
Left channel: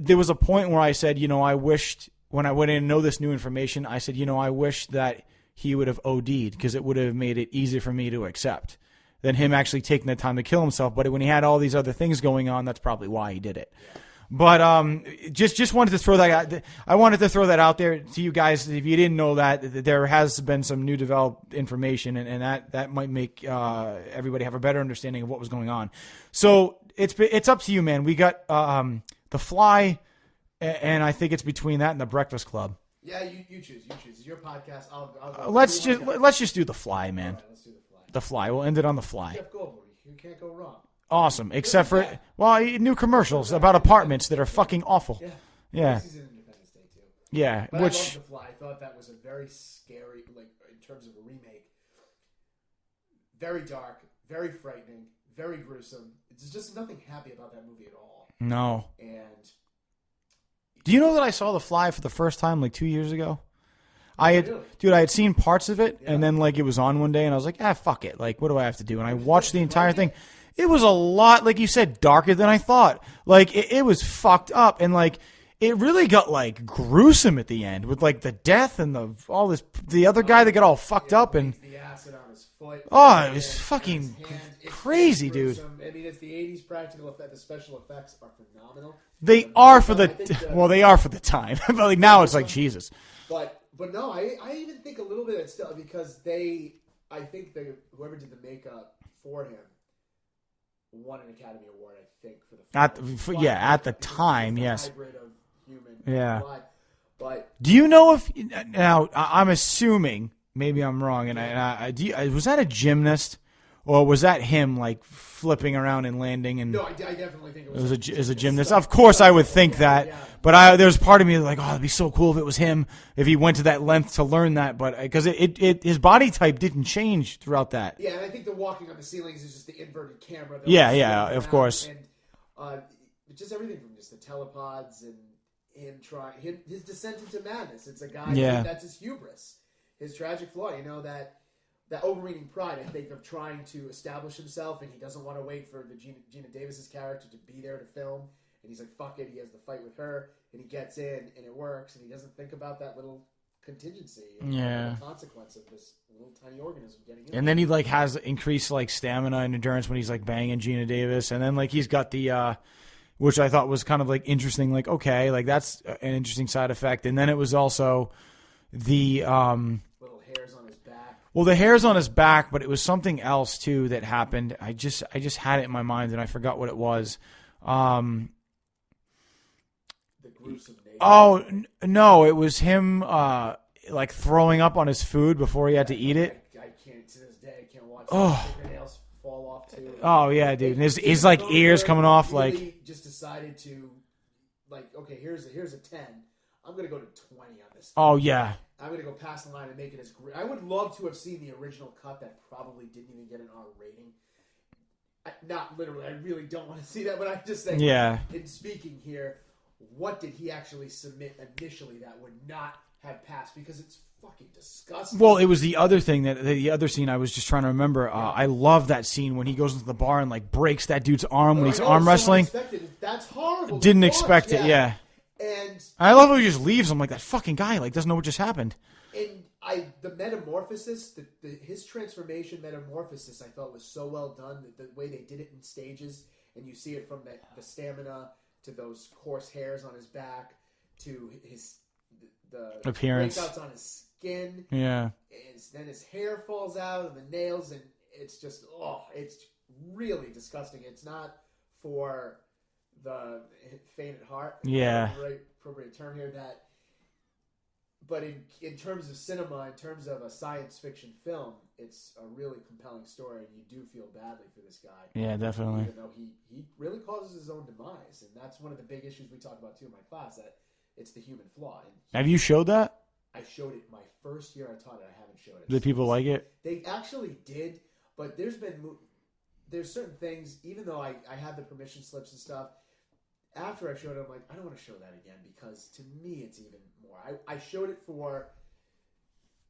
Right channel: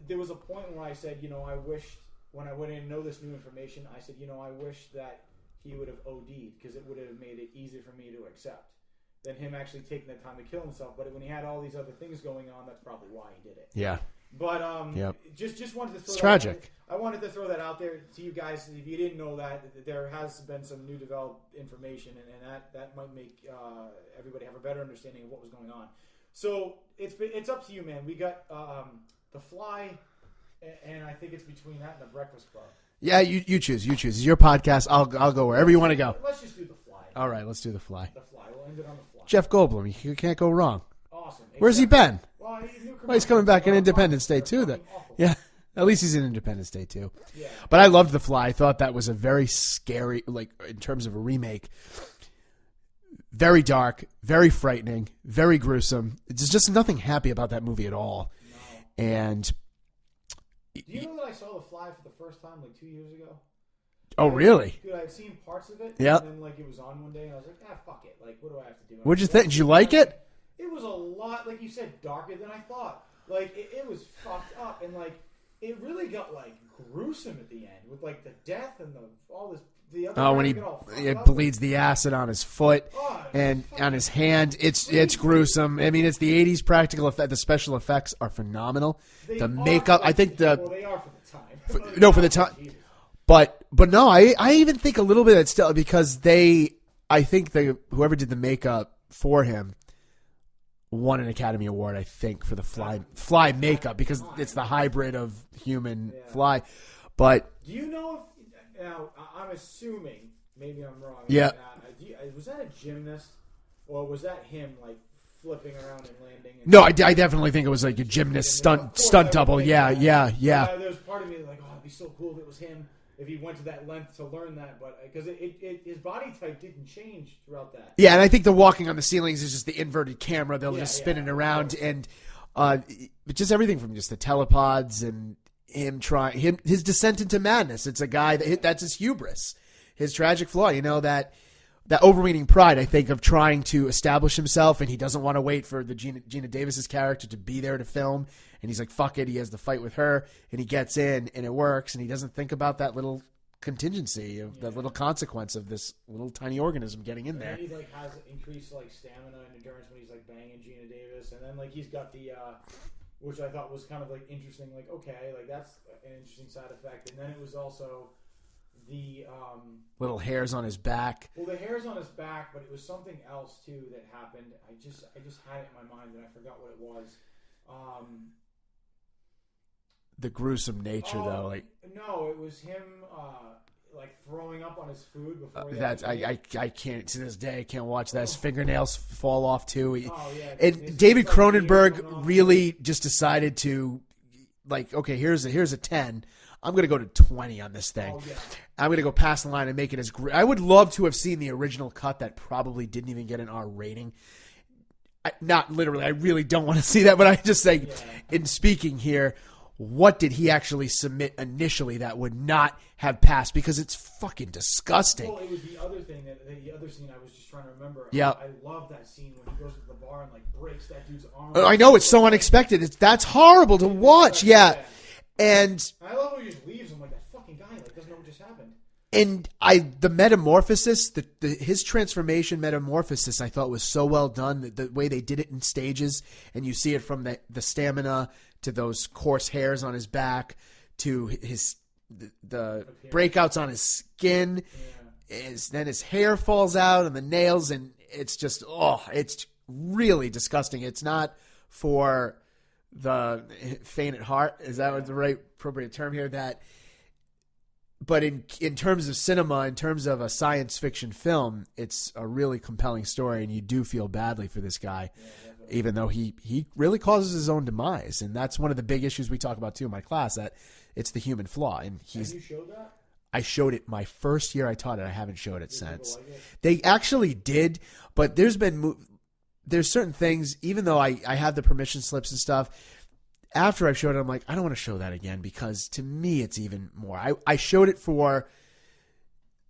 there was a point where I said, I wished when I went in and know this new information, I said, I wish that he would have OD'd because it would have made it easier for me to accept than him actually taking the time to kill himself. But when he had all these other things going on, that's probably why he did it. Yeah. But just wanted to throw that out. I wanted to throw that out there to you guys. If you didn't know that, there has been some new developed information, and that might make everybody have a better understanding of what was going on. So it's up to you, man. We got The Fly, and I think it's between that and The Breakfast Club. Yeah, you choose. You choose. It's your podcast. I'll go wherever you want to go. Let's just do The Fly, man. All right, let's do The Fly. The Fly. We'll end it on The Fly. Jeff Goldblum. You can't go wrong. Awesome. Where's he been? Well, new commercials about apartments that are fucking awful. Yeah. At least he's in Independence Day, too. Yeah. But I loved The Fly. I thought that was a very scary, in terms of a remake, very dark, very frightening, very gruesome. There's just nothing happy about that movie at all. No. And do you know that I saw The Fly for the first time 2 years ago? Oh, really? Dude, I had seen parts of it, and then it was on one day, and I was like, fuck it. What do I have to do? And What'd you think? Did you like it? It was a lot, like you said, darker than I thought. It was fucked up, and it really got gruesome at the end with the death and the other guy that got all fucked up. Bleeds the acid on his foot. Oh, it was and fucking on his hand. It's gruesome. Dude. I mean, it's the 80s practical effect. The special effects are phenomenal. They are for the time. But now it's Jesus. But no, I even think a little bit it's still because whoever did the makeup for him won an Academy Award, I think, for the At makeup the because time, it's the yes. hybrid of human Yeah. fly. But Do you know if now I'm assuming, maybe I'm wrong. And Yeah. was that a gymnast, or was that him like flipping around and landing? And no, I definitely think it was like a it was gymnast. Of course, stunt I would double. think Yeah, that. Yeah, But there's part of me like, oh, it'd be so cool if it was him, if he went to that length to learn that. But because his body type didn't change throughout that. Yeah, and I think the walking on the ceilings is just the inverted camera. They'll be spinning around, of course. And just everything from just the telepods and his descent into madness. It's a guy that's his hubris, his tragic flaw. You know, that overweening pride, I think, of trying to establish himself, and he doesn't want to wait for the Gina Davis's character to be there to film, and he's like, fuck it, he has the fight with her, and he gets in, and it works, and he doesn't think about that little contingency, of little consequence of this little tiny organism getting in there. And then he like has increased like stamina and endurance when he's like banging Gina Davis, and then like he's got the which I thought was kind of like interesting, like okay, like that's an interesting side effect. And then it was also the little hairs on his back. Well, the hairs on his back, but it was something else too that happened. I just had it in my mind and I forgot what it was. The gruesome nature. Oh no, it was him like throwing up on his food before he had to eat it. I can't to this day. I can't watch that. His fingernails fall off too. Dude. David like Cronenberg ears coming off. Really just decided to like, okay, here's a 10. I'm going to go to 20 on this thing. Oh, yeah. I'm going to go past the line and make it as great. I would love to have seen the original cut that probably didn't even get an R rating. Not literally. I really don't want to see that, but I just think, in speaking here, what did he actually submit initially that would not have passed? Because it's fucking disgusting. Well, it was the other thing the other scene I was just trying to remember. I love that scene when he goes into the bar and like breaks that dude's arm. I know, it's so unexpected. That's horrible to Didn't watch. Expect it, yeah. And I love how he just leaves. I'm like, that fucking guy like doesn't know what just happened. And the metamorphosis, his transformation metamorphosis, I thought was so well done. The way they did it in stages, and you see it from the stamina to those coarse hairs on his back to the appearance, breakouts on his skin. Yeah, then his hair falls out and the nails, and it's just it's really disgusting. It's not for the faint at heart. Is that the right appropriate term here? But in terms of cinema, in terms of a science fiction film, it's a really compelling story, and you do feel badly for this guy. Yeah, definitely. Even though he really causes his own demise, and that's one of the big issues we talk about too in my class. That it's the human flaw. And have you showed that? I showed it my first year I taught it. I haven't showed it. Did people like it? They actually did, but there's certain things. Even though I have the permission slips and stuff. After I showed it, I'm like, I don't want to show that again because to me, it's even more. I showed it for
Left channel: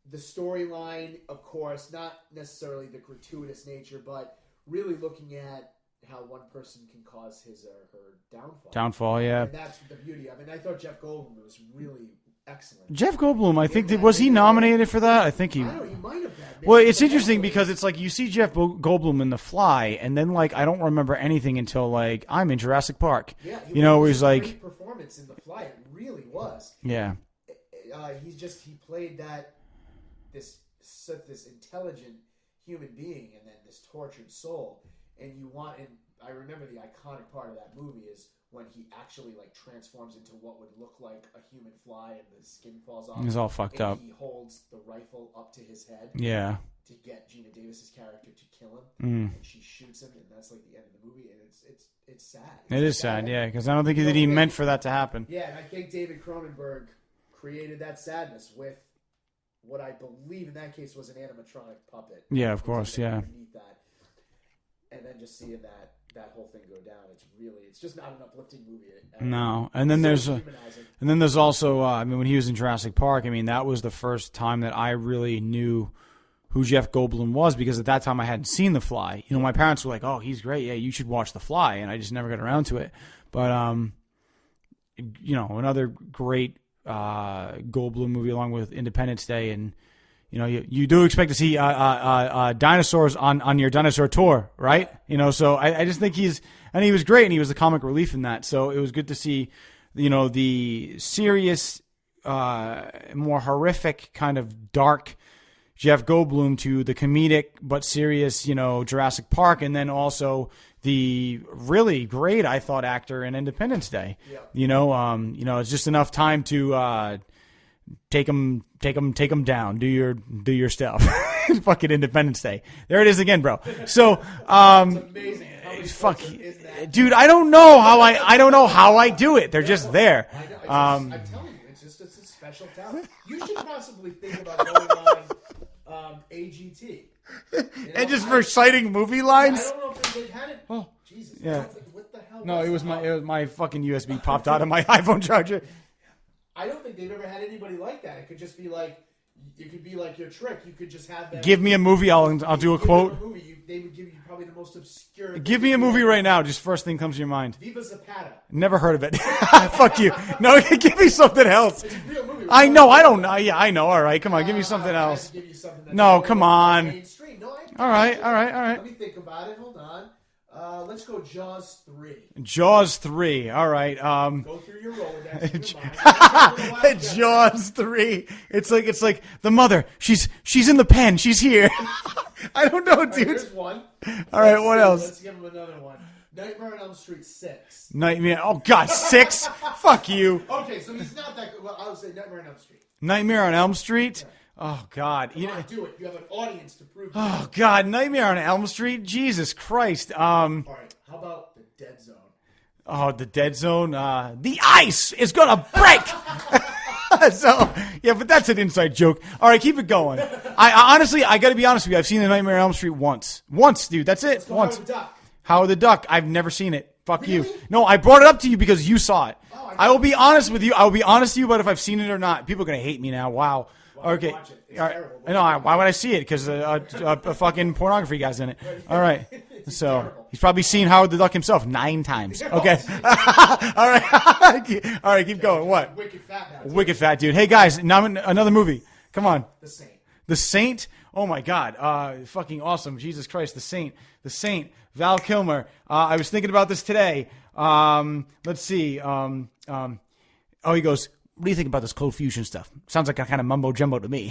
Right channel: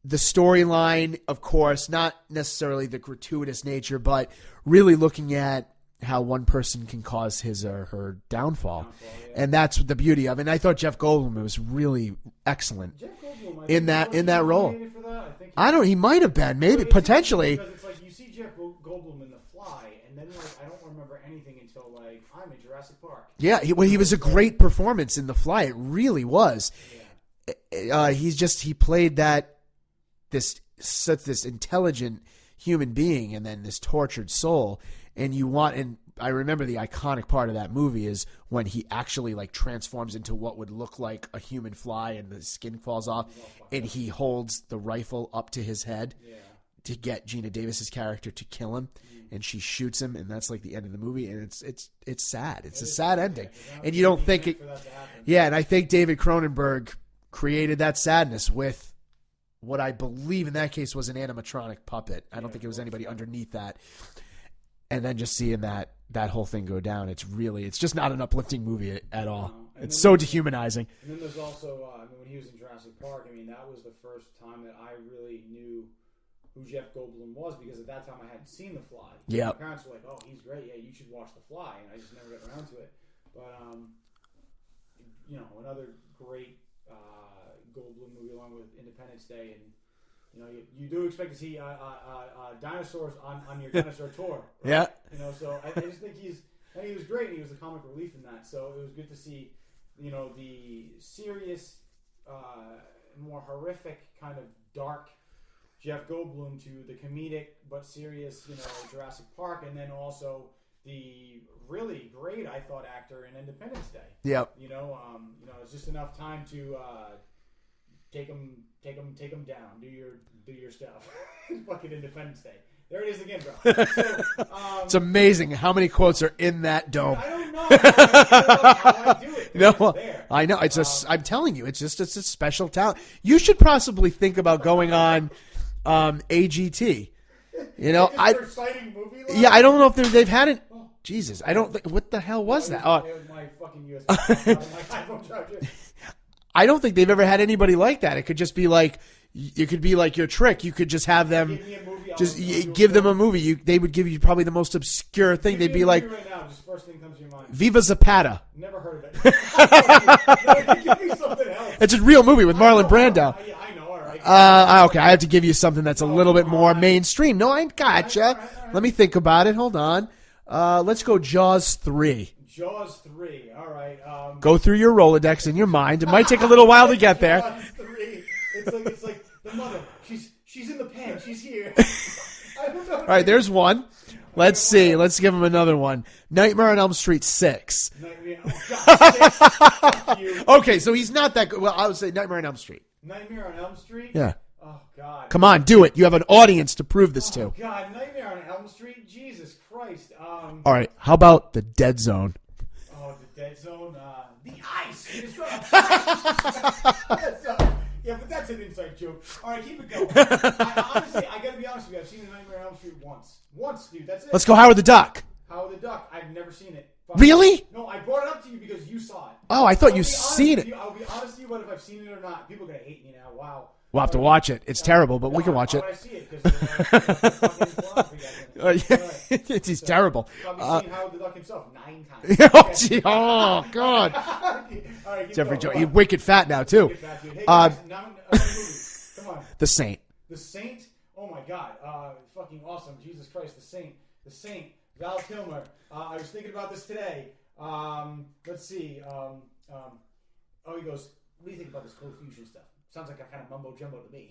the storyline, of course, not necessarily the gratuitous nature, but really looking at how one person can cause his or her downfall. Yeah. And that's the beauty of it. And I thought Jeff Goldblum was really excellent. Jeff Goldblum, I think, was he nominated for that? I think he might have been. Maybe, well, it's potentially. interesting because it's like you see Jeff Goldblum in The Fly, and then like I don't remember anything until like I'm in Jurassic Park. Yeah, he was a great performance in The Fly. It really was. Yeah. He played this intelligent human being and then this tortured soul. And I remember the iconic part of that movie is when he actually like transforms into what would look like a human fly and the skin falls off. He's all fucked up. And he holds the rifle up to his head. Yeah. To get Gina Davis's character to kill him, and she shoots him, and that's like the end of the movie, and it's sad. It's a sad ending. Yeah, because I don't think he meant for that to happen. Yeah, and I think David Cronenberg created that sadness with what I believe in that case was an animatronic puppet. I don't think of course. Yeah, underneath that. And then just seeing that whole thing go down, it's just not an uplifting movie at all. No, and then so dehumanizing. And then there's also, when he was in Jurassic Park, that was the first time that I really knew who Jeff Goldblum was because at that time I hadn't seen The Fly. My parents were like, "Oh, he's great. Yeah, you should watch The Fly," and I just never got around to it. But another great Goldblum movie along with Independence Day and. You do expect to see dinosaurs on your dinosaur tour, right? Yeah. So I just think he was great, and he was the comic relief in that. So it was good to see, the serious, more horrific kind of dark Jeff Goldblum to the comedic but serious, Jurassic Park, and then also the really great, I thought, actor in Independence Day. Yep. It's just enough time to take him down. Do your stuff. Fucking Independence Day. There it is again, bro. So it's amazing how many quotes are in that. Dude, I don't know how I do it. They're just there. I know. It's I'm telling you, it's a special talent. You should possibly think about going on AGT. For reciting movie lines. Yeah, I don't know if they've had it. Oh, Jesus! Yeah. I don't. What the hell was that? It was my fucking USB popped out of my iPhone charger. I don't think they've ever had anybody like that. It could just be like. It could be like your trick. You could just have them give me a movie. I'll do a give quote. them a movie. They would give you probably the most obscure thing. Give me a movie right now. Just first thing comes to your mind. Viva Zapata. Never heard of it. Fuck you. No, give me something else. It's a real movie with Marlon Brando. I don't. Yeah, I know. All right. Come on. Okay, I have to give you something that's a little bit more mainstream. No, I gotcha. All right. Let me think about it. Hold on. Let's go Jaws 3. Jaws 3. All right. Go through your Rolodex in your mind. It might take a little while to get there. Jaws 3. It's like the mother. She's in the pen. She's here. I don't know. Dude. All right, there's one. Let's see. Else? Let's give him another one. Nightmare on Elm Street 6. Nightmare. Oh God, 6. Fuck you. Okay, so he's not that good. Well, I would say Nightmare on Elm Street. Nightmare on Elm Street. Yeah. Oh, God. Come on, do it. You have an audience to prove this to. Oh, God. Nightmare on Elm Street? Jesus Christ. All right. How about The Dead Zone? Oh, The Dead Zone? The ice is going to break! So, yeah, but that's an inside joke. All right, keep it going. Honestly, I got to be honest with you. I've seen The Nightmare on Elm Street once. Once, dude. That's it. Let's go Howard the Duck. Howard the Duck. I've never seen it. Fuck really? You. No, I brought it up to you because you saw it. Oh, I thought you I will be honest seen with it. you. I will be honest with you about if I've seen it or not. People are going to hate me now. Wow. We'll have to watch it. It's terrible, but we can watch it. Why would I see it? Because the fucking pornography guy's in it. All right. It's terrible. He's probably seen Howard the Duck himself 9 times. Okay. Oh, God. All right, keep going. You're wicked fat now, too. Wicked fat, dude. Hey, guys, now another movie. Come on. The Saint. The Saint? Oh, my God. Fucking awesome. Jesus Christ, The Saint. The Saint. Val Kilmer. I was thinking about this today. Let's see. He goes, what do you think about this cold fusion stuff? Sounds like a kind of mumbo jumbo to me.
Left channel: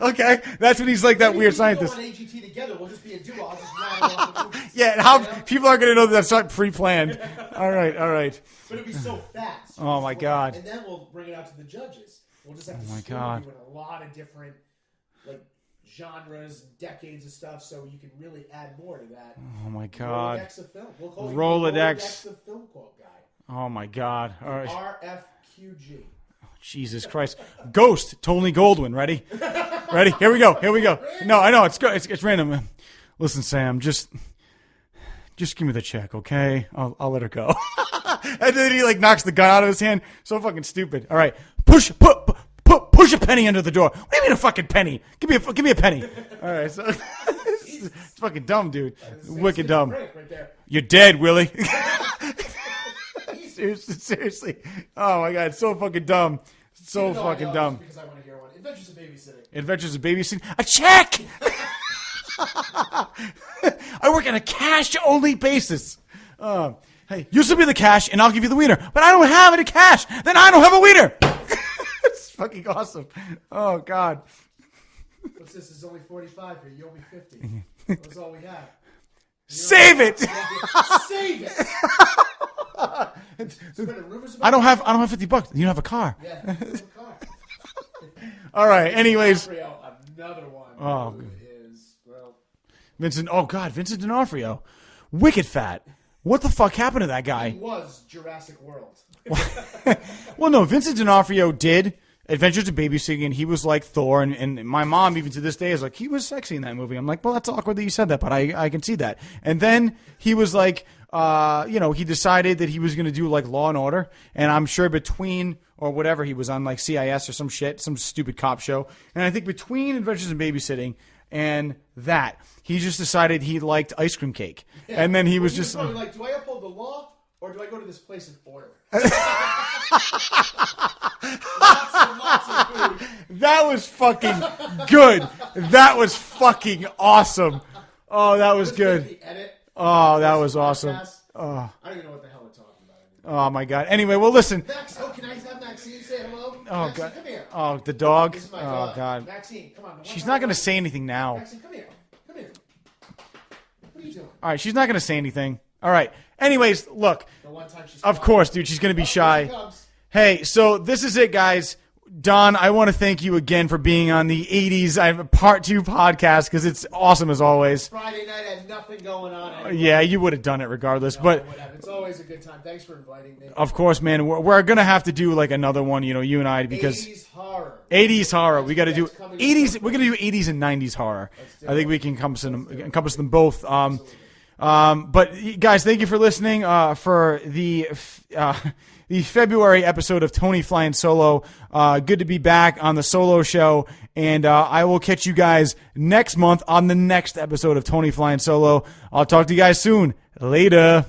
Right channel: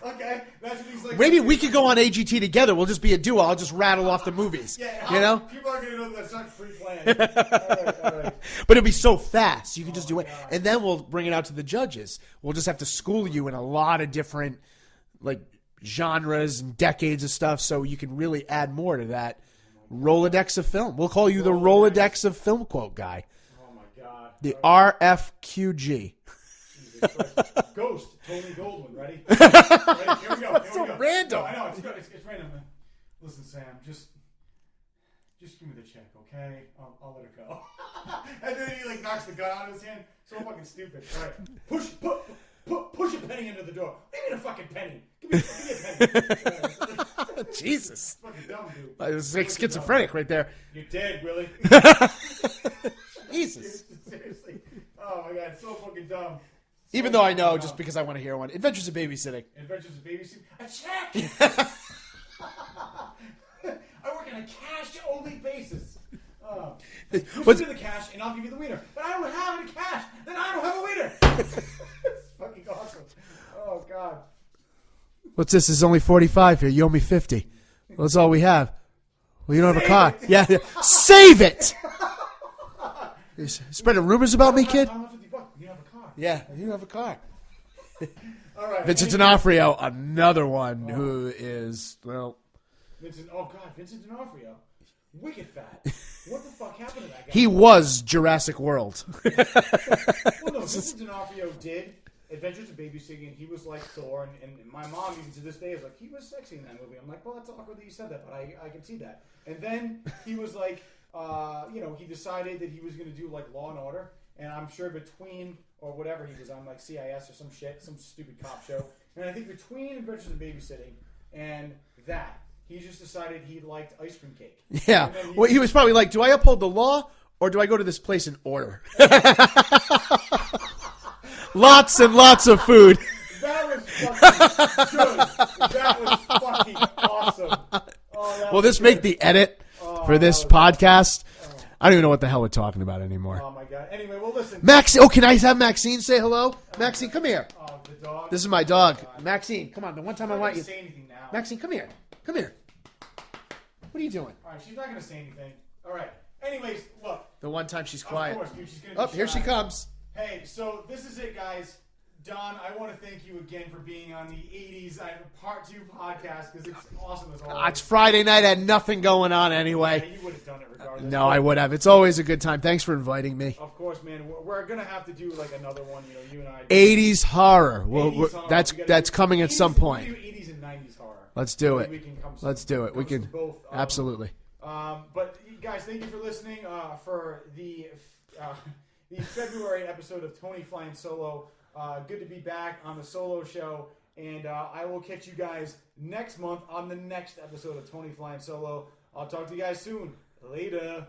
Okay, that's what he's like. Maybe that we could go on AGT together. We'll just be a duo. I'll just rattle off the movies. Yeah, people aren't going to know that that's not pre-planned. All right. But it'll be so fast. You can just my do God. And then we'll bring it out to the judges. We'll just have to school you in a lot of different genres and decades of stuff, so you can really add more to that. Oh my God. Rolodex of film. We'll call you the Rolodex of film quote guy. Oh my God. The RFQG. Jesus Christ. Ghost, Tony Goldwyn. Ready? Ready? Here we go. Random. No, I know. It's random. Listen, Sam, just give me the check, okay? I'll let her go. And then he knocks the gun out of his hand. So fucking stupid. All right. Push a penny under the door. What do you mean a fucking penny? Give me a penny. All right. So, Jesus. It's fucking dumb, dude. It's wicked dumb. Schizophrenic right there. You're dead, Willie. Jesus. Seriously. Oh my God. It's so fucking dumb. So Even though I know, dumb. just because I want to hear one. Adventures of Babysitting. Adventures of Babysitting. A check! I work on a cash-only basis. You send me the cash, and I'll give you the wiener. But I don't have any cash. Then I don't have a wiener. It's fucking awesome. Oh, God. What's this? There's only 45 here. You owe me 50. Well, that's all we have. Well, you don't Save have it! Yeah. Save it! Spreading rumors about I me, kid? don't have $50. You don't have a car. Yeah, you don't have a car. All right. Vincent Anyways. D'Onofrio, another one who is, Vincent D'Onofrio. Wicked fat. What the fuck happened to that guy? he was Jurassic World. Well, no, Vincent D'Onofrio did Adventures of Babysitting, and he was like Thor, and my mom, even to this day, is like, he was sexy in that movie. I'm like, well, that's awkward that you said that, but I can see that. And then he was like, he decided that he was going to do like Law and Order, and I'm sure between, or whatever, he was on like CIS or some shit, some stupid cop show. And I think between Adventures in Babysitting and that, he just decided he liked ice cream cake. Yeah. And then he was probably like, do I uphold the law or do I go to this place and order? Lots and lots of food. That was fucking good. That was fucking awesome. Oh, that Will was this good. make the edit Oh, for this that was podcast? awesome. I don't even know what the hell we're talking about anymore. Oh, my God. Anyway, well, listen. Can I have Maxine say hello? Maxine, God. come here. Oh, the dog. This is my dog. Oh, God. Maxine, come on. The one She's time not I going wanted to you- say anything now. Maxine, come here. Come here. What are you doing? All right, she's not going to say anything. All right. Anyways, look. The one time she's Of quiet. course, dude. She's going to be shy. Here she comes. Hey, so this is it, guys. Don, I want to thank you again for being on the 80s Part 2 podcast because it's awesome as always. It's Friday night. I had nothing going on anyway. Yeah, you would have done it regardless. No, but I would have. It's always a good time. Thanks for inviting me. of course, man. We're going to have to do like another one, you and I. because 80s horror. 80s horror. That's coming at 80s, some point. We're going to do 80s and 90s horror. Let's do it. I think we can encompass We them both. Absolutely. But guys, thank you for listening for the February episode of Tony Flying Solo. Good to be back on the solo show, and I will catch you guys next month on the next episode of Tony Flying Solo. I'll talk to you guys soon. Later.